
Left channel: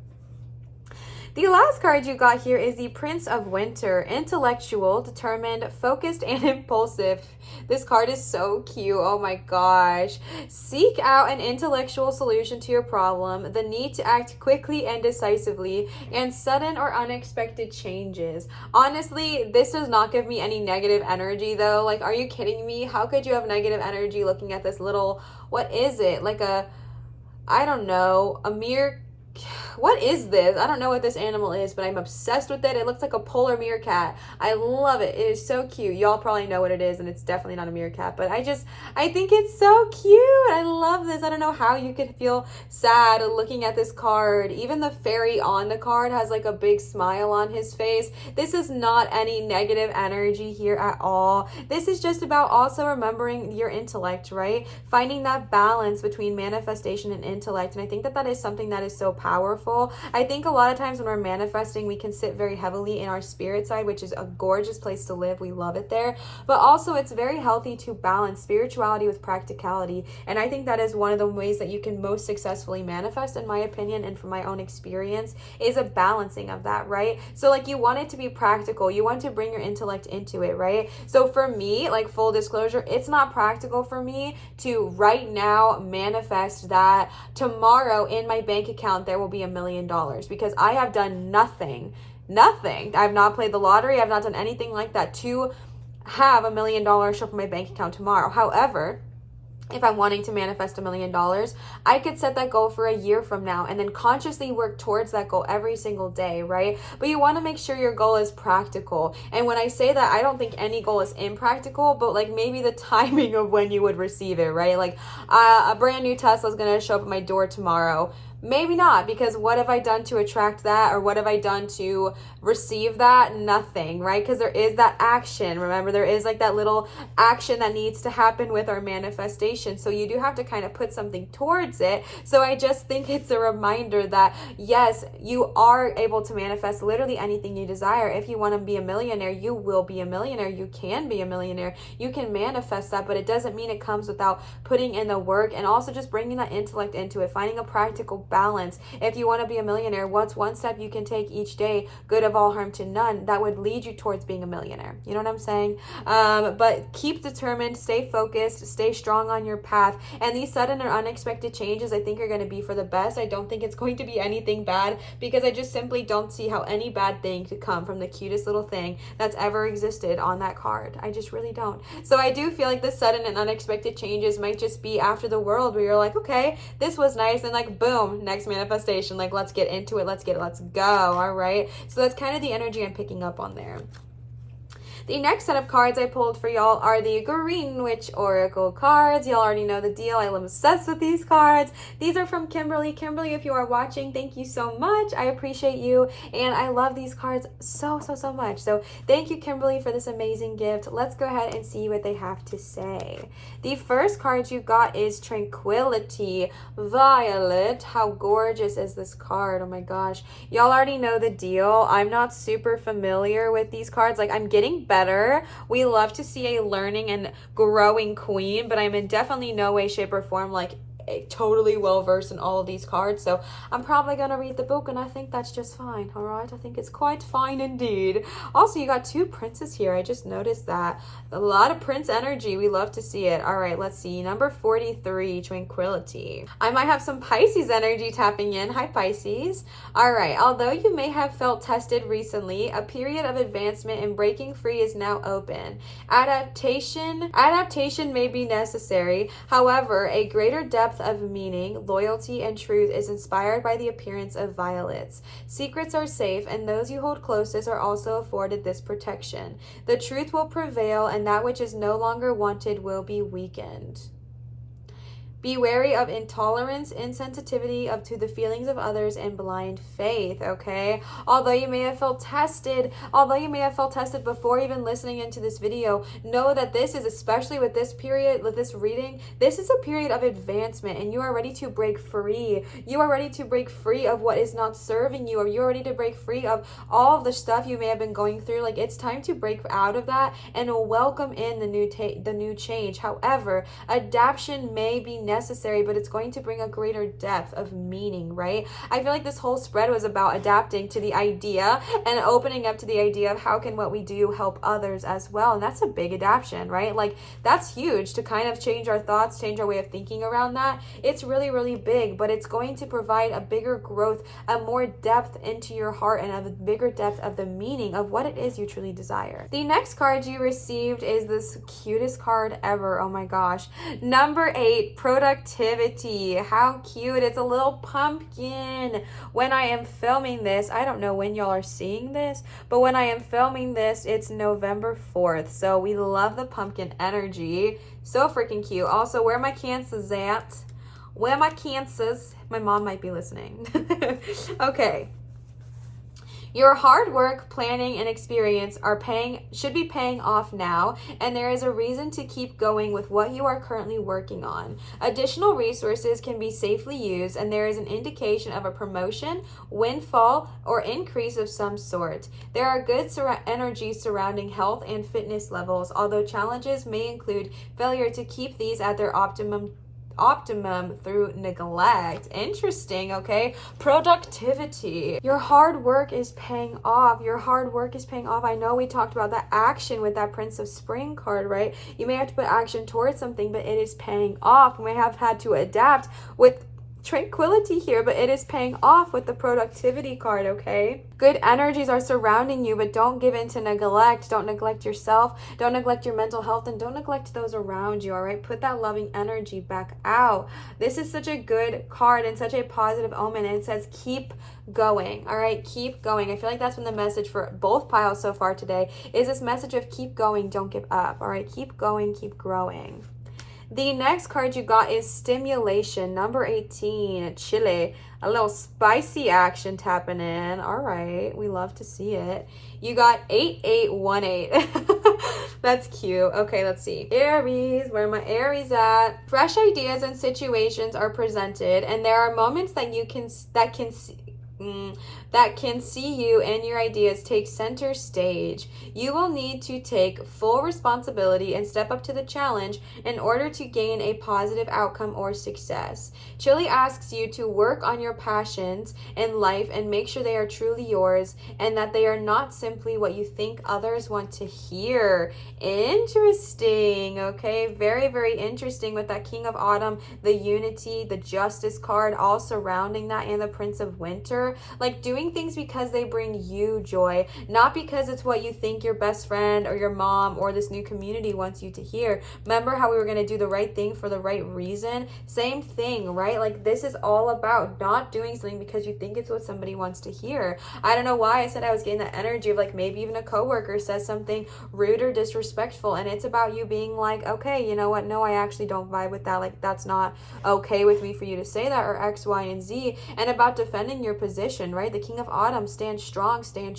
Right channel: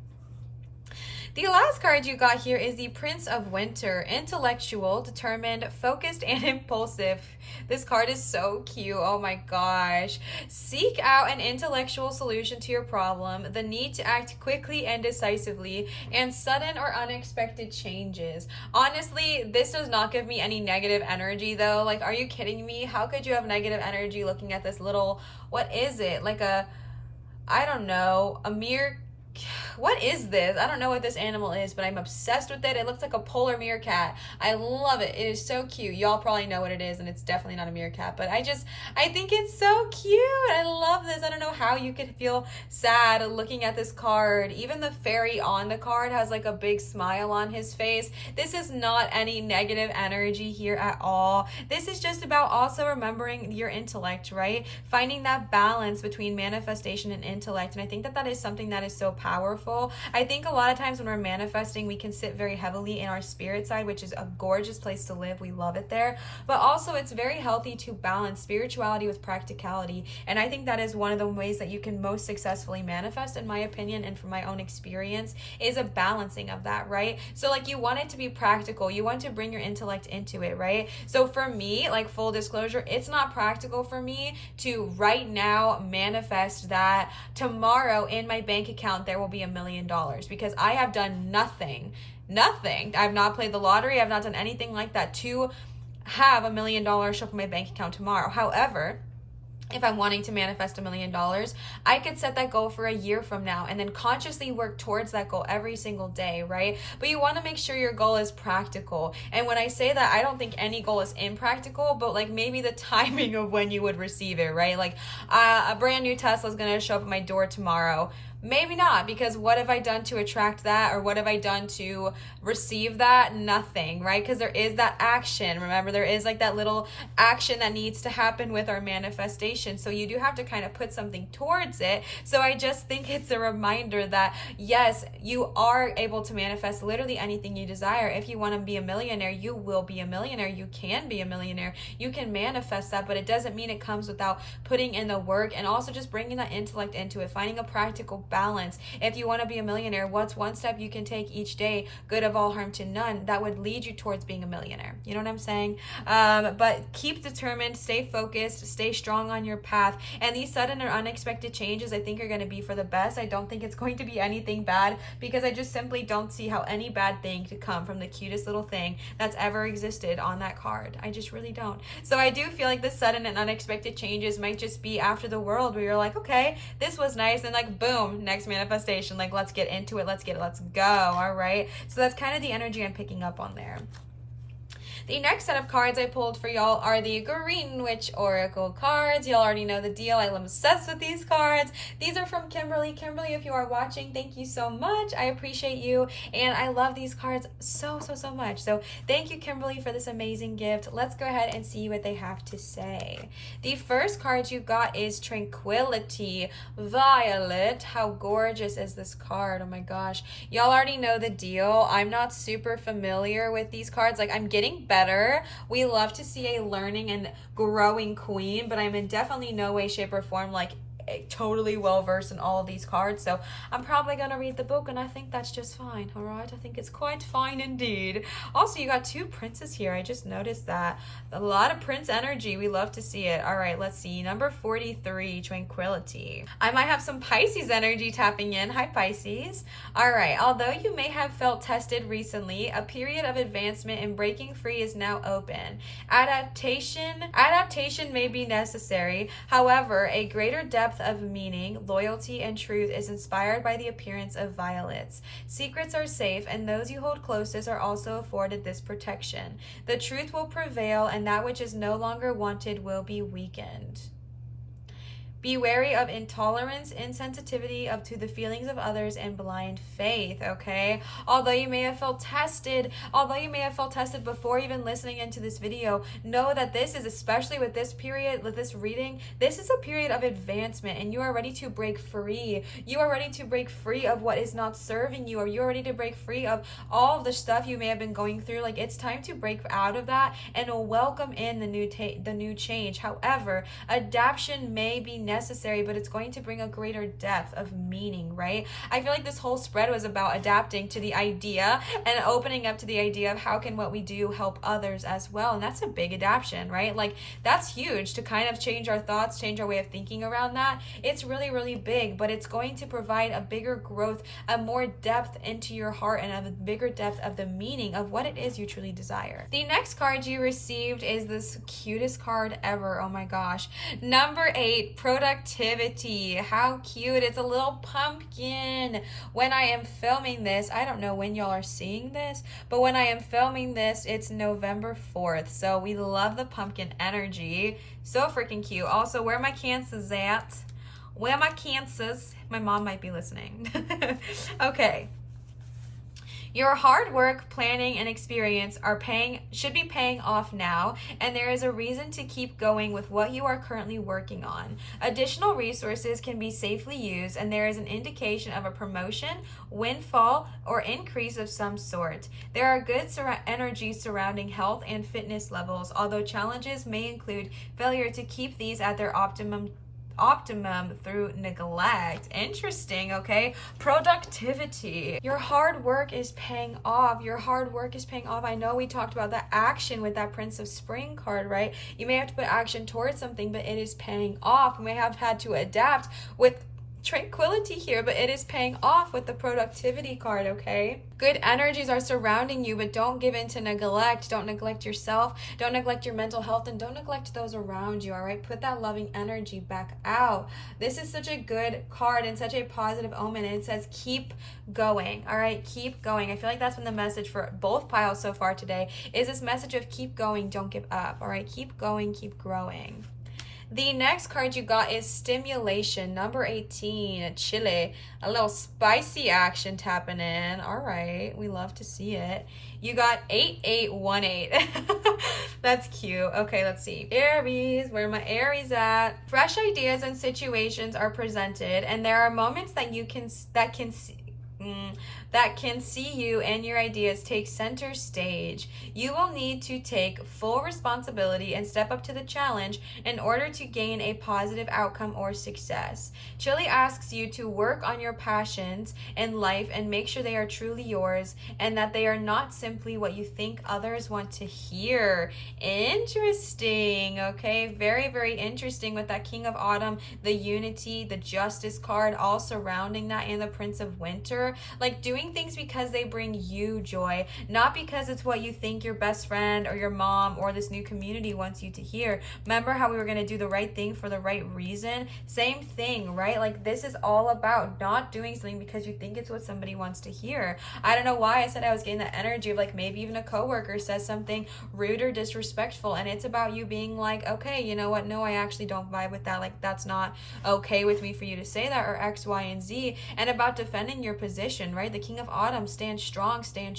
The last card you got here is the Prince of Winter, intellectual, determined, focused, and impulsive. This card is so cute. Oh my gosh. Seek out an intellectual solution to your problem, the need to act quickly and decisively, and sudden or unexpected changes. Honestly, this does not give me any negative energy though. Like, are you kidding me? How could you have negative energy looking at this little, what is it? Like I don't know, what is this? I don't know what this animal is, but I'm obsessed with it. It looks like a polar meerkat. I love it. It is so cute. Y'all probably know what it is, and it's definitely not a meerkat, but I think it's so cute. I love this. I don't know how you could feel sad looking at this card. Even the fairy on the card has like a big smile on his face. This is not any negative energy here at all. This is just about also remembering your intellect, right? Finding that balance between manifestation and intellect, and I think that is something that is so powerful. I think a lot of times when we're manifesting, we can sit very heavily in our spirit side, which is a gorgeous place to live. We love it there. But also, it's very healthy to balance spirituality with practicality. And I think that is one of the ways that you can most successfully manifest, in my opinion, and from my own experience, is a balancing of that, right? So like, you want it to be practical. You want to bring your intellect into it, right? So for me, like, full disclosure, it's not practical for me to right now manifest that tomorrow in my bank account there will be $1 million, because I have done nothing. I've not played the lottery. I've not done anything like that to have $1 million show up in my bank account tomorrow. However, if I'm wanting to manifest $1 million, I could set that goal for a year from now and then consciously work towards that goal every single day, right? But you want to make sure your goal is practical. And when I say that, I don't think any goal is impractical, but like maybe the timing of when you would receive it, right? Like a brand new Tesla is going to show up at my door tomorrow. Maybe not, because what have I done to attract that, or what have I done to receive that? Nothing, right? Because there is that action. Remember, there is like that little action that needs to happen with our manifestation. So you do have to kind of put something towards it. So I just think it's a reminder that yes, you are able to manifest literally anything you desire. If you want to be a millionaire, you will be a millionaire. You can be a millionaire. You can manifest that, but it doesn't mean it comes without putting in the work and also just bringing that intellect into it, finding a practical balance. If you want to be a millionaire, what's one step you can take each day, good of all, harm to none, that would lead you towards being a millionaire? You know what I'm saying? But keep determined, stay focused, stay strong on your path. And these sudden or unexpected changes, I think, are going to be for the best. I don't think it's going to be anything bad, because I just simply don't see how any bad thing could come from the cutest little thing that's ever existed on that card. I just really don't. So I do feel like the sudden and unexpected changes might just be after the world, where you're like, okay, this was nice, and like, boom, next manifestation, like, let's get into it, let's go. All right, so that's kind of the energy I'm picking up on there. The next set of cards I pulled for y'all are the Green Witch Oracle cards. Y'all already know the deal. I'm obsessed with these cards. These are from Kimberly. Kimberly, if you are watching, thank you so much. I appreciate you, and I love these cards so much. So thank you, Kimberly, for this amazing gift. Let's go ahead and see what they have to say. The first card you got is Tranquility. Violet. How gorgeous is this card? Oh my gosh. Y'all already know the deal. I'm not super familiar with these cards. Like, I'm getting better. We love to see a learning and growing queen, but I'm in definitely no way, shape, or form like totally well versed in all of these cards. So I'm probably gonna read the book, and I think that's just fine. All right, I think it's quite fine indeed. Also, you got two princes here. I just noticed that. A lot of prince energy. We love to see it. All right, let's see. Number 43, Tranquility. I might have some Pisces energy tapping in. Hi, Pisces. All right, although you may have felt tested recently, a period of advancement and breaking free is now open. Adaptation may be necessary. However, a greater depth of meaning, loyalty, and truth is inspired by the appearance of violets. Secrets are safe, and those you hold closest are also afforded this protection. The truth will prevail, and that which is no longer wanted will be weakened. Be wary of intolerance, insensitivity to the feelings of others, and blind faith, okay? Although you may have felt tested before even listening into this video, know that this is, especially with this period, with this reading, this is a period of advancement, and you are ready to break free. You are ready to break free of what is not serving you, or you're ready to break free of all of the stuff you may have been going through. Like, it's time to break out of that and welcome in the new change. However, adaptation may be necessary, but it's going to bring a greater depth of meaning, right? I feel like this whole spread was about adapting to the idea and opening up to the idea of how can what we do help others as well. And that's a big adaptation, right? Like, that's huge to kind of change our thoughts, change our way of thinking around that. It's really big, but it's going to provide a bigger growth, a more depth into your heart, and a bigger depth of the meaning of what it is you truly desire. The next card you received is this cutest card ever. Oh my gosh. Number 8, Productivity. How cute. It's a little pumpkin. When I am filming this, I don't know when y'all are seeing this, but when I am filming this, it's November 4th. So we love the pumpkin energy. So freaking cute. Also, where are my cancers at? Where are my cancers? My mom might be listening. Okay. Your hard work, planning, and experience should be paying off now, and there is a reason to keep going with what you are currently working on. Additional resources can be safely used, and there is an indication of a promotion, windfall, or increase of some sort. There are good energies surrounding health and fitness levels, although challenges may include failure to keep these at their optimum through neglect. Interesting. Okay, productivity. Your hard work is paying off. I know we talked about the action with that Prince of Spring card, right? You may have to put action towards something, but it is paying off. You may have had to adapt with Tranquility here, but it is paying off with the Productivity card, okay? Good energies are surrounding you, but don't give in to neglect. Don't neglect yourself. Don't neglect your mental health, and don't neglect those around you, all right? Put that loving energy back out. This is such a good card and such a positive omen, and it says keep going, all right? Keep going. I feel like that's been the message for both piles so far today, is this message of keep going, don't give up, all right? Keep going, keep growing. The next card you got is Stimulation, number 18, Chile. A little spicy action tapping in. All right, we love to see it. You got 8818. That's cute. Okay, let's see. Aries, where are my Aries at? Fresh ideas and situations are presented, and there are moments that that can see you and your ideas take center stage. You will need to take full responsibility and step up to the challenge in order to gain a positive outcome or success. Chili asks you to work on your passions in life and make sure they are truly yours and that they are not simply what you think others want to hear. Interesting, okay? Very, very interesting with that King of Autumn, the Unity, the Justice card, all surrounding that, and the Prince of Winter. Like doing things because they bring you joy, not because it's what you think your best friend or your mom or this new community wants you to hear. Remember how we were going to do the right thing for the right reason? Same thing, right? Like this is all about not doing something because you think it's what somebody wants to hear. I don't know why I said I was getting that energy of like maybe even a coworker says something rude or disrespectful, and it's about you being like, okay, you know what? No, I actually don't vibe with that. Like that's not okay with me for you to say that, or X, Y, and Z. And about defending your position, right? The King of Autumn, stand strong, stand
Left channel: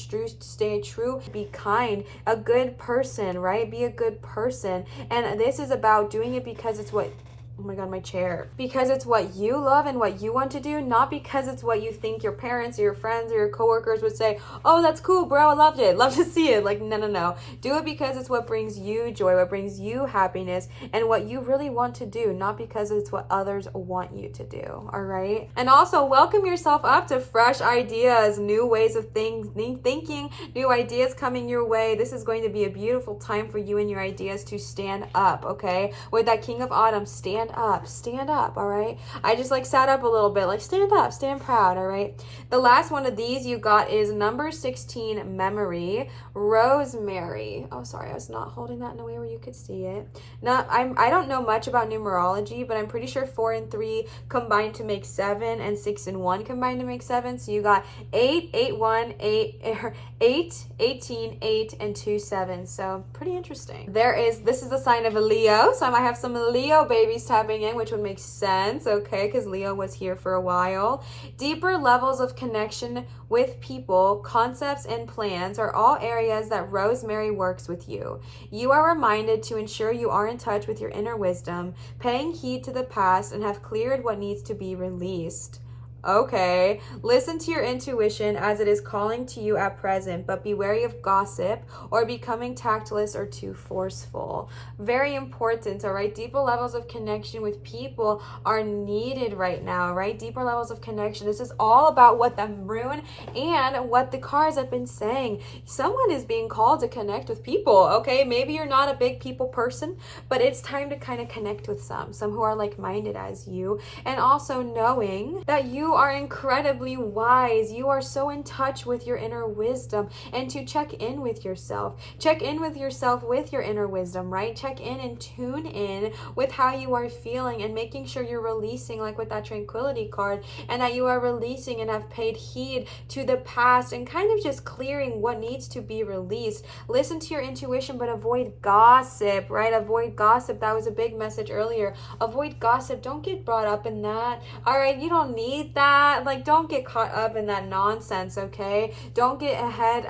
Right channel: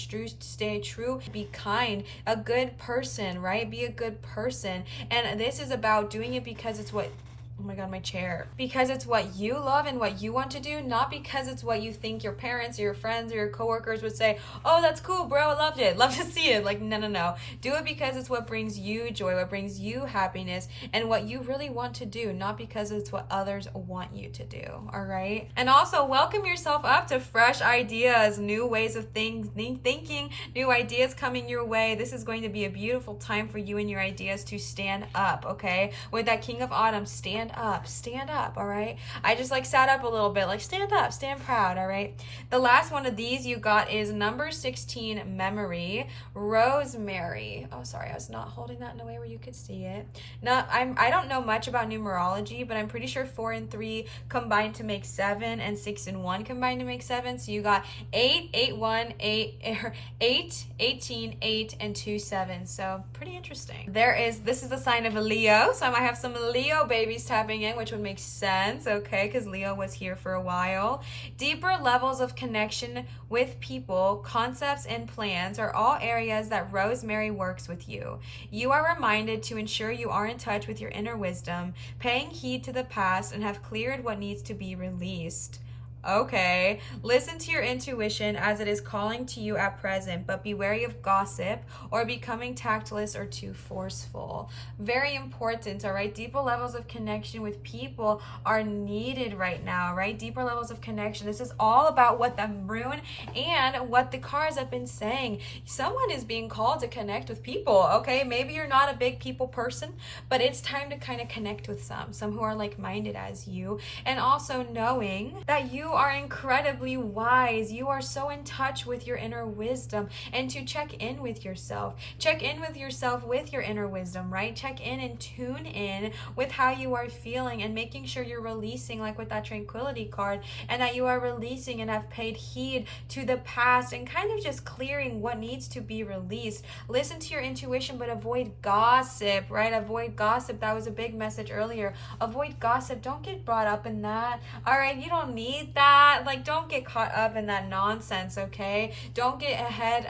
true, be kind, a good person, right? Be a good person. And this is about doing it because it's what, oh my god, my chair. Because it's what you love and what you want to do, not because it's what you think your parents or your friends or your coworkers would say, oh, that's cool, bro, I loved it, love to see it. Like, no. Do it because it's what brings you joy, what brings you happiness, and what you really want to do, not because it's what others want you to do, all right? And also, welcome yourself up to fresh ideas, new ways of thinking, new ideas coming your way. This is going to be a beautiful time for you and your ideas to stand up, okay? With that King of Autumn, stand up, all right? I just like sat up a little bit, like stand up, stand proud, all right? The last one of these you got is number 16, memory, rosemary. Oh, sorry, I was not holding that in a way where you could see it. I don't know much about numerology, but I'm pretty sure 4 and 3 combined to make 7 and 6 and 1 combined to make 7. So you got 8, 8, 1, 8, 18, 8, and 2 7. So pretty interesting. This is a sign of a Leo, so I might have some Leo babies tapping in, which would make sense, okay, because Leo was here for a while. Deeper levels of connection with people, concepts, and plans are all areas that Rosemary works with you. You are reminded to ensure you are in touch with your inner wisdom, paying heed to the past, and have cleared what needs to be released. Okay, listen to your intuition as it is calling to you at present, but be wary of gossip or becoming tactless or too forceful. Very important, all right? Deeper levels of connection with people are needed right now, right? Deeper levels of connection. This is all about what the moon and what the cards have been saying. Someone is being called to connect with people, okay? Maybe you're not a big people person, but it's time to kind of connect with some who are like-minded as you, and also knowing that you are incredibly wise. You are so in touch with your inner wisdom, and to check in with yourself. Check in with yourself with your inner wisdom, right? Check in and tune in with how you are feeling and making sure you're releasing, like with that tranquility card, and that you are releasing and have paid heed to the past and kind of just clearing what needs to be released. Listen to your intuition, but avoid gossip, right? Avoid gossip. That was a big message earlier. Avoid gossip. Don't get brought up in that. All right, you don't need that. Like, don't get caught up in that nonsense, okay? Don't get ahead.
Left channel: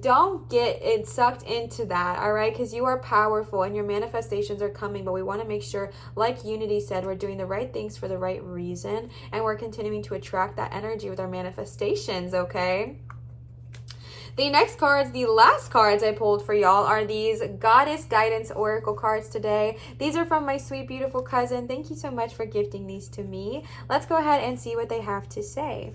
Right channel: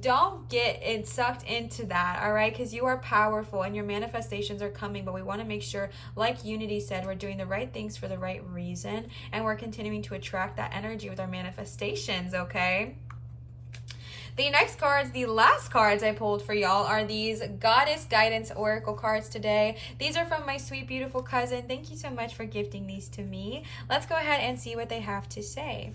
Don't get it sucked into that, all right? Because you are powerful and your manifestations are coming, but we want to make sure, like Unity said, we're doing the right things for the right reason, and we're continuing to attract that energy with our manifestations, okay? The next cards, the last cards I pulled for y'all, are these Goddess Guidance Oracle cards today. These are from my sweet, beautiful cousin. Thank you so much for gifting these to me. Let's go ahead and see what they have to say.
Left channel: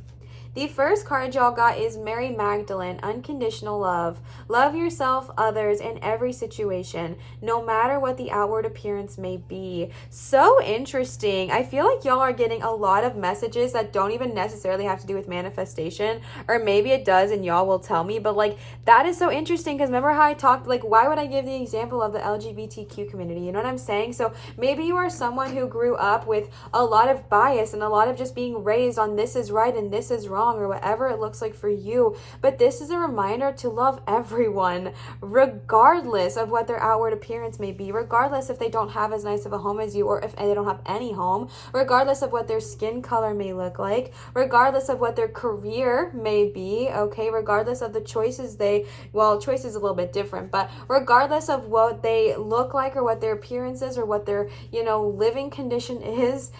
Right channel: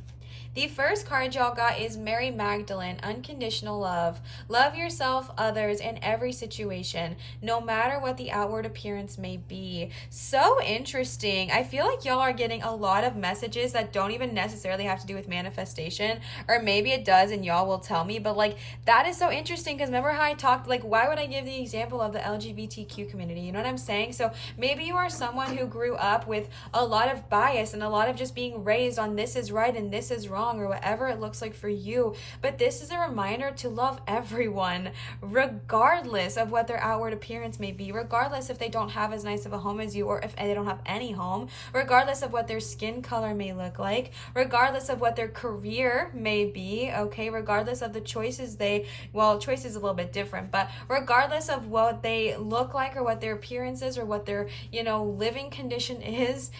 The first card y'all got is Mary Magdalene, Unconditional Love. Love yourself, others, in every situation, no matter what the outward appearance may be. So interesting. I feel like y'all are getting a lot of messages that don't even necessarily have to do with manifestation, or maybe it does and y'all will tell me, but like that is so interesting because remember how I talked, like why would I give the example of the LGBTQ community? You know what I'm saying? So maybe you are someone who grew up with a lot of bias and a lot of just being raised on this is right and this is wrong, or whatever it looks like for you. But this is a reminder to love everyone, regardless of what their outward appearance may be, regardless if they don't have as nice of a home as you, or if they don't have any home, regardless of what their skin color may look like, regardless of what their career may be, okay, regardless of the choices choice is a little bit different, but regardless of what they look like or what their appearance is or what their, living condition is,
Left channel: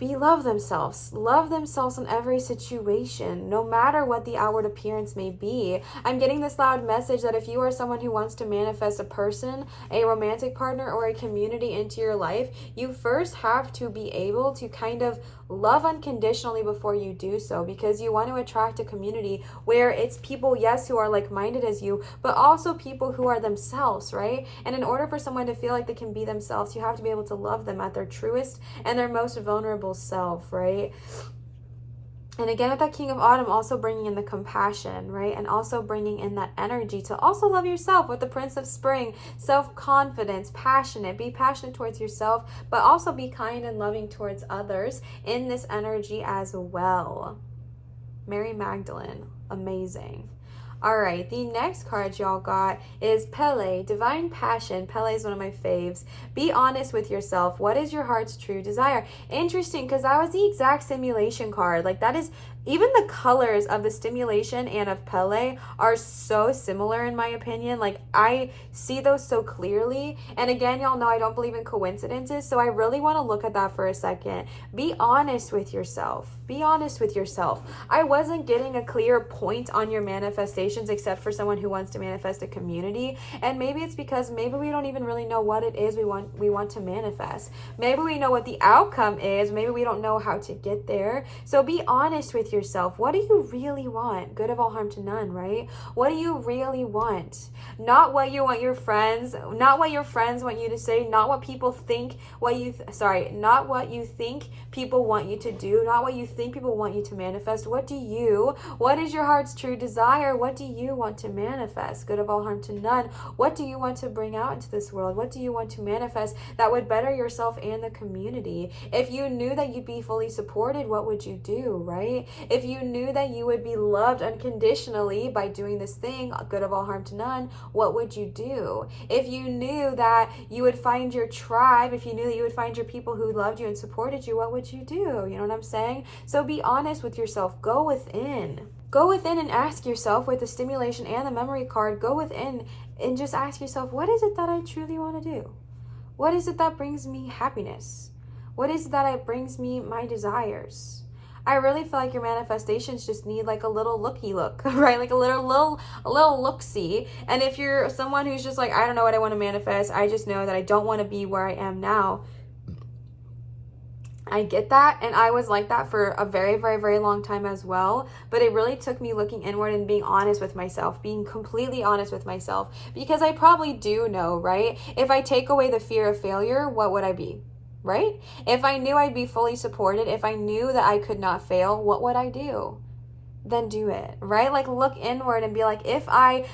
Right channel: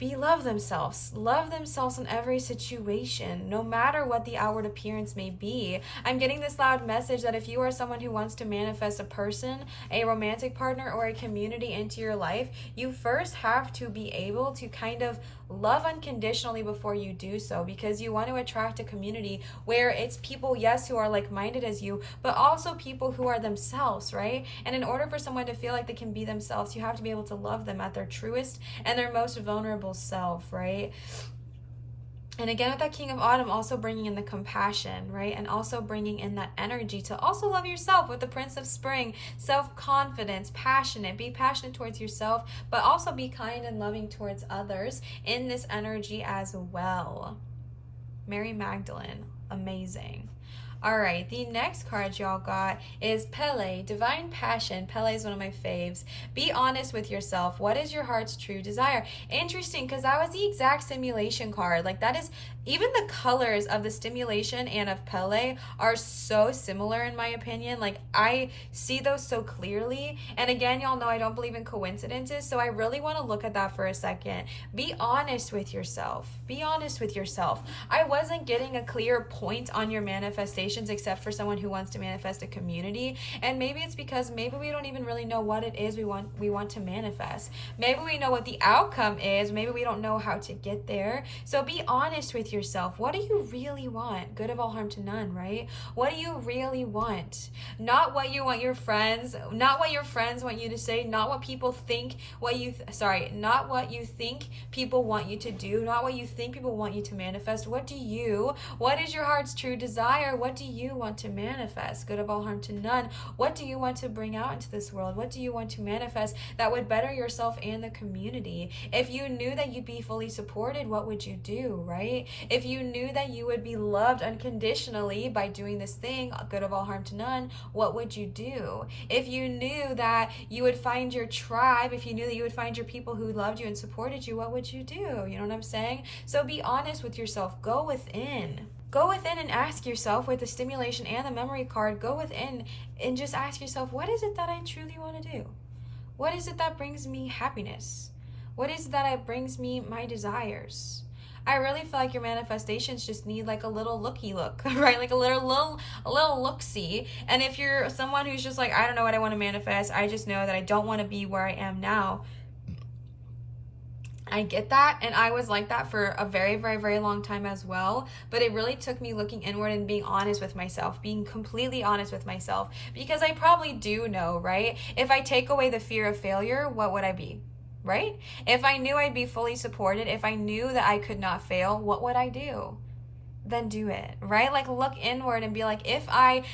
love themselves in every situation, no matter what the outward appearance may be. I'm getting this loud message that if you are someone who wants to manifest a person, a romantic partner, or a community into your life, you first have to be able to kind of love unconditionally before you do so, because you want to attract a community where it's people, yes, who are like-minded as you, but also people who are themselves, right? And in order for someone to feel like they can be themselves, you have to be able to love them at their truest and their most vulnerable self, right? And again, with that King of Autumn, also bringing in the compassion, right? And also bringing in that energy to also love yourself with the Prince of Spring, self-confidence, passionate. Be passionate towards yourself, but also be kind and loving towards others in this energy as well. Mary Magdalene, amazing. All right, the next card y'all got is Pele, Divine Passion. Pele is one of my faves. Be honest with yourself. What is your heart's true desire? Interesting, because that was the exact simulation card. Like, that is, even the colors of the stimulation and of Pele are so similar in my opinion. Like, I see those so clearly. And again, y'all know I don't believe in coincidences, so I really want to look at that for a second. Be honest with yourself. Be honest with yourself. I wasn't getting a clear point on your manifestations except for someone who wants to manifest a community. And maybe it's because maybe we don't even really know what it is we want to manifest. Maybe we know what the outcome is. Maybe we don't know how to get there. So be honest with yourself. What do you really want? Good of all, harm to none, right? What do you really want? Not what you want your friends, not what your friends want you to say, not what people think, not what you think people want you to do, not what you think people want you to manifest. What is your heart's true desire? What do you want to manifest? Good of all, harm to none. What do you want to bring out into this world? What do you want to manifest that would better yourself and the community? If you knew that you'd be fully supported, what would you do, right? If you knew that you would be loved unconditionally by doing this thing, good of all, harm to none, what would you do? If you knew that you would find your tribe, if you knew that you would find your people who loved you and supported you, what would you do? You know what I'm saying? So be honest with yourself. Go within. Go within and ask yourself, with the stimulation and the memory card, go within and just ask yourself, what is it that I truly want to do? What is it that brings me happiness? What is it that brings me my desires? I really feel like your manifestations just need like a little looky look, right? Like a little look-see. And if you're someone who's just like, I don't know what I want to manifest, I just know that I don't want to be where I am now, I get that, and I was like that for a very, very, very long time as well, but it really took me looking inward and being honest with myself, being completely honest with myself, because I probably do know, right? If I take away the fear of failure, what would I be, right? If I knew I'd be fully supported, if I knew that I could not fail, what would I do? Then do it, right? Like, look inward and be like, if I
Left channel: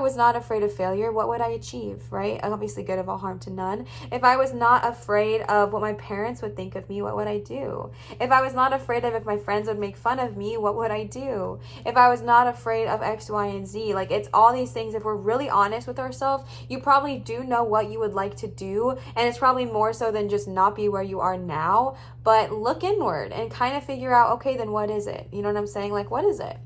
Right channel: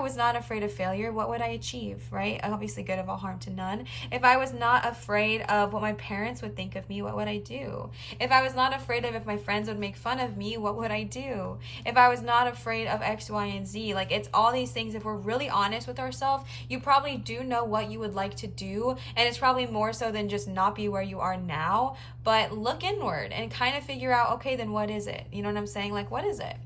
was not afraid of failure, what would I achieve, right? Obviously, good of all, harm to none. If I was not afraid of what my parents would think of me, what would I do? If I was not afraid of if my friends would make fun of me, what would I do? If I was not afraid of X, Y, and Z, like, it's all these things. If we're really honest with ourselves, you probably do know what you would like to do, and it's probably more so than just not be where you are now. But look inward and kind of figure out, okay, then what is it? You know what I'm saying? Like, what is it?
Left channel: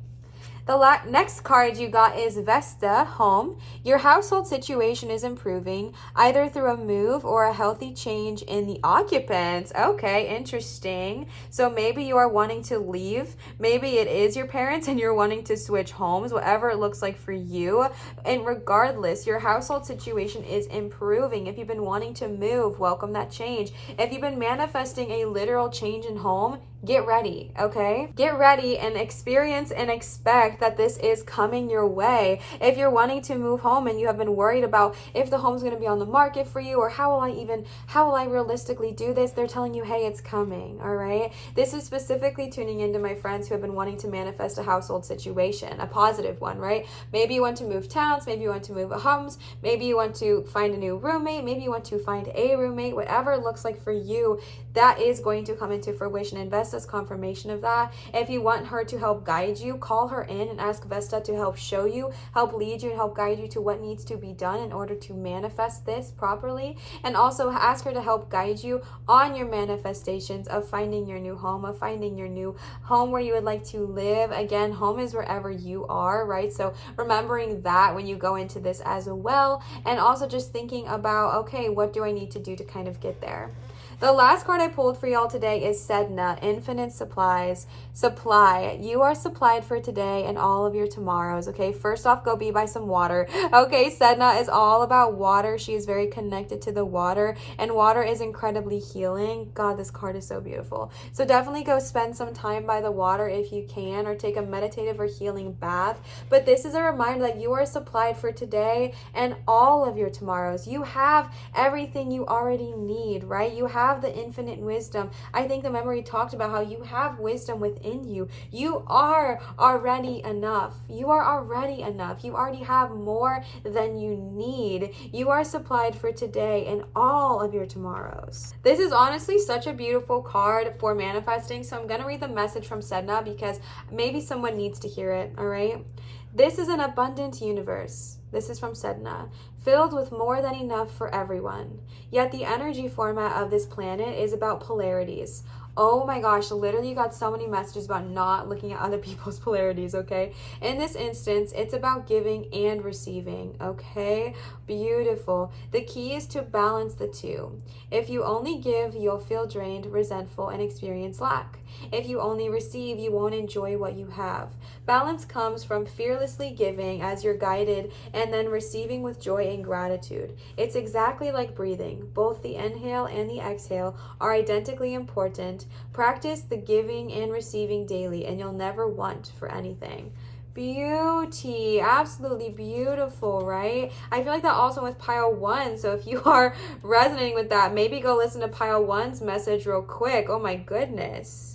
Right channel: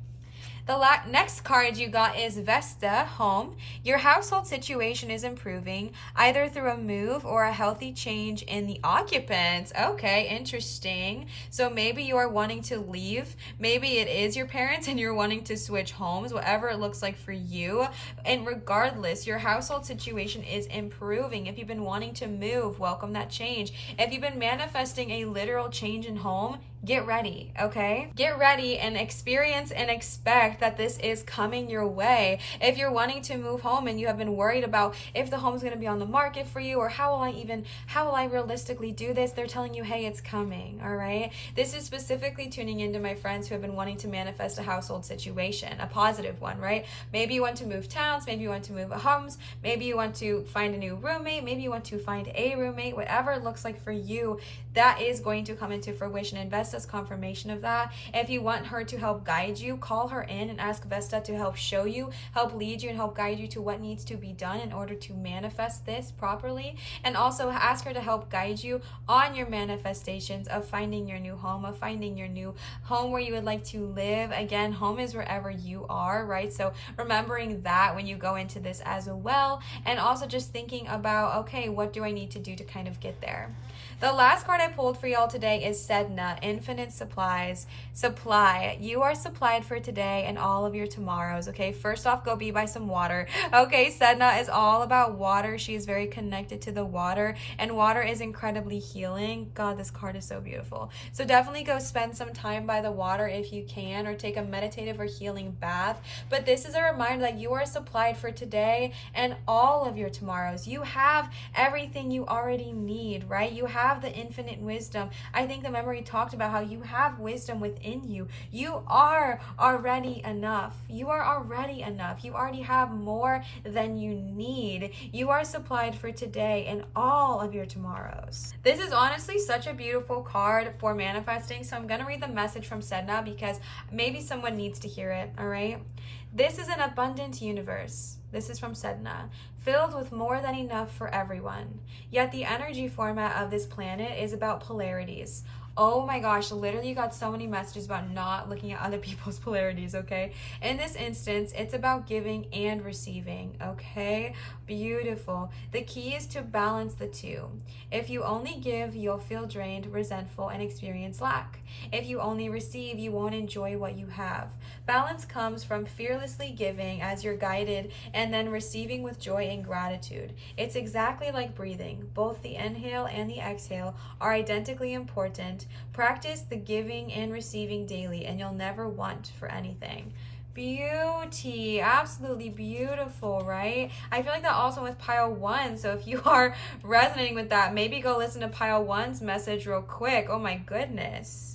The next card you got is Vesta, home. Your household situation is improving, either through a move or a healthy change in the occupants. Okay, interesting. So maybe you are wanting to leave. Maybe it is your parents and you're wanting to switch homes, whatever it looks like for you. And regardless, your household situation is improving. If you've been wanting to move, welcome that change. If you've been manifesting a literal change in home, get ready, okay? Get ready and experience and expect that this is coming your way. If you're wanting to move home and you have been worried about if the home's going to be on the market for you, or how will I realistically do this, they're telling you, hey, it's coming, all right? This is specifically tuning into my friends who have been wanting to manifest a household situation, a positive one, right? Maybe you want to move towns, maybe you want to move homes, maybe you want to find a new roommate, maybe you want to find a roommate, whatever it looks like for you, that is going to come into fruition. Invest as confirmation of that. If you want her to help guide you, call her in and ask Vesta to help show you, help lead you, and help guide you to what needs to be done in order to manifest this properly. And also ask her to help guide you on your manifestations of finding your new home, of finding your new home where you would like to live. Again, home is wherever you are, right? So remembering that when you go into this as well, and also just thinking about, okay, what do I need to do to kind of get there? The last card I pulled for y'all today is Sedna, Infinite Supplies. Supply. You are supplied for today and all of your tomorrows, okay? First off, go be by some water. Okay, Sedna is all about water. She is very connected to the water, and water is incredibly healing. God, this card is so beautiful. So definitely go spend some time by the water if you can, or take a meditative or healing bath. But this is a reminder that you are supplied for today and all of your tomorrows. You have everything you already need, right? You have the infinite wisdom. I think the memory talked about how you have wisdom within you. You are already enough. You are already enough. You already have more than you need. You are supplied for today and all of your tomorrows. This is honestly such a beautiful card for manifesting. So I'm going to read the message from Sedna because maybe someone needs to hear it, all right? This is an abundant universe. This is from Sedna, filled with more than enough for everyone. Yet the energy format of this planet is about polarities. Oh my gosh, literally you got so many messages about not looking at other people's polarities, okay? In this instance, it's about giving and receiving, okay? Beautiful. The key is to balance the two. If you only give, you'll feel drained, resentful, and experience lack. If you only receive, you won't enjoy what you have. Balance comes from fearlessly giving as you're guided and then receiving with joy and gratitude. It's exactly like breathing. Both the inhale and the exhale are identically important. Practice the giving and receiving daily and you'll never want for anything. Beauty, absolutely beautiful, right? I feel like that also with pile 1. So if you are resonating with that, maybe go listen to pile 1's message real quick. Oh my goodness.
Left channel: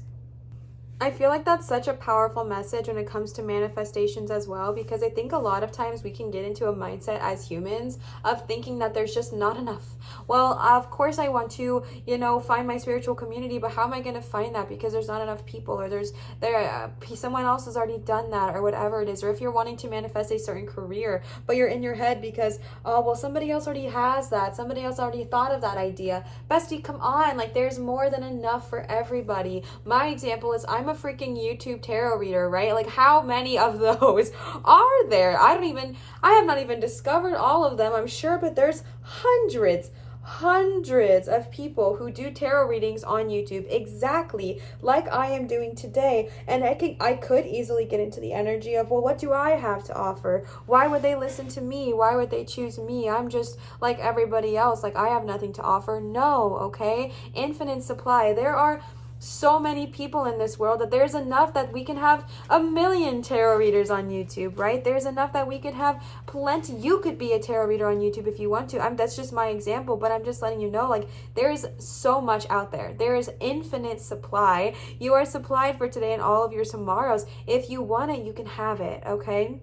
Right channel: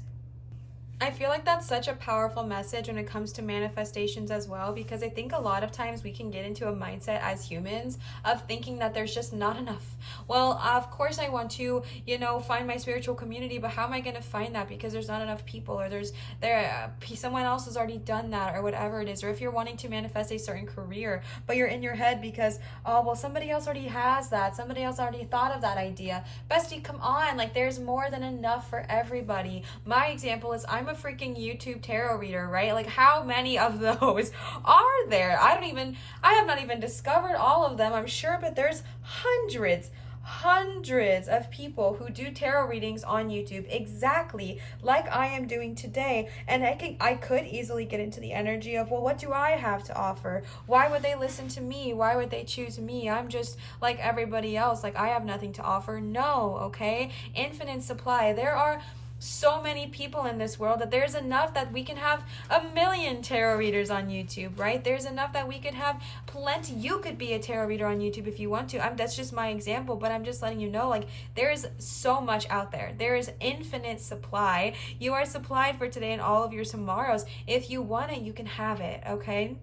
I feel like that's such a powerful message when it comes to manifestations as well, because I think a lot of times we can get into a mindset as humans of thinking that there's just not enough. Well, of course I want to, find my spiritual community, but how am I going to find that? Because there's not enough people, or someone else has already done that, or whatever it is. Or if you're wanting to manifest a certain career, but you're in your head because, oh, well, somebody else already has that. Somebody else already thought of that idea. Bestie, come on. Like, there's more than enough for everybody. My example is I'm a freaking YouTube tarot reader, right? Like, how many of those are there? I have not even discovered all of them, I'm sure, but there's hundreds of people who do tarot readings on YouTube exactly like I am doing today. And I could easily get into the energy of, well, what do I have to offer? Why would they listen to me? Why would they choose me? I'm just like everybody else. Like, I have nothing to offer. No, okay? Infinite supply. There are so many people in this world that there's enough that we can have 1 million tarot readers on YouTube, right? There's enough that we could have plenty. You could be a tarot reader on YouTube if you want to. That's just my example, but I'm just letting you know, like, there's so much out there. There is infinite supply. You are supplied for today and all of your tomorrows. If you want it, you can have it, okay?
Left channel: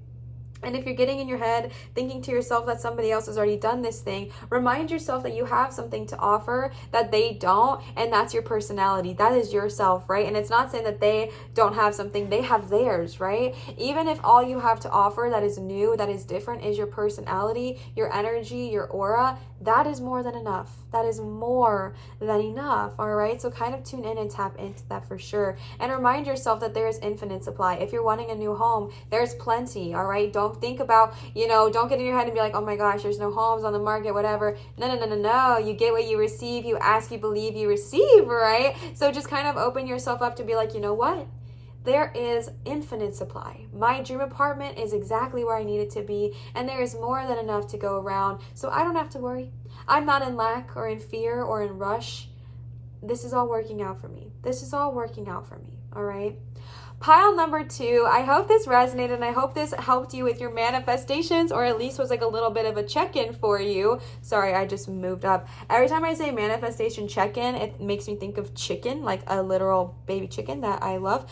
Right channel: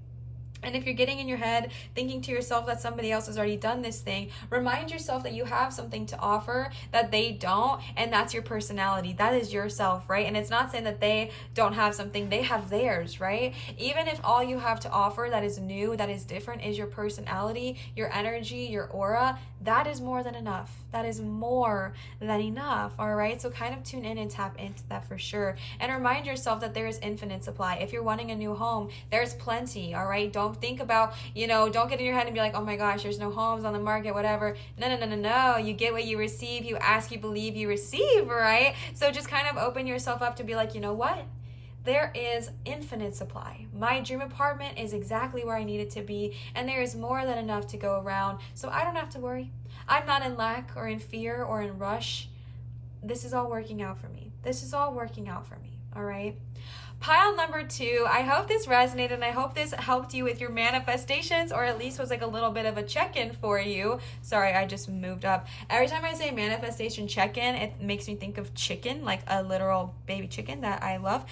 And if you're getting in your head thinking to yourself that somebody else has already done this thing, remind yourself that you have something to offer that they don't, and that's your personality. That is yourself, right? And it's not saying that they don't have something, they have theirs, right? Even if all you have to offer that is new, that is different, is your personality, your energy, your aura, that is more than enough. That is more than enough, all right? So kind of tune in and tap into that for sure. And remind yourself that there is infinite supply. If you're wanting a new home, there's plenty, all right? Don't think about, don't get in your head and be like, oh my gosh, there's no homes on the market, whatever. No. You get what you receive. You ask, you believe, you receive, right? So just kind of open yourself up to be like, you know what? There is infinite supply. My dream apartment is exactly where I need it to be, and there is more than enough to go around, so I don't have to worry. I'm not in lack or in fear or in rush. This is all working out for me. All right? Pile number 2, I hope this resonated and I hope this helped you with your manifestations, or at least was like a little bit of a check-in for you. Sorry, I just moved up. Every time I say manifestation check-in, it makes me think of chicken, like a literal baby chicken that I love.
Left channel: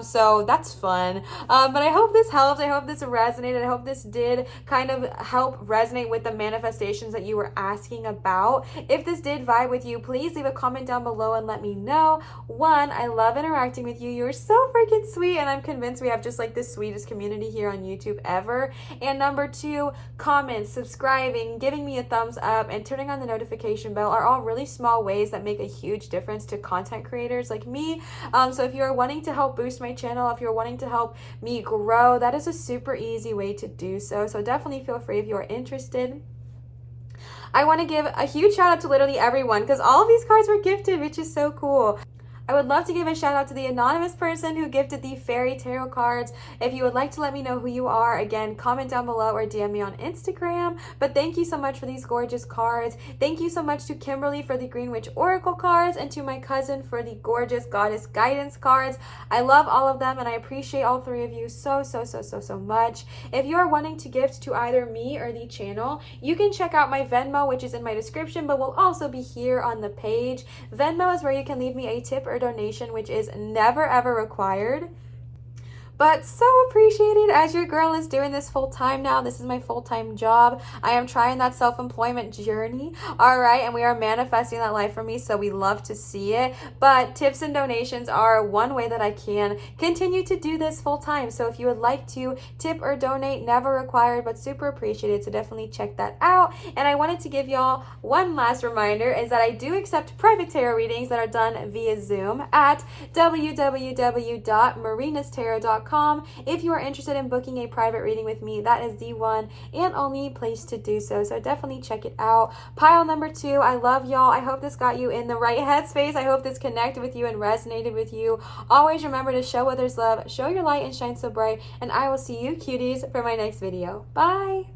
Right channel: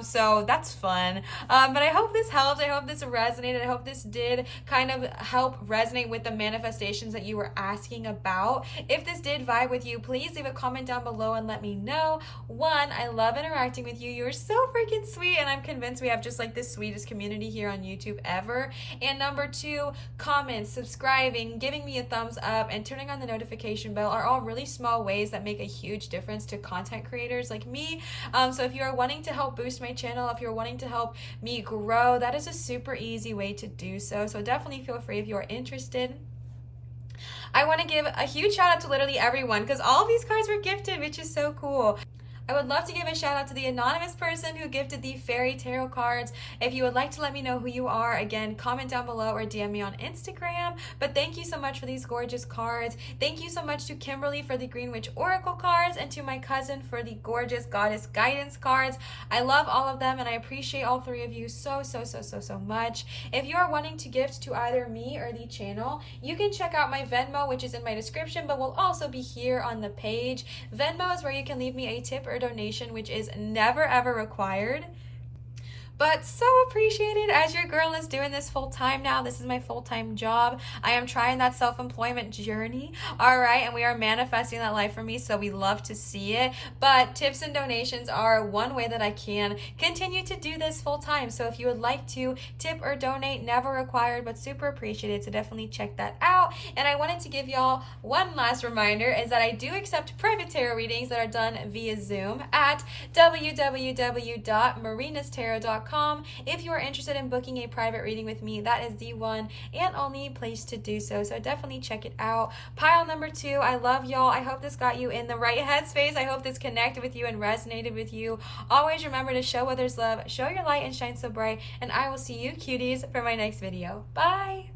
So that's fun. But I hope this helped. I hope this resonated. I hope this did kind of help resonate with the manifestations that you were asking about. If this did vibe with you, please leave a comment down below and let me know. 1, I love interacting with you. You're so freaking sweet, and I'm convinced we have just like the sweetest community here on YouTube ever. And number 2, comments, subscribing, giving me a thumbs up, and turning on the notification bell are all really small ways that make a huge difference to content creators like me. So if you're wanting to help boost my channel, if you're wanting to help me grow, that is a super easy way to do so. So definitely feel free if you are interested. I want to give a huge shout out to literally everyone because all of these cards were gifted, which is so cool. I would love to give a shout out to the anonymous person who gifted the fairy tarot cards. If you would like to let me know who you are, again, comment down below or DM me on Instagram. But thank you so much for these gorgeous cards. Thank you so much to Kimberly for the Green Witch Oracle cards and to my cousin for the gorgeous Goddess Guidance cards. I love all of them and I appreciate all three of you so much. If you are wanting to gift to either me or the channel, you can check out my Venmo, which is in my description, but will also be here on the page. Venmo is where you can leave me a tip or donation, which is never ever required, but so appreciated as your girl is doing this full time now. This is my full-time job. I am trying that self-employment journey, all right, and we are manifesting that life for me, so we love to see it. But tips and donations are one way that I can continue to do this full time. So if you would like to tip or donate, never required, but super appreciated, so definitely check that out. And I wanted to give y'all one last reminder is that I do accept private tarot readings that are done via Zoom at www.marinatarot.com. If you are interested in booking a private reading with me, that is the one and only place to do so. So definitely check it out. Pile number 2, I love y'all. I hope this got you in the right headspace. I hope this connected with you and resonated with you. Always remember to show others love, show your light and shine so bright, and I will see you cuties for my next video. Bye.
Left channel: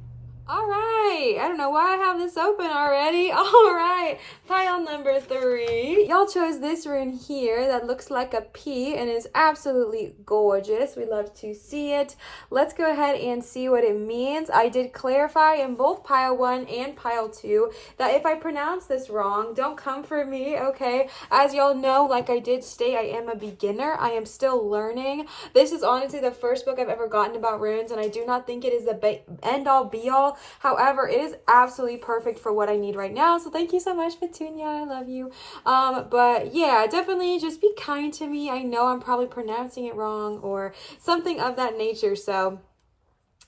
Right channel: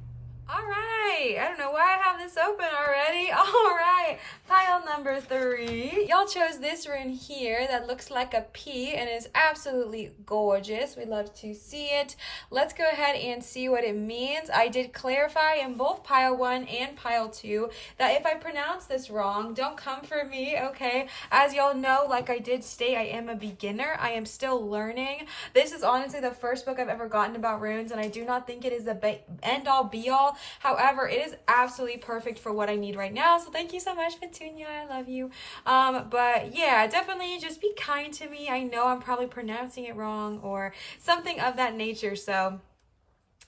All right, I don't know why I have this open already. All right, pile number 3. Y'all chose this rune here that looks like a P and is absolutely gorgeous. We love to see it. Let's go ahead and see what it means. I did clarify in both pile 1 and pile 2 that if I pronounce this wrong, don't come for me, okay? As y'all know, like I did state, I am a beginner. I am still learning. This is honestly the first book I've ever gotten about runes, and I do not think it is the end-all, be-all. However, it is absolutely perfect for what I need right now. So thank you so much, Petunia. I love you. But yeah, definitely just be kind to me. I know I'm probably pronouncing it wrong or something of that nature. So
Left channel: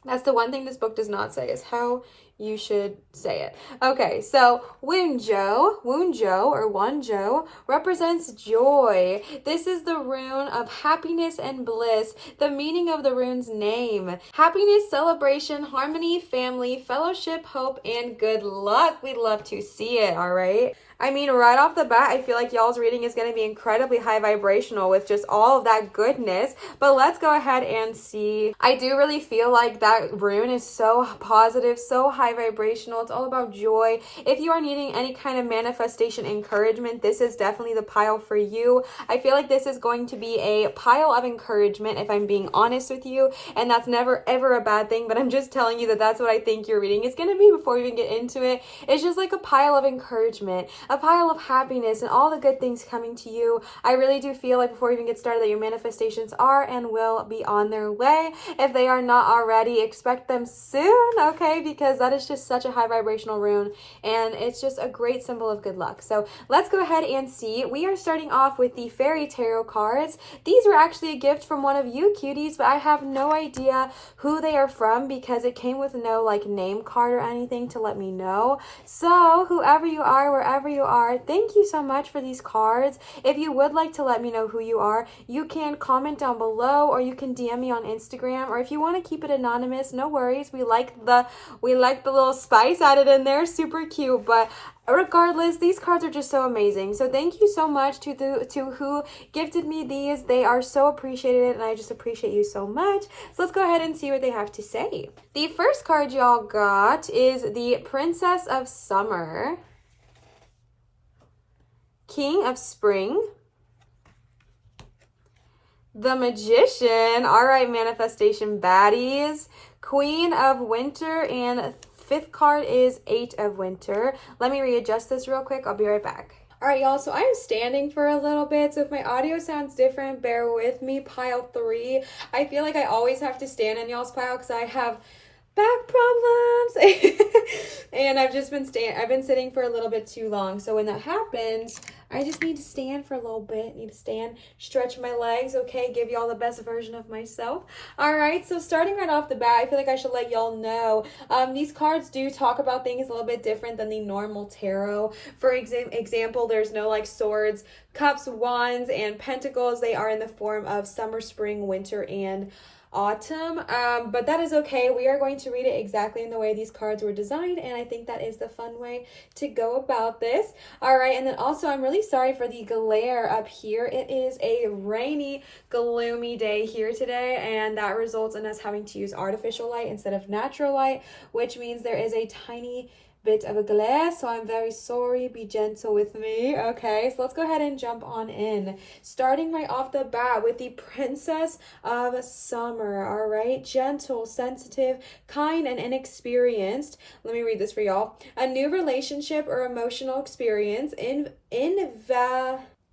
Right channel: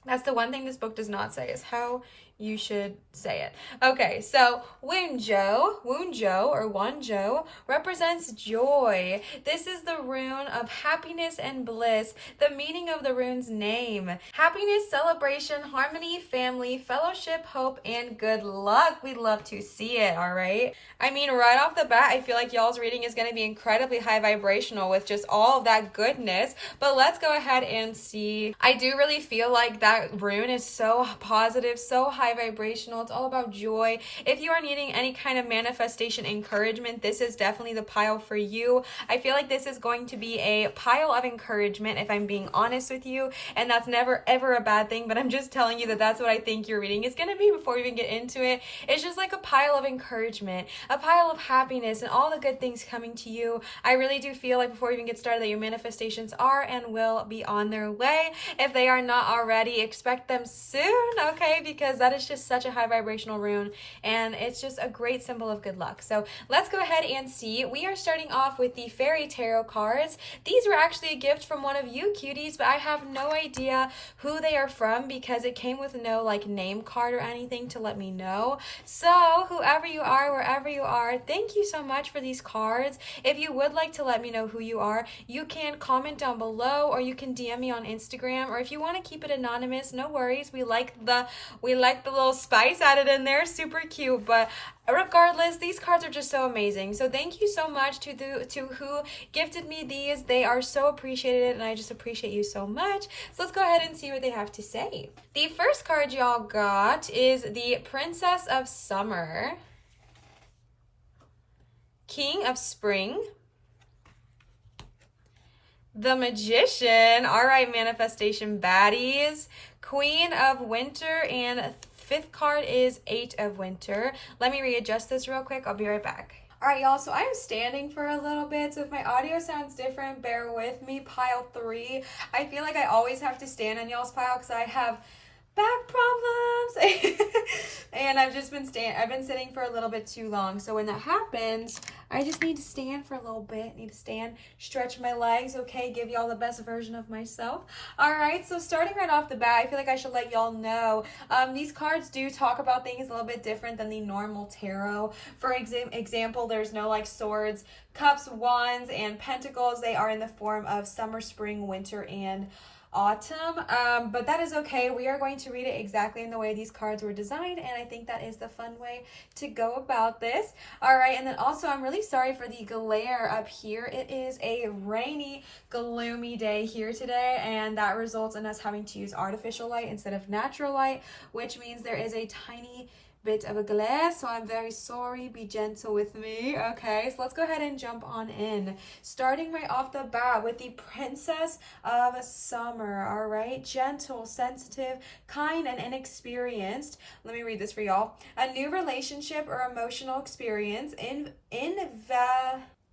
that's the one thing this book does not say is how you should say it. Okay, so Wunjo or Wunjo represents joy. This is the rune of happiness and bliss. The meaning of the rune's name: happiness, celebration, harmony, family, fellowship, hope, and good luck. We'd love to see it, all right? I mean, right off the bat, I feel like y'all's reading is going to be incredibly high vibrational with just all of that goodness, but let's go ahead and see. I do really feel like that rune is so positive, so high vibrational. It's all about joy. If you are needing any kind of manifestation encouragement, this is definitely the pile for you. I feel like this is going to be a pile of encouragement, if I'm being honest with you, and that's never ever a bad thing, but I'm just telling you that that's what I think your reading is going to be before we even get into it. It's just like a pile of encouragement, a pile of happiness, and all the good things coming to you. I really do feel like before we even get started that your manifestations are and will be on their way. If they are not already, expect them soon, okay? Because that is just such a high vibrational rune, and it's just a great symbol of good luck. So let's go ahead and see. We are starting off with the fairy tarot cards. These were actually a gift from one of you cuties, but I have no idea who they are from because it came with no like name card or anything to let me know. So whoever you are, wherever you are, thank you so much for these cards. If you would like to let me know who you are, you can comment down below or you can DM me on Instagram, or if you want to keep it anonymous, no worries. We like the little spice added in there, super cute. But regardless, these cards are just so amazing. So thank you so much to who gifted me these. They are so appreciated, and I just appreciate you so much. So let's go ahead and see what they have to say. The first card y'all got is the Princess of Summer, King of Spring, the Magician, all right, manifestation baddies, Queen of Winter, and fifth card is Eight of Winter. Let me readjust this real quick. I'll be right back. All right, y'all, so I'm standing for a little bit, so if my audio sounds different, bear with me. Pile 3. I feel like I always have to stand on y'all's pile because I have back problems and I've been sitting for a little bit too long. So when that happens, I just need to stand for a little bit, stretch my legs, okay, give y'all the best version of myself. All right, so starting right off the bat, I feel like I should let y'all know these cards do talk about things a little bit different than the normal tarot. For example, there's no like swords, cups, wands, and pentacles. They are in the form of summer, spring, winter, and autumn, but that is okay. We are going to read it exactly in the way these cards were designed, and I think that is the fun way to go about this. All right, and then also I'm really sorry for the glare up here. It is a rainy, gloomy day here today, and that results in us having to use artificial light instead of natural light, which means there is a tiny bit of a glare, so I'm very sorry. Be gentle with me. Okay, so let's go ahead and jump on in, starting right off the bat with the Princess of Summer. All right, gentle, sensitive, kind, and inexperienced. Let me read this for y'all. A new relationship or emotional experience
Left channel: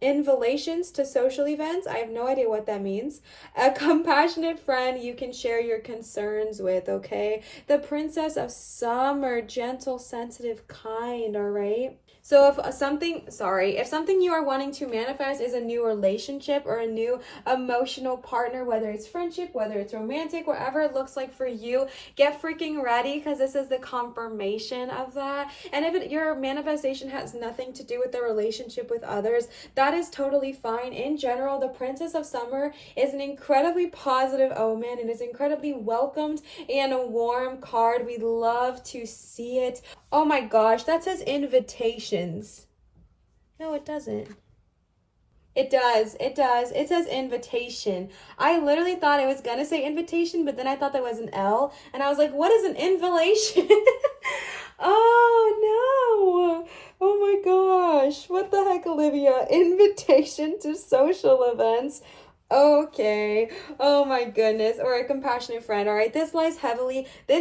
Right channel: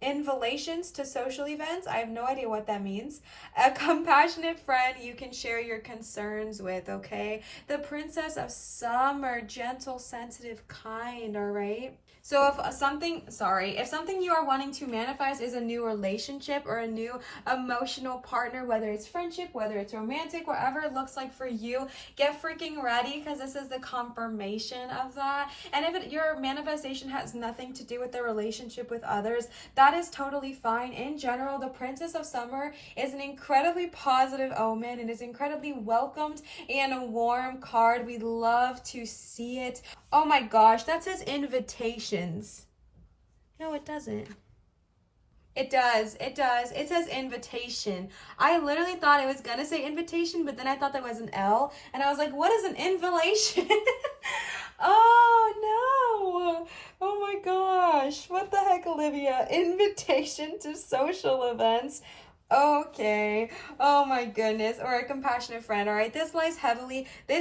invitations to social events. I have no idea what that means. A compassionate friend you can share your concerns with, okay? The Princess of Summer, gentle, sensitive, kind, all right? So if something you are wanting to manifest is a new relationship or a new emotional partner, whether it's friendship, whether it's romantic, whatever it looks like for you, get freaking ready, because this is the confirmation of that. And if your manifestation has nothing to do with the relationship with others, that is totally fine. In general, the Princess of Summer is an incredibly positive omen and is incredibly welcomed and a warm card. We love to see it. Oh my gosh, that says invitations. No, it doesn't. It does. It says invitation. I literally thought it was gonna say invitation, but then I thought there was an L, and I was like, what is an invitation? Oh no. Oh my gosh. What the heck, Olivia? Invitation to social events. Okay. Oh my goodness. Or a compassionate friend. All right. This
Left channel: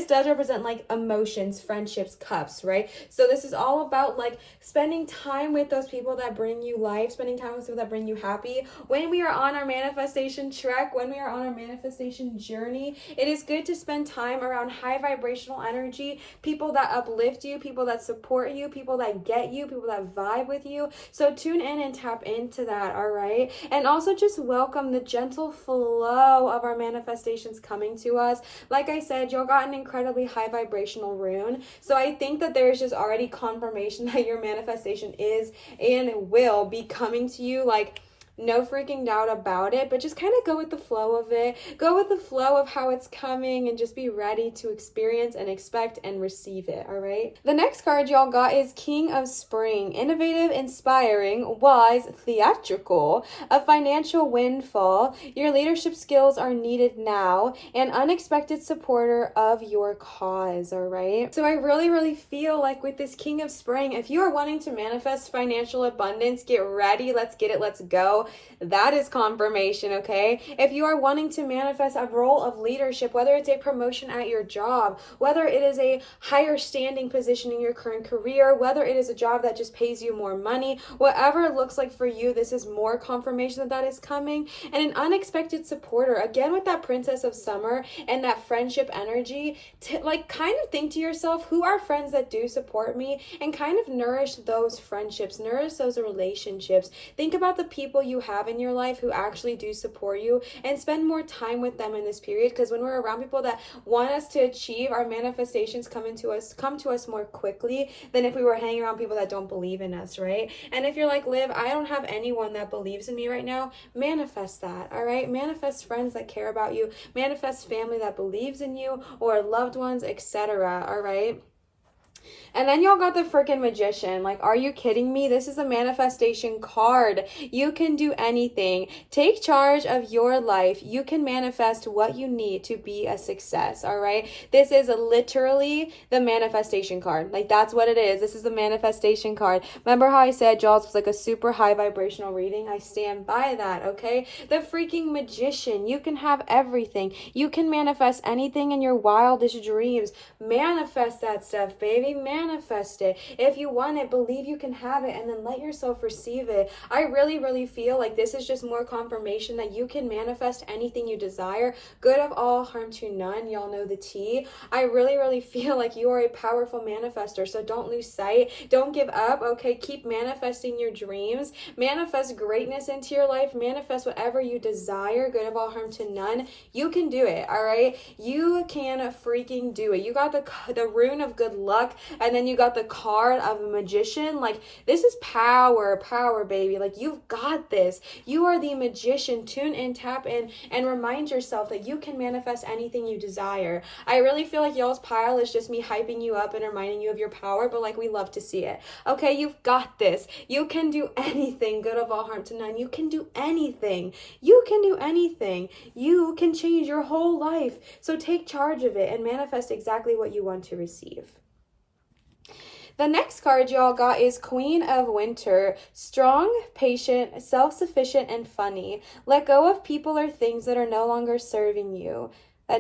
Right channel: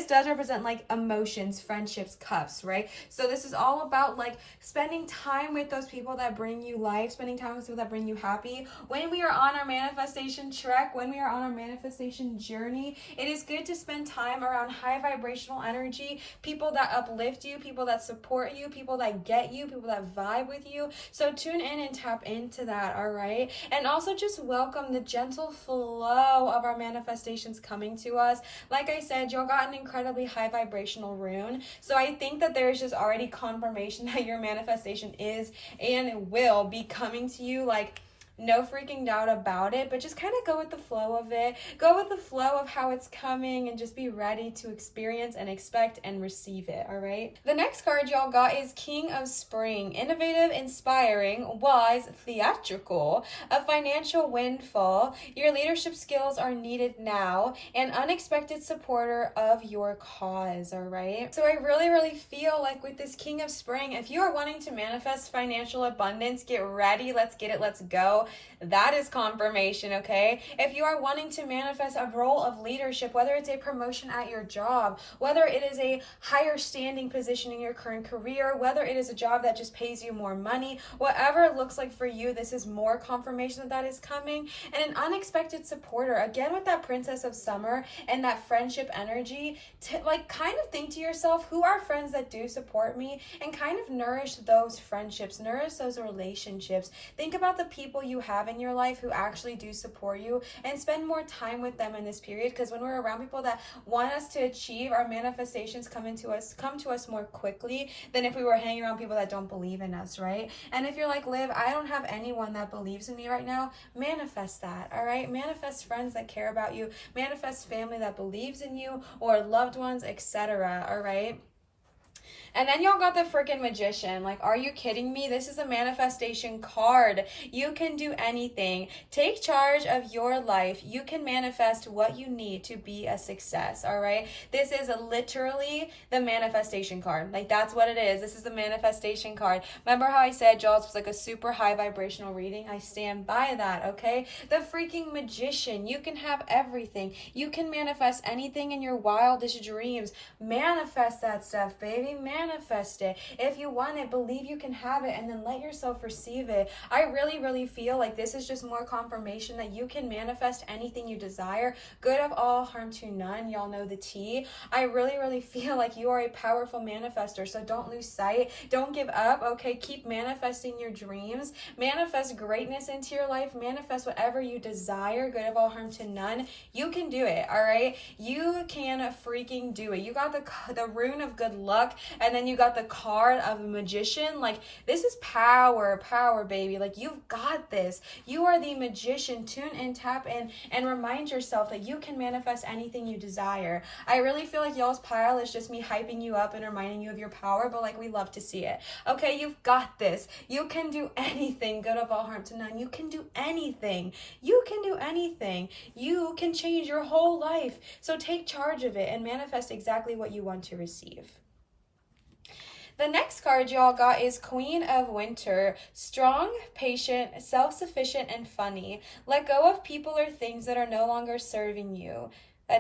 does represent like emotions, friendships, cups, right? So this is all about like spending time with those people that bring you life, spending time with people that bring you happy. When we are on our manifestation trek, when we are on our manifestation journey, it is good to spend time around high vibrational energy, people that uplift you, people that support you, people that get you, people that vibe with you. So tune in and tap into that. All right. And also just welcome the gentle flow of our manifestations coming to us. Like I said, y'all got an incredibly high vibrational rune, so I think that there is just already confirmation that your manifestation is and will be coming to you. Like, no freaking doubt about it, but just kind of go with the flow of it. Go with the flow of how it's coming and just be ready to experience and expect and receive it, all right? The next card y'all got is King of Spring. Innovative, inspiring, wise, theatrical, a financial windfall. Your leadership skills are needed now, an unexpected supporter of your cause, all right? So I really, really feel like with this King of Spring, if you are wanting to manifest financial abundance, get ready. Let's get it. Let's go. That is confirmation, okay? If you are wanting to manifest a role of leadership, whether it's a promotion at your job, whether it is a higher standing position in your current career, whether it is a job that just pays you more money, whatever it looks like for you, this is more confirmation that is coming. And an unexpected supporter, again with that Princess of Summer and that friendship energy, to like kind of think to yourself, who are friends that do support me, and kind of nourish those friendships, nourish those relationships. Think about the people you have in your life who actually do support you, and spend more time with them in this period, because when we're around people that want us to achieve, our manifestations come to us more quickly than if we were hanging around people that don't believe in us, right? And if you're like, Liv, I don't have anyone that believes in me right now, manifest that, all right? Manifest friends that care about you, manifest family that believes in you, or loved ones, etc., all right? And then y'all got the freaking Magician. Like, are you kidding me? This is a manifestation card. You can do anything. Take charge of your life. You can manifest what you need to be a success, all right? This is literally the manifestation card. Like, that's what it is. This is the manifestation card. Remember how I said Jaws was like a super high vibrational reading? I stand by that, okay? The freaking Magician. You can have everything. You can manifest anything in your wildest dreams. Manifest that stuff, baby. Manifest it. If you want it, believe you can have it, and then let yourself receive it. I really, really feel like this is just more confirmation that you can manifest anything you desire. Good of all, harm to none. Y'all know the tea. I really, really feel like you are a powerful manifester, so don't lose sight. Don't give up, okay? Keep manifesting your dreams. Manifest greatness into your life. Manifest whatever you desire. Good of all, harm to none. You can do it, all right? You can freaking do it. You got the rune of good luck, and And then you got the card of a magician. Like, this is power, baby. Like, you've got this. You are the magician. Tune in, tap in, and remind yourself that you can manifest anything you desire. I really feel like y'all's pile is just me hyping you up and reminding you of your power, but like, we love to see it. Okay, you've got this. You can do anything. Good of all, harm to none. You can do anything. You can do anything. You can change your whole life. So take charge of it and manifest exactly what you want to receive. The next card y'all got is Queen of Winter. Strong, patient, self-sufficient, and funny. Let go of people or things that are no longer serving you.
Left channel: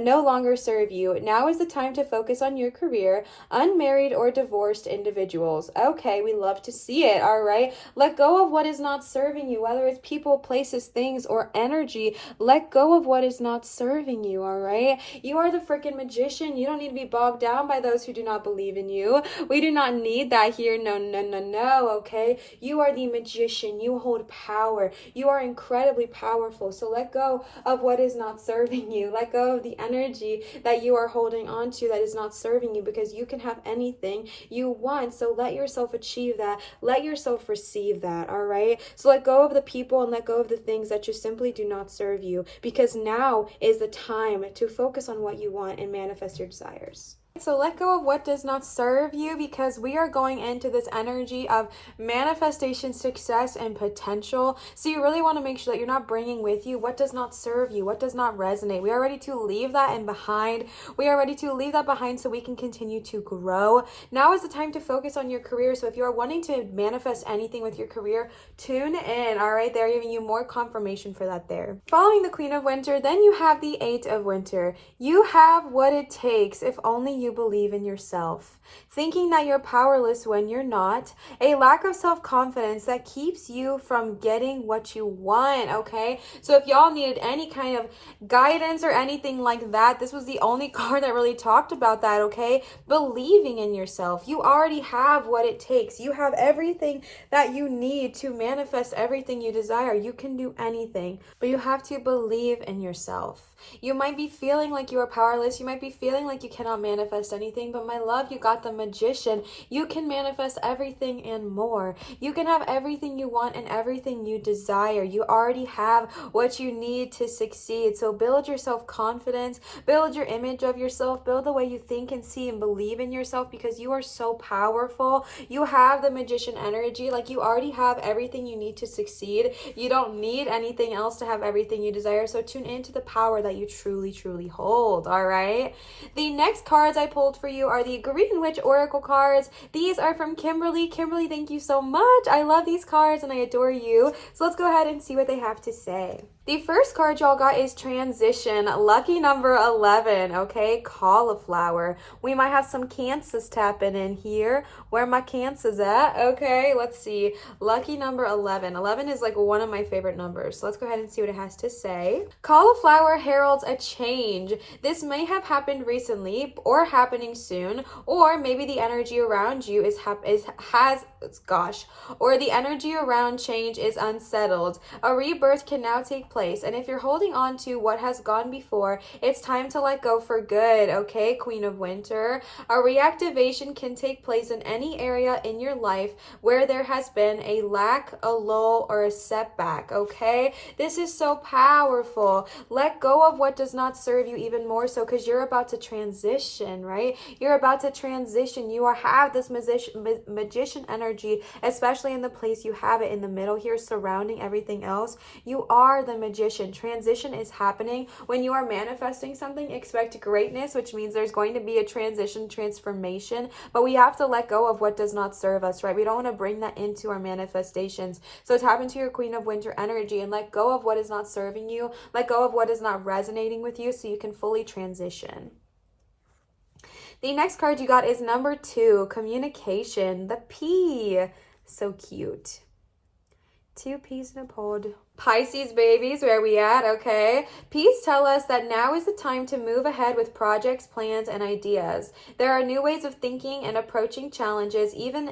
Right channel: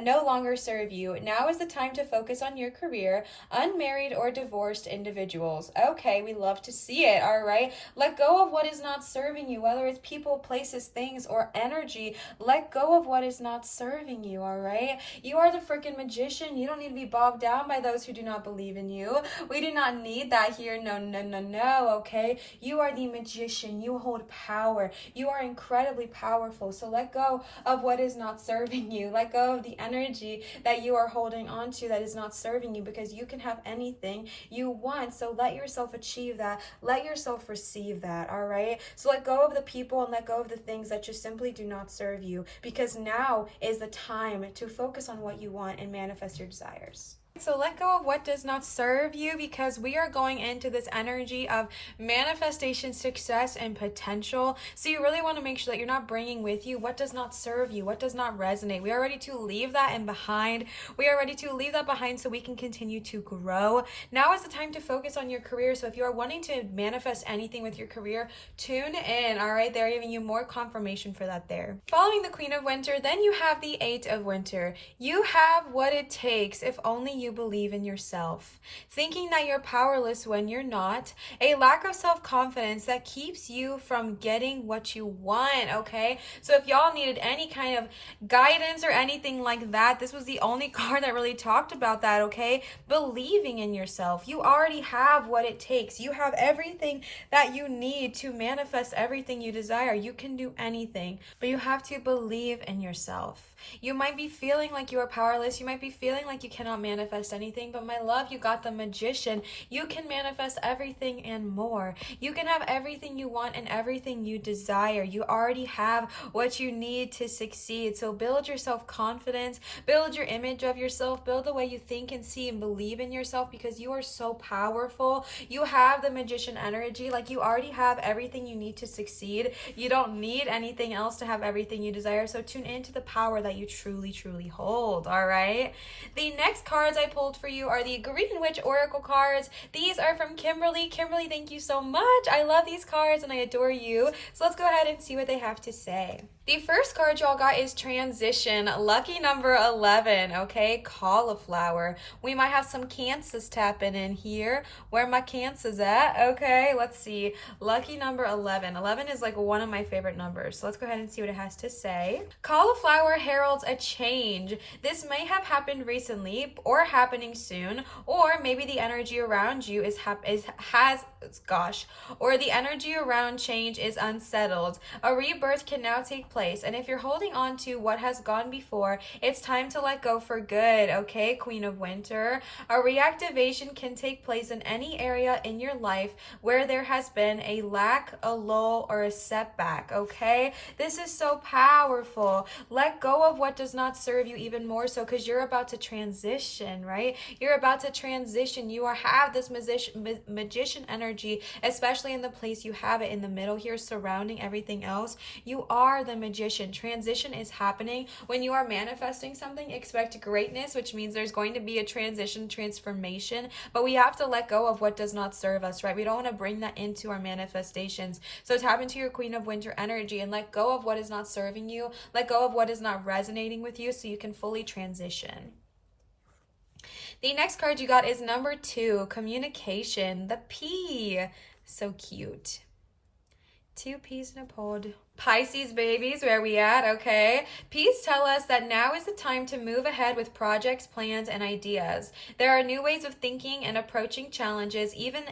No longer serve you. Now is the time to focus on your career. Unmarried or divorced individuals. Okay, we love to see it, all right? Let go of what is not serving you, whether it's people, places, things, or energy. Let go of what is not serving you, all right? You are the freaking magician. You don't need to be bogged down by those who do not believe in you. We do not need that here. No, okay? You are the magician. You hold power. You are incredibly powerful. So let go of what is not serving you. Let go of the energy that you are holding on to that is not serving you, because you can have anything you want. So let yourself achieve that. Let yourself receive that, all right? So let go of the people and let go of the things that just simply do not serve you, because now is the time to focus on what you want and manifest your desires. So let go of what does not serve you, because we are going into this energy of manifestation, success, and potential. So you really want to make sure that you're not bringing with you what does not serve you, what does not resonate. We are ready to leave that in behind. We are ready to leave that behind so we can continue to grow. Now is the time to focus on your career. So if you are wanting to manifest anything with your career, tune in, all right? They're giving you more confirmation for that there. Following the Queen of Winter, then you have the Eight of Winter. You have what it takes if only you believe in yourself. Thinking that you're powerless when you're not. A lack of self-confidence that keeps you from getting what you want, okay? So if y'all needed any kind of guidance or anything like that, this was the only card that really talked about that, okay? Believing in yourself. You already have what it takes. You have everything that you need to manifest everything you desire. You can do anything, but you have to believe in yourself. You might be feeling like you are powerless. You might be feeling like you cannot manifest anything, but my love, you got the magician. You can manifest everything and more. You can have everything you want and everything you desire. You already have what you need to succeed. So build your self-confidence, build your image of yourself, build the way you think and see and believe in yourself, because you are so powerful. You have the magician energy. Like, you already have everything you need to succeed. You don't need anything else to have everything you desire. So tune into the power that you truly hold, all right? The next cards I pulled for you are the Green Witch Oracle cards. These are from Kimberly. Kimberly, thank you so much. I love these cards and I adore you. So let's go ahead and see what they have to say. The first card y'all got is Transition, lucky number 11, okay? Cauliflower. We might have some Cancers tapping in here. Where my Cancers at? Okay, let's see. Lucky number 11. 11 is like one of my favorite numbers. So let's go ahead and see what it has to say. Cauliflower heralds a change. This may have happened recently or happening soon, or maybe the energy around you or the energy around change is unsettled. A rebirth can now take place, and if you're holding on to what has gone before, it's time to let go for good, okay, Queen of Winter? A reactivation can take place in any area in your life where there has been a lack, a lull, or a setback, okay? This is so powerful. Let go of what does not serve you even more so, because you're about to transition, right? You're about to transition. You have this magician energy, especially in the place you have it in the middle here, surrounding everything else. You are the magician. Transition is happening. When you are manifesting something, expect greatness, which means there's going to be a transition, transformation, but we have to let go of what does not serve us, right? We don't want to bring that into our manifestations. So tap into your Queen of Winter energy and let go of what is not serving you. Let go of what is not resonating with you so you can fully transition. The next card you got is number 2, Communication, the P. So cute. 2 peas in a pod. Pisces babies, where we at? Okay. Peace tell us that now is the time to move ahead with projects, plans, and ideas. There are new ways of thinking and approaching challenges, even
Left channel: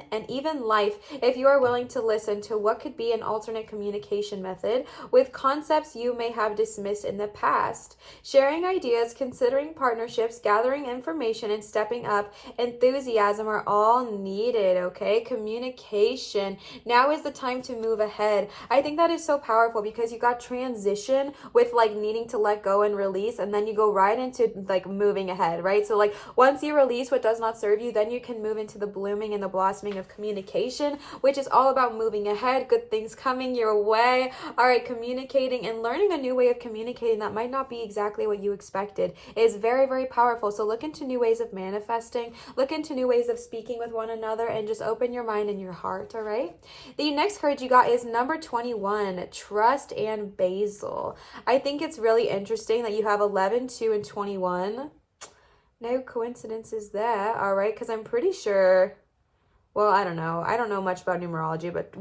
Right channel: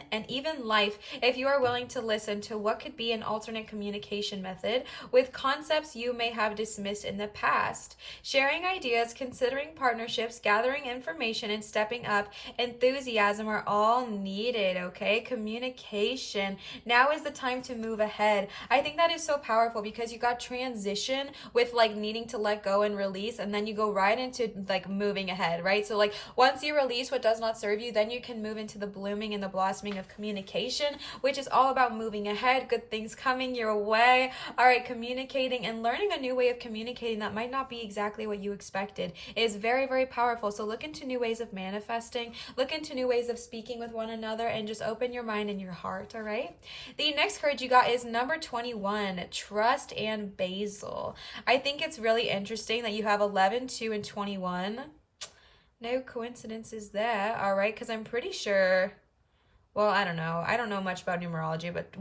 life, if you are willing to listen to what could be an alternate communication method with concepts you may have dismissed in the past. Sharing ideas, considering partnerships, gathering information, and stepping up, enthusiasm are all needed, okay? Communication. Now is the time to move ahead. I think that is so powerful because you got transition with like needing to let go and release, and then you go right into like moving ahead, right? So like once you release what does not serve you, then you can move into the blooming and the blossoming of communication, which is all about moving ahead, good things coming your way. All right, communicating and learning a new way of communicating that might not be exactly what you expected is very, very powerful. So look into new ways of manifesting, look into new ways of speaking with one another, and just open your mind and your heart. All right. The next card you got is number 21, trust and basil. I think it's really interesting that you have 11, 2, and 21. No coincidences there. All right, because I'm pretty sure, well, I don't know much about numerology, but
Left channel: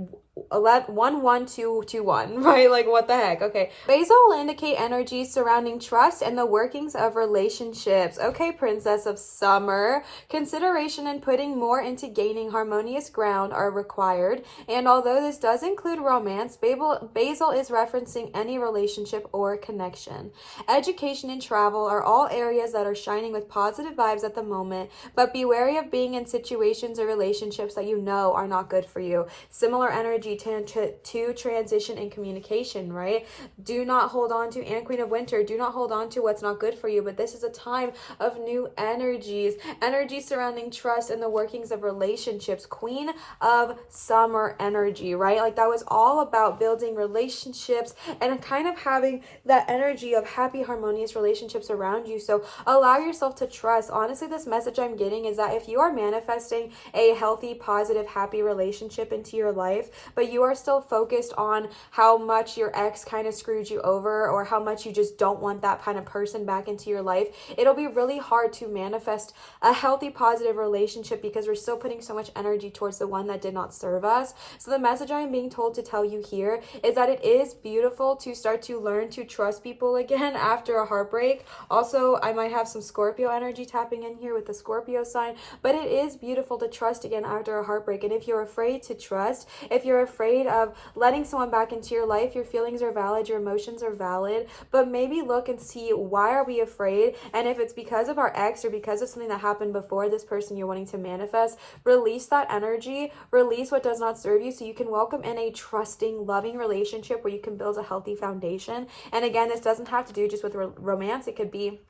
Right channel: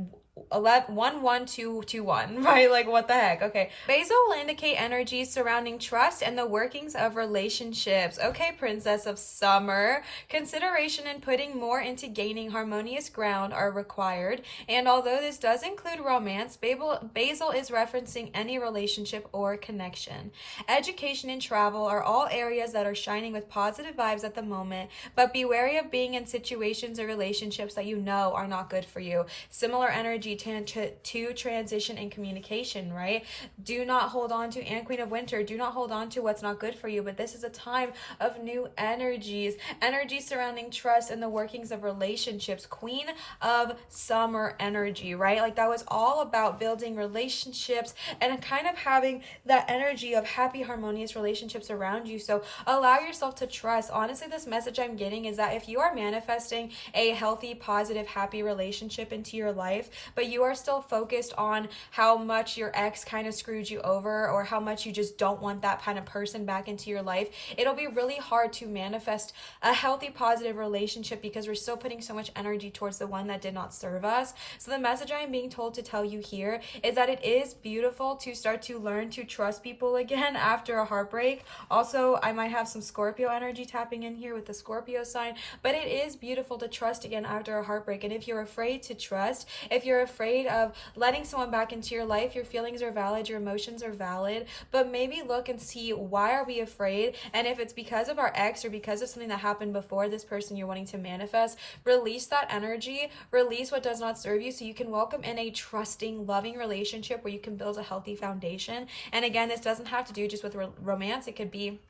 11, 1, 1, 2, 2, 1, right? Like what the heck? Okay. Basil will indicate energies surrounding trust and the workings of relationships. Okay, Princess of Summer. Consideration and putting more into gaining harmonious ground are required. And although this does include romance, Basil is referencing any relationship or connection. Education and travel are all areas that are shining with positive vibes at the moment, but be wary of being in situations or relationships that you know are not good for you. Similar energy to transition and communication, right? Do not hold on to, and Queen of Winter, do not hold on to what's not good for you, but this is a time of new energies surrounding trust and the workings of relationships. Queen of Summer energy, right? Like that was all about building relationships and kind of having that energy of happy, harmonious relationships around you. So allow yourself to trust. Honestly, this message I'm getting is that if you are manifesting a healthy, positive, happy relationship into your life, but you are still focused on how much your ex kind of screwed you over, or how much you just don't want that kind of person back into your life, it'll be really hard to manifest a healthy, positive relationship because we're still putting so much energy towards the one that did not serve us. So the message I am being told to tell you here is that it is beautiful to start to learn to trust people again after a heartbreak. Also, I might have some Scorpio energy tapping in here with the Scorpio sign, but it is beautiful to trust again after a heartbreak. And if you're afraid to trust, if you're afraid of letting someone back into your life, your feelings are valid, your emotions are valid, but maybe look and see, why are we afraid? And if it's because of our ex or because of something that happened before this person you're wanting to manifest, release that energy, release what does not serve you, so you can welcome in a trusting, loving relationship where you can build a healthy foundation. And again, this doesn't have to do just with romance. It could be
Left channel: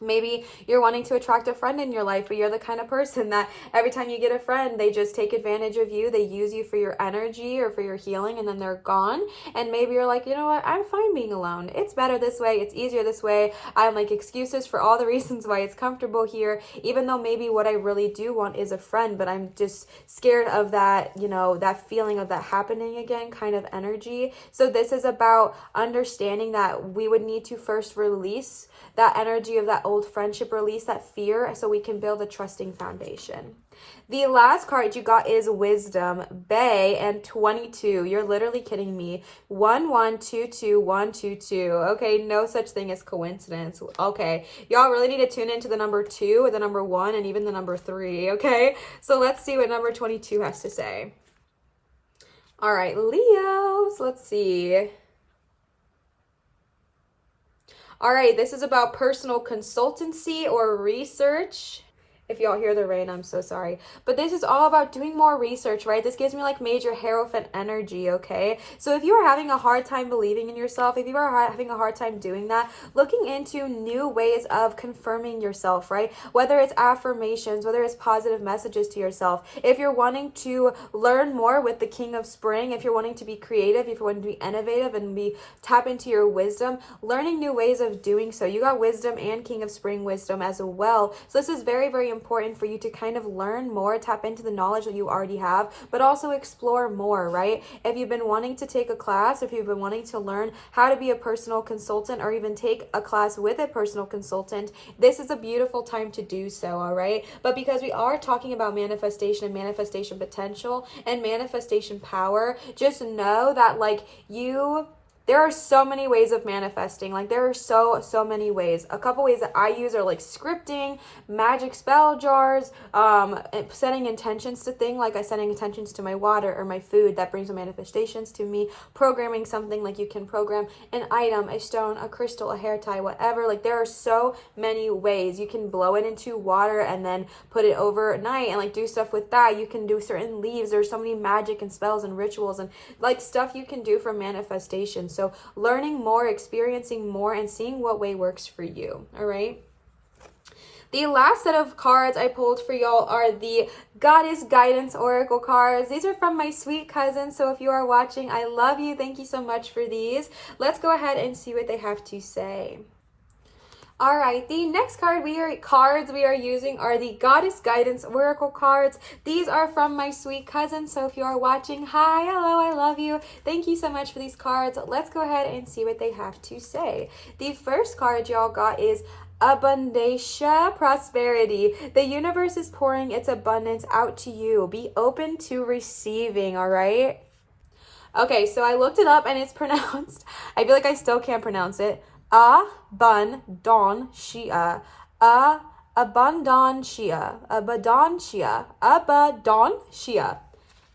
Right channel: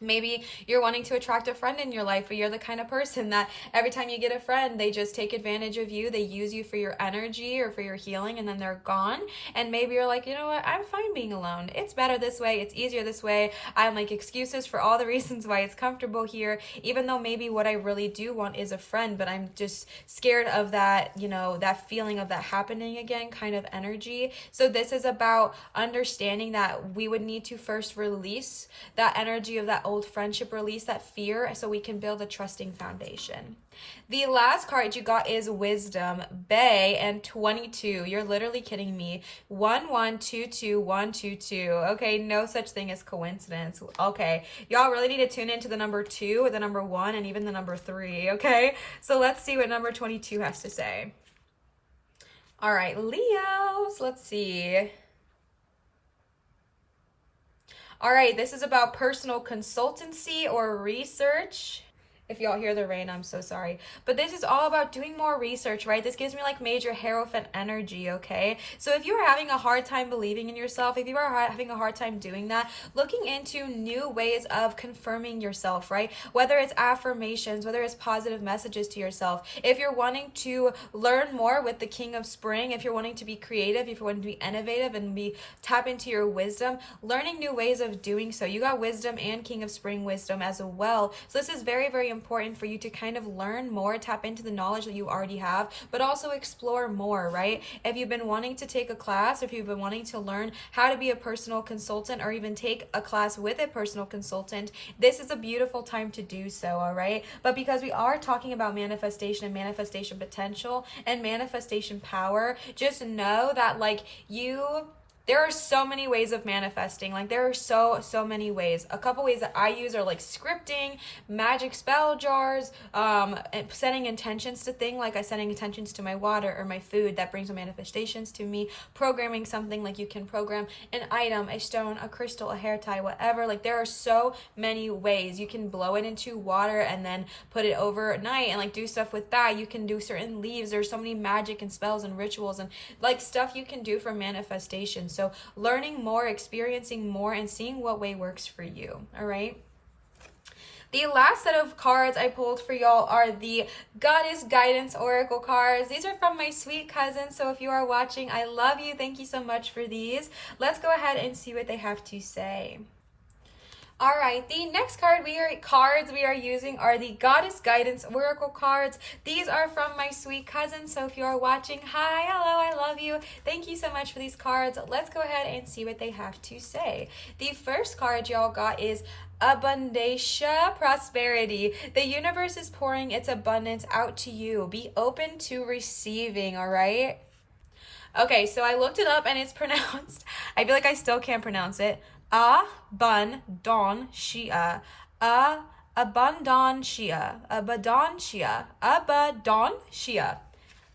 maybe you're wanting to attract a friend in your life, or you're the kind of person that every time you get a friend, they just take advantage of you. They use you for your energy or for your healing, and then they're gone. And maybe you're like, you know what? I'm fine being alone. It's better this way. It's easier this way. I make excuses for all the reasons why it's comfortable here, even though maybe what I really do want is a friend, but I'm just scared of that, that feeling of that happening again kind of energy. So this is about understanding that we would need to first release that energy of that old friendship, release that fear, so we can build a trusting foundation. The last card you got is Wisdom, Bay, and 22. You're literally kidding me. 1, 1, 2, 2, 1, 2, 2. Okay, no such thing as coincidence. Okay, y'all really need to tune into the number 2, the number 1, and even the number 3. Okay, so let's see what number 22 has to say. All right, Leos, let's see. All right, this is about personal consultancy or research. If y'all hear the rain, I'm so sorry. But this is all about doing more research, right? This gives me like major Hierophant energy, okay? So if you are having a hard time believing in yourself, if you are having a hard time doing that, looking into new ways of confirming yourself, right? Whether it's affirmations, whether it's positive messages to yourself. If you're wanting to learn more with the King of Spring, if you're wanting to be creative, if you're wanting to be innovative and tap into your wisdom, learning new ways of doing so. You got Wisdom and King of Spring wisdom as well. So this is very, very important for you to kind of learn more, tap into the knowledge that you already have, but also explore more, right? If you've been wanting to take a class, if you've been wanting to learn how to be a personal consultant, or even take a class with a personal consultant, this is a beautiful time to do so, all right? But because we are talking about manifestation and manifestation potential and manifestation power, just know that like you there are so many ways of manifesting. Like, there are so many ways. A couple ways that I use are like scripting, magic spell jars, setting intentions to things, like I setting intentions to my water or my food that brings manifestations to me, programming something, like you can program an item, a stone, a crystal, a hair tie, whatever. Like, there are so many ways. You can blow it into water and then put it overnight and like do stuff with that. You can do certain leaves. There's so many magic and spells and rituals and like stuff you can do for manifestation. So learning more, experiencing more, and seeing what way works for you. All right. The last set of cards I pulled for y'all are the Goddess Guidance Oracle cards. These are from my sweet cousin, so if you are watching, I love you. Thank you so much for these. Let's go ahead and see what they have to say. All right, the next cards we are using are the Goddess Guidance Oracle cards. These are from my sweet cousin, so if you are watching, hi, hello, I love you. Thank you so much for these cards. Let's go ahead and see what they have to say. The first card y'all got is Abundancia, prosperity. The universe is pouring its abundance out to you. Be open to receiving, all right? Okay, so I looked it up and it's pronounced, I feel like I still can't pronounce it, Abundancia.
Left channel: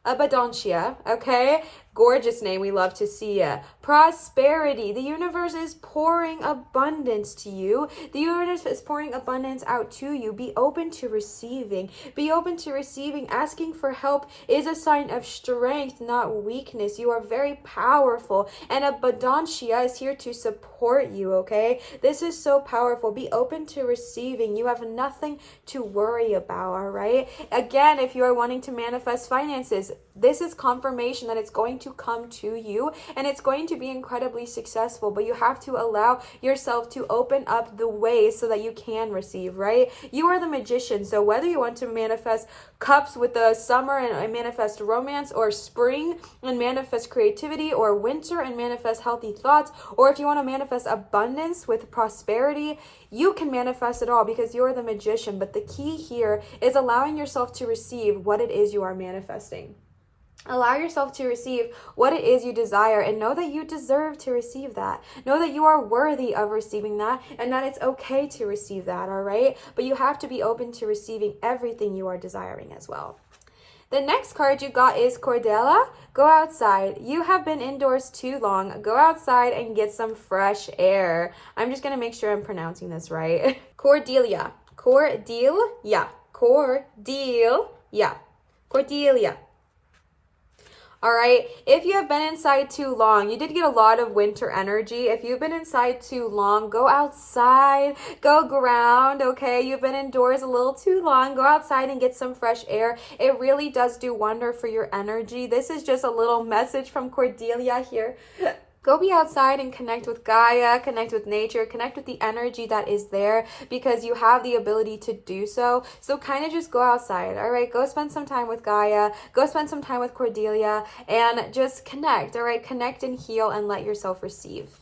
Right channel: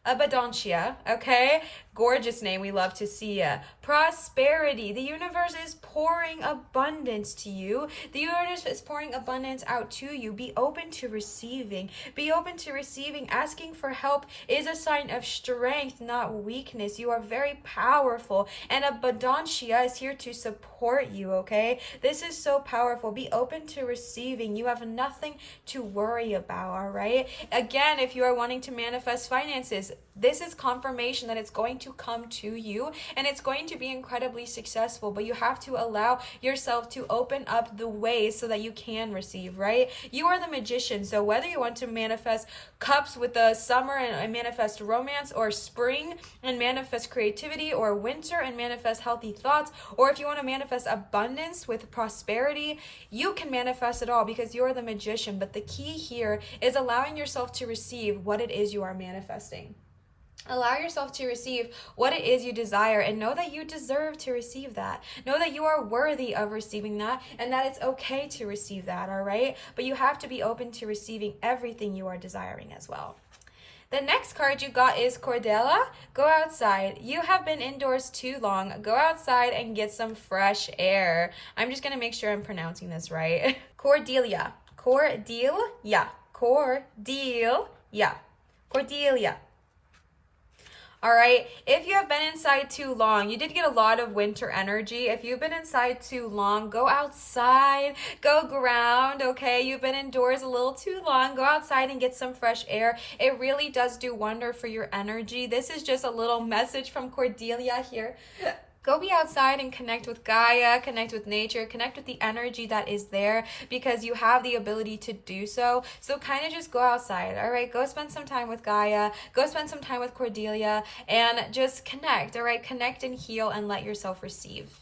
Abundancia, okay? Gorgeous name, we love to see ya. Prosperity. The universe is pouring abundance to you. The universe is pouring abundance out to you. Be open to receiving. Be open to receiving. Asking for help is a sign of strength, not weakness. You are very powerful, and Abundancia is here to support you, okay? This is so powerful. Be open to receiving. You have nothing to worry about, all right? Again, if you are wanting to manifest finances, this is confirmation that it's going to come to you and it's going to be incredibly successful, but you have to allow yourself to open up the way so that you can receive, right? You are the magician, so whether you want to manifest cups with the summer and manifest romance, or spring and manifest creativity, or winter and manifest healthy thoughts, or if you want to manifest abundance with prosperity, you can manifest it all because you're the magician. But the key here is allowing yourself to receive what it is you are manifesting. Allow yourself to receive what it is you desire, and know that you deserve to receive that. Know that you are worthy of receiving that, and that it's okay to receive that, all right? But you have to be open to receiving everything you are desiring as well. The next card you got is Cordelia. Go outside. You have been indoors too long. Go outside and get some fresh air. I'm just going to make sure I'm pronouncing this right. Cordelia. Cordelia. Cordelia. Cordelia. All right, if you have been inside too long, you did get a lot of winter energy. If you've been inside too long, go outside, go ground, okay? You've been indoors a little too long. Go outside and get some fresh air. It really does do wonder for your energy. This is just a little message from Cordelia here. Go be outside and connect with Gaia, connect with nature, connect with the energy that is there, because you have the ability to do so. So kind of just go outside, all right? Go spend some time with Gaia, go spend some time with Cordelia, and just connect, all right? Connect and heal and let yourself receive.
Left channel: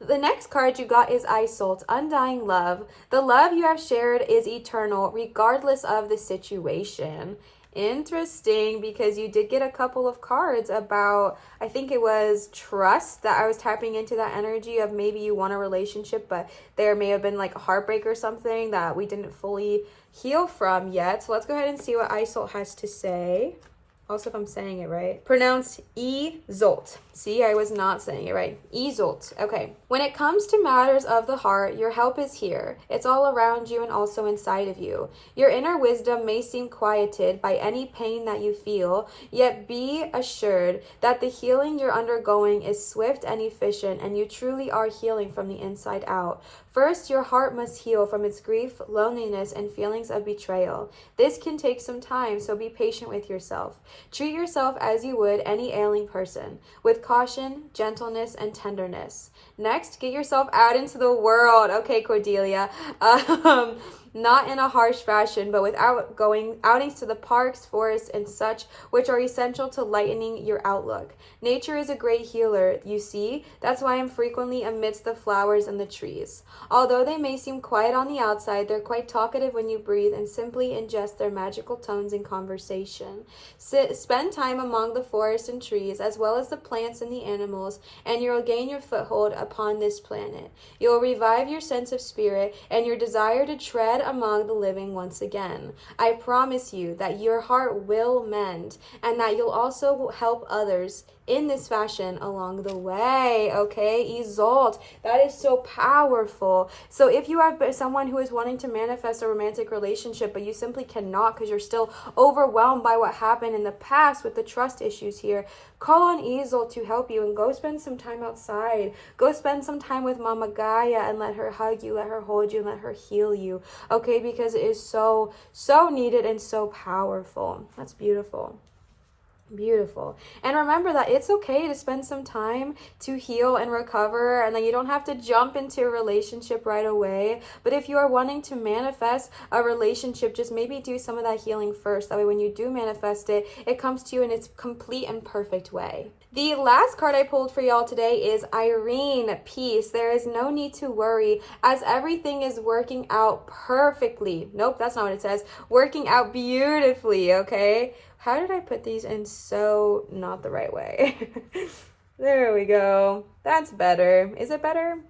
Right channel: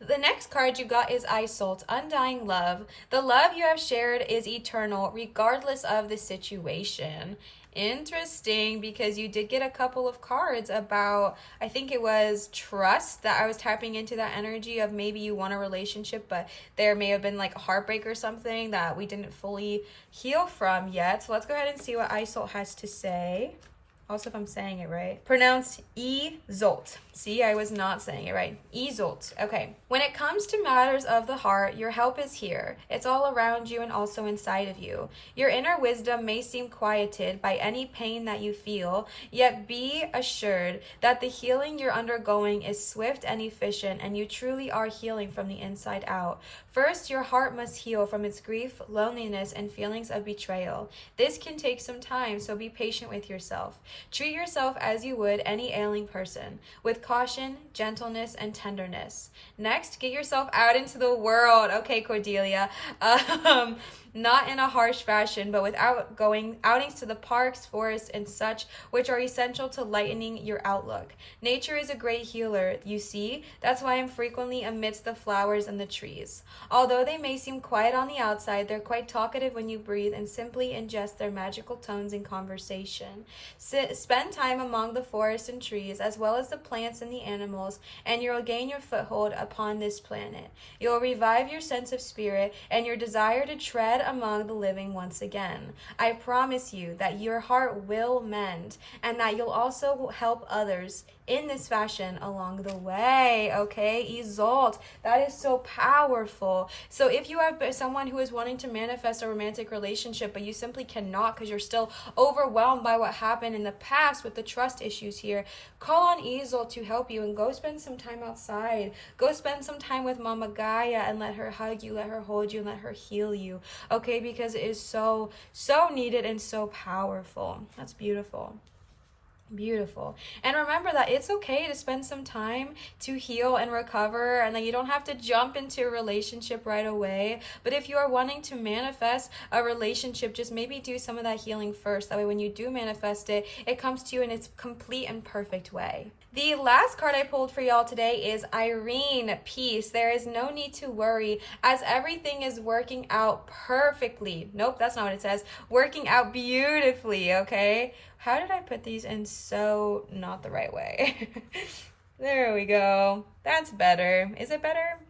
The next card you got is Isolt, undying love. The love you have shared is eternal, regardless of the situation. Interesting, because you did get a couple of cards about, I think it was trust, that I was tapping into that energy of maybe you want a relationship, but there may have been like a heartbreak or something that we didn't fully heal from yet. So let's go ahead and see what Isolt has to say. Also, if I'm saying it right. Pronounced E-Zolt. See, I was not saying it right. E-Zolt. Okay. When it comes to matters of the heart, your help is here. It's all around you and also inside of you. Your inner wisdom may seem quieted by any pain that you feel, yet be assured that the healing you're undergoing is swift and efficient, and you truly are healing from the inside out. First, your heart must heal from its grief, loneliness, and feelings of betrayal. This can take some time, so be patient with yourself. Treat yourself as you would any ailing person, with caution, gentleness, and tenderness. Next, get yourself out into the world. Okay, Cordelia. not in a harsh fashion, but without going outings to the parks, forests, and such, which are essential to lightening your outlook. Nature is a great healer, you see. That's why I'm frequently amidst the flowers and the trees. Although they may seem quiet on the outside, they're quite talkative when you breathe and simply ingest their magical tones in conversation. Spend time among the forest and trees, as well as the plants and the animals, and you'll gain your foothold upon this planet. You'll revive your sense of spirit and your desire to tread among the living once again. I promise you that your heart will mend, and that you'll also help others in this fashion along the way. Okay, Isolde, that is so powerful. So if you are someone who is wanting to manifest a romantic relationship, but you simply cannot because you're still overwhelmed by what happened in the past with the trust issues here, call on Isolde to help you, and go spend some time outside. Go spend some time with Mama Gaia and let her hug you, let her hold you, and let her heal you. Okay, because it is so needed and so powerful. That's beautiful. Beautiful. And remember that it's okay to spend some time to heal and recover, and that you don't have to jump into a relationship right away. But if you are wanting to manifest a relationship, just maybe do some of that healing first. That way when you do manifest it, it comes to you in its complete and perfect way. The last card I pulled for y'all today is Irene, Peace. There is no need to worry, as everything is working out perfectly. Nope, that's not what it says. Working out beautifully, okay? How did I put these in so not the right way? There we go. That's better. Is it better?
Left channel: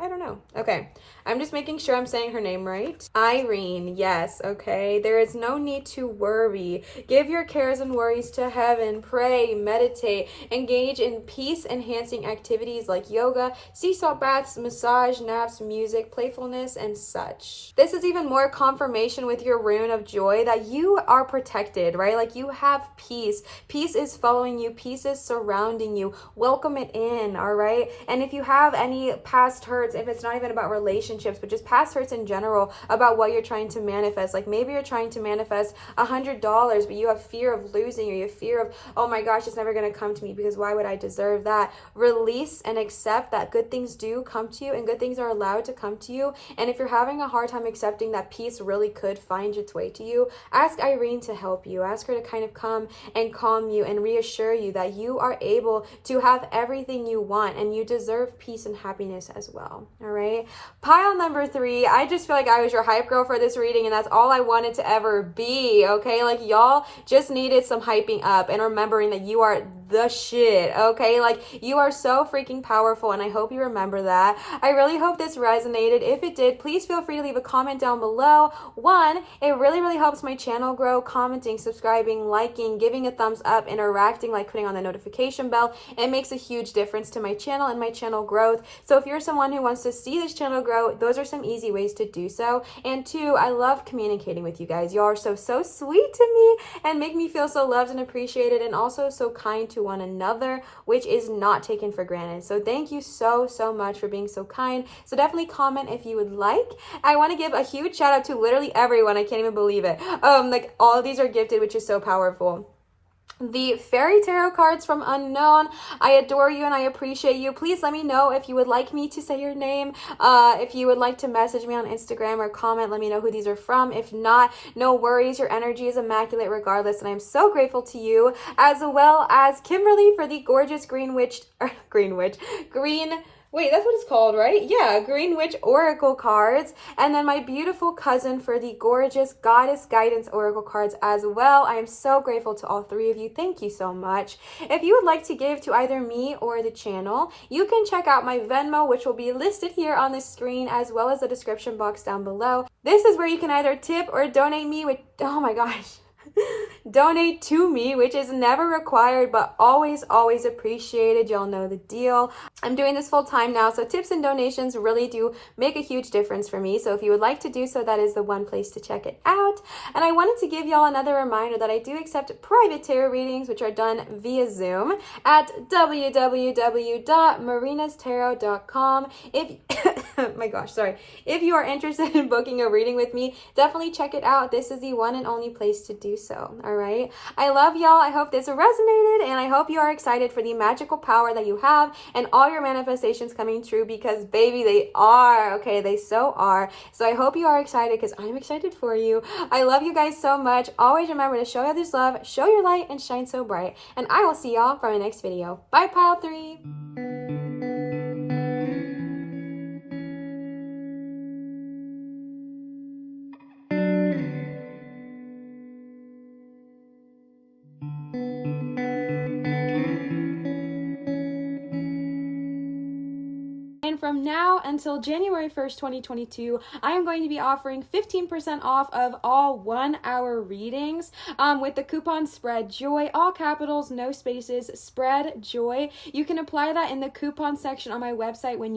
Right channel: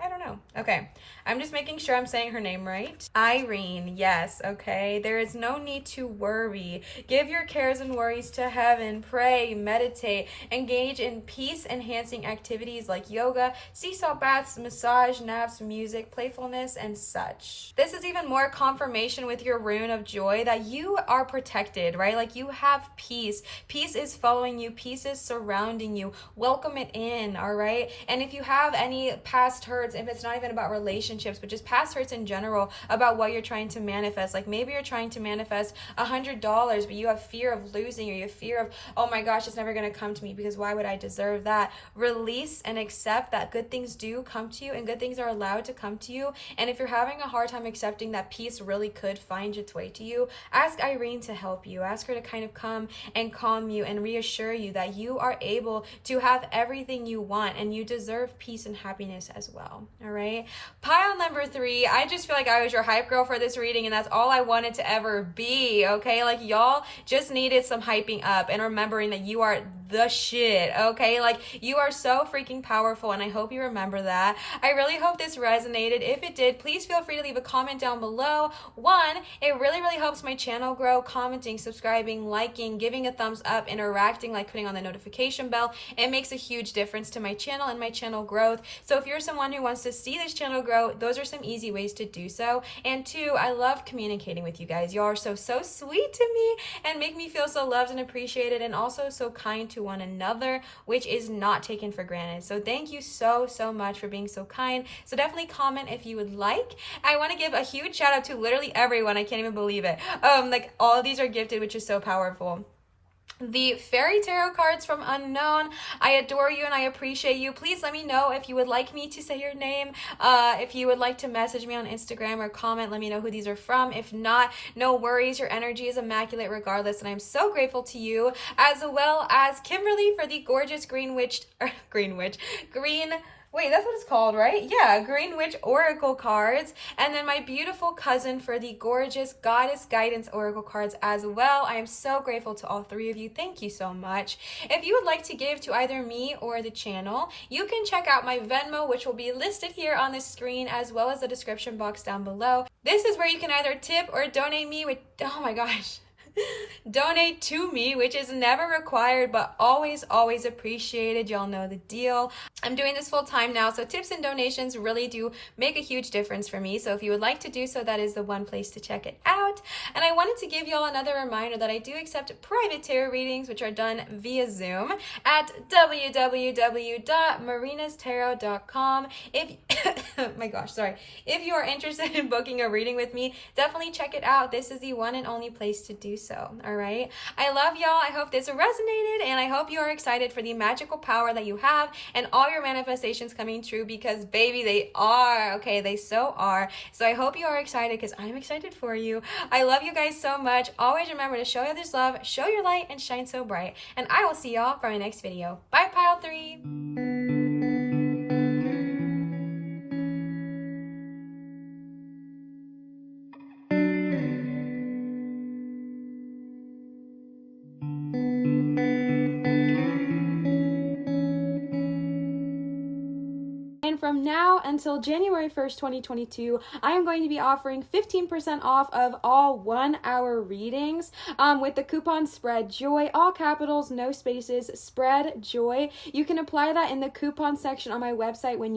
I don't know. Okay. I'm just making sure I'm saying her name right. Irene. Yes. Okay. There is no need to worry. Give your cares and worries to heaven. Pray, meditate, engage in peace-enhancing activities like yoga, sea salt baths, massage, naps, music, playfulness, and such. This is even more confirmation with your rune of joy that you are protected, right? Like you have peace. Peace is following you. Peace is surrounding you. Welcome it in, all right? And if you have any past hurts, if it's not even about relationships, but just past hurts in general about what you're trying to manifest, like maybe you're trying to manifest $100, but you have fear of losing, or you have fear of, oh my gosh, it's never going to come to me because why would I deserve that? Release and accept that good things do come to you, and good things are allowed to come to you. And if you're having a hard time accepting that peace really could find its way to you, ask Irene to help you. Ask her to kind of come and calm you and reassure you that you are able to have everything you want, and you deserve peace and happiness as well. All right. Pile number 3. I just feel like I was your hype girl for this reading, and that's all I wanted to ever be. Okay. Like y'all just needed some hyping up and remembering that you are the shit. Okay. Like you are so freaking powerful, and I hope you remember that. I really hope this resonated. If it did, please feel free to leave a comment down below. One, it really helps my channel grow. Commenting, subscribing, liking, giving a thumbs up, interacting, like putting on the notification bell. It makes a huge difference to my channel and my channel growth. So if you're someone who wants to see this channel grow, those are some easy ways to do so. And 2, I love communicating with you guys. You are so sweet to me and make me feel so loved and appreciated, and also so kind to one another, which is not taken for granted. So thank you so much for being so kind. So definitely comment if you would like. I want to give a huge shout out to literally everyone. I can't even believe it. Like all of these are gifted, which is so powerful. The fairy tarot cards from Unknown. I adore you and I appreciate you. Please let me know if you would like me to say your name. If you would like to message me on Instagram or comment, let me know who these are from. If not, no worries. Your energy is immaculate regardless, and I'm so grateful to you, as well as Kimberly for the gorgeous green Wait, that's what it's called, right? Yeah, Green Witch Oracle cards. And then my beautiful cousin for the gorgeous Goddess Guidance Oracle cards as well. I am so grateful to all 3 of you. Thank you so much. If you would like to give to either me or the channel, you can check out my Venmo, which will be listed here on the screen, as well as the description box down below. This is where you can either tip or donate me with, oh my gosh. Donate to me, which is never required but always appreciated. Y'all know the deal. I'm doing this full time now, so tips and donations really do make a huge difference for me. So if you would like to do so, that is the one place to check it out. And I wanted to give y'all another reminder that I do accept private tarot readings, which are done via Zoom at www.marinastarot.com. If my gosh, sorry. If you are interested in booking a reading with me, definitely check it out. This is the one and only place to do so, all right? I love y'all. I hope this resonated, and I hope you are excited for the magical power that you have and all your manifestations coming true, because baby, they are, okay? They so are. So I hope you are excited, because I'm excited for you. I love you guys so much. Always remember to show others love, show your light, and shine so bright. And I will see y'all for my next video. Bye, Pile 3. And from now until January 1st, 2022, I am going to be offering 15% off of all 1-hour readings with the coupon spread JOY, all capitals, no spaces, spread JOY. You can apply that in the coupon section on my website when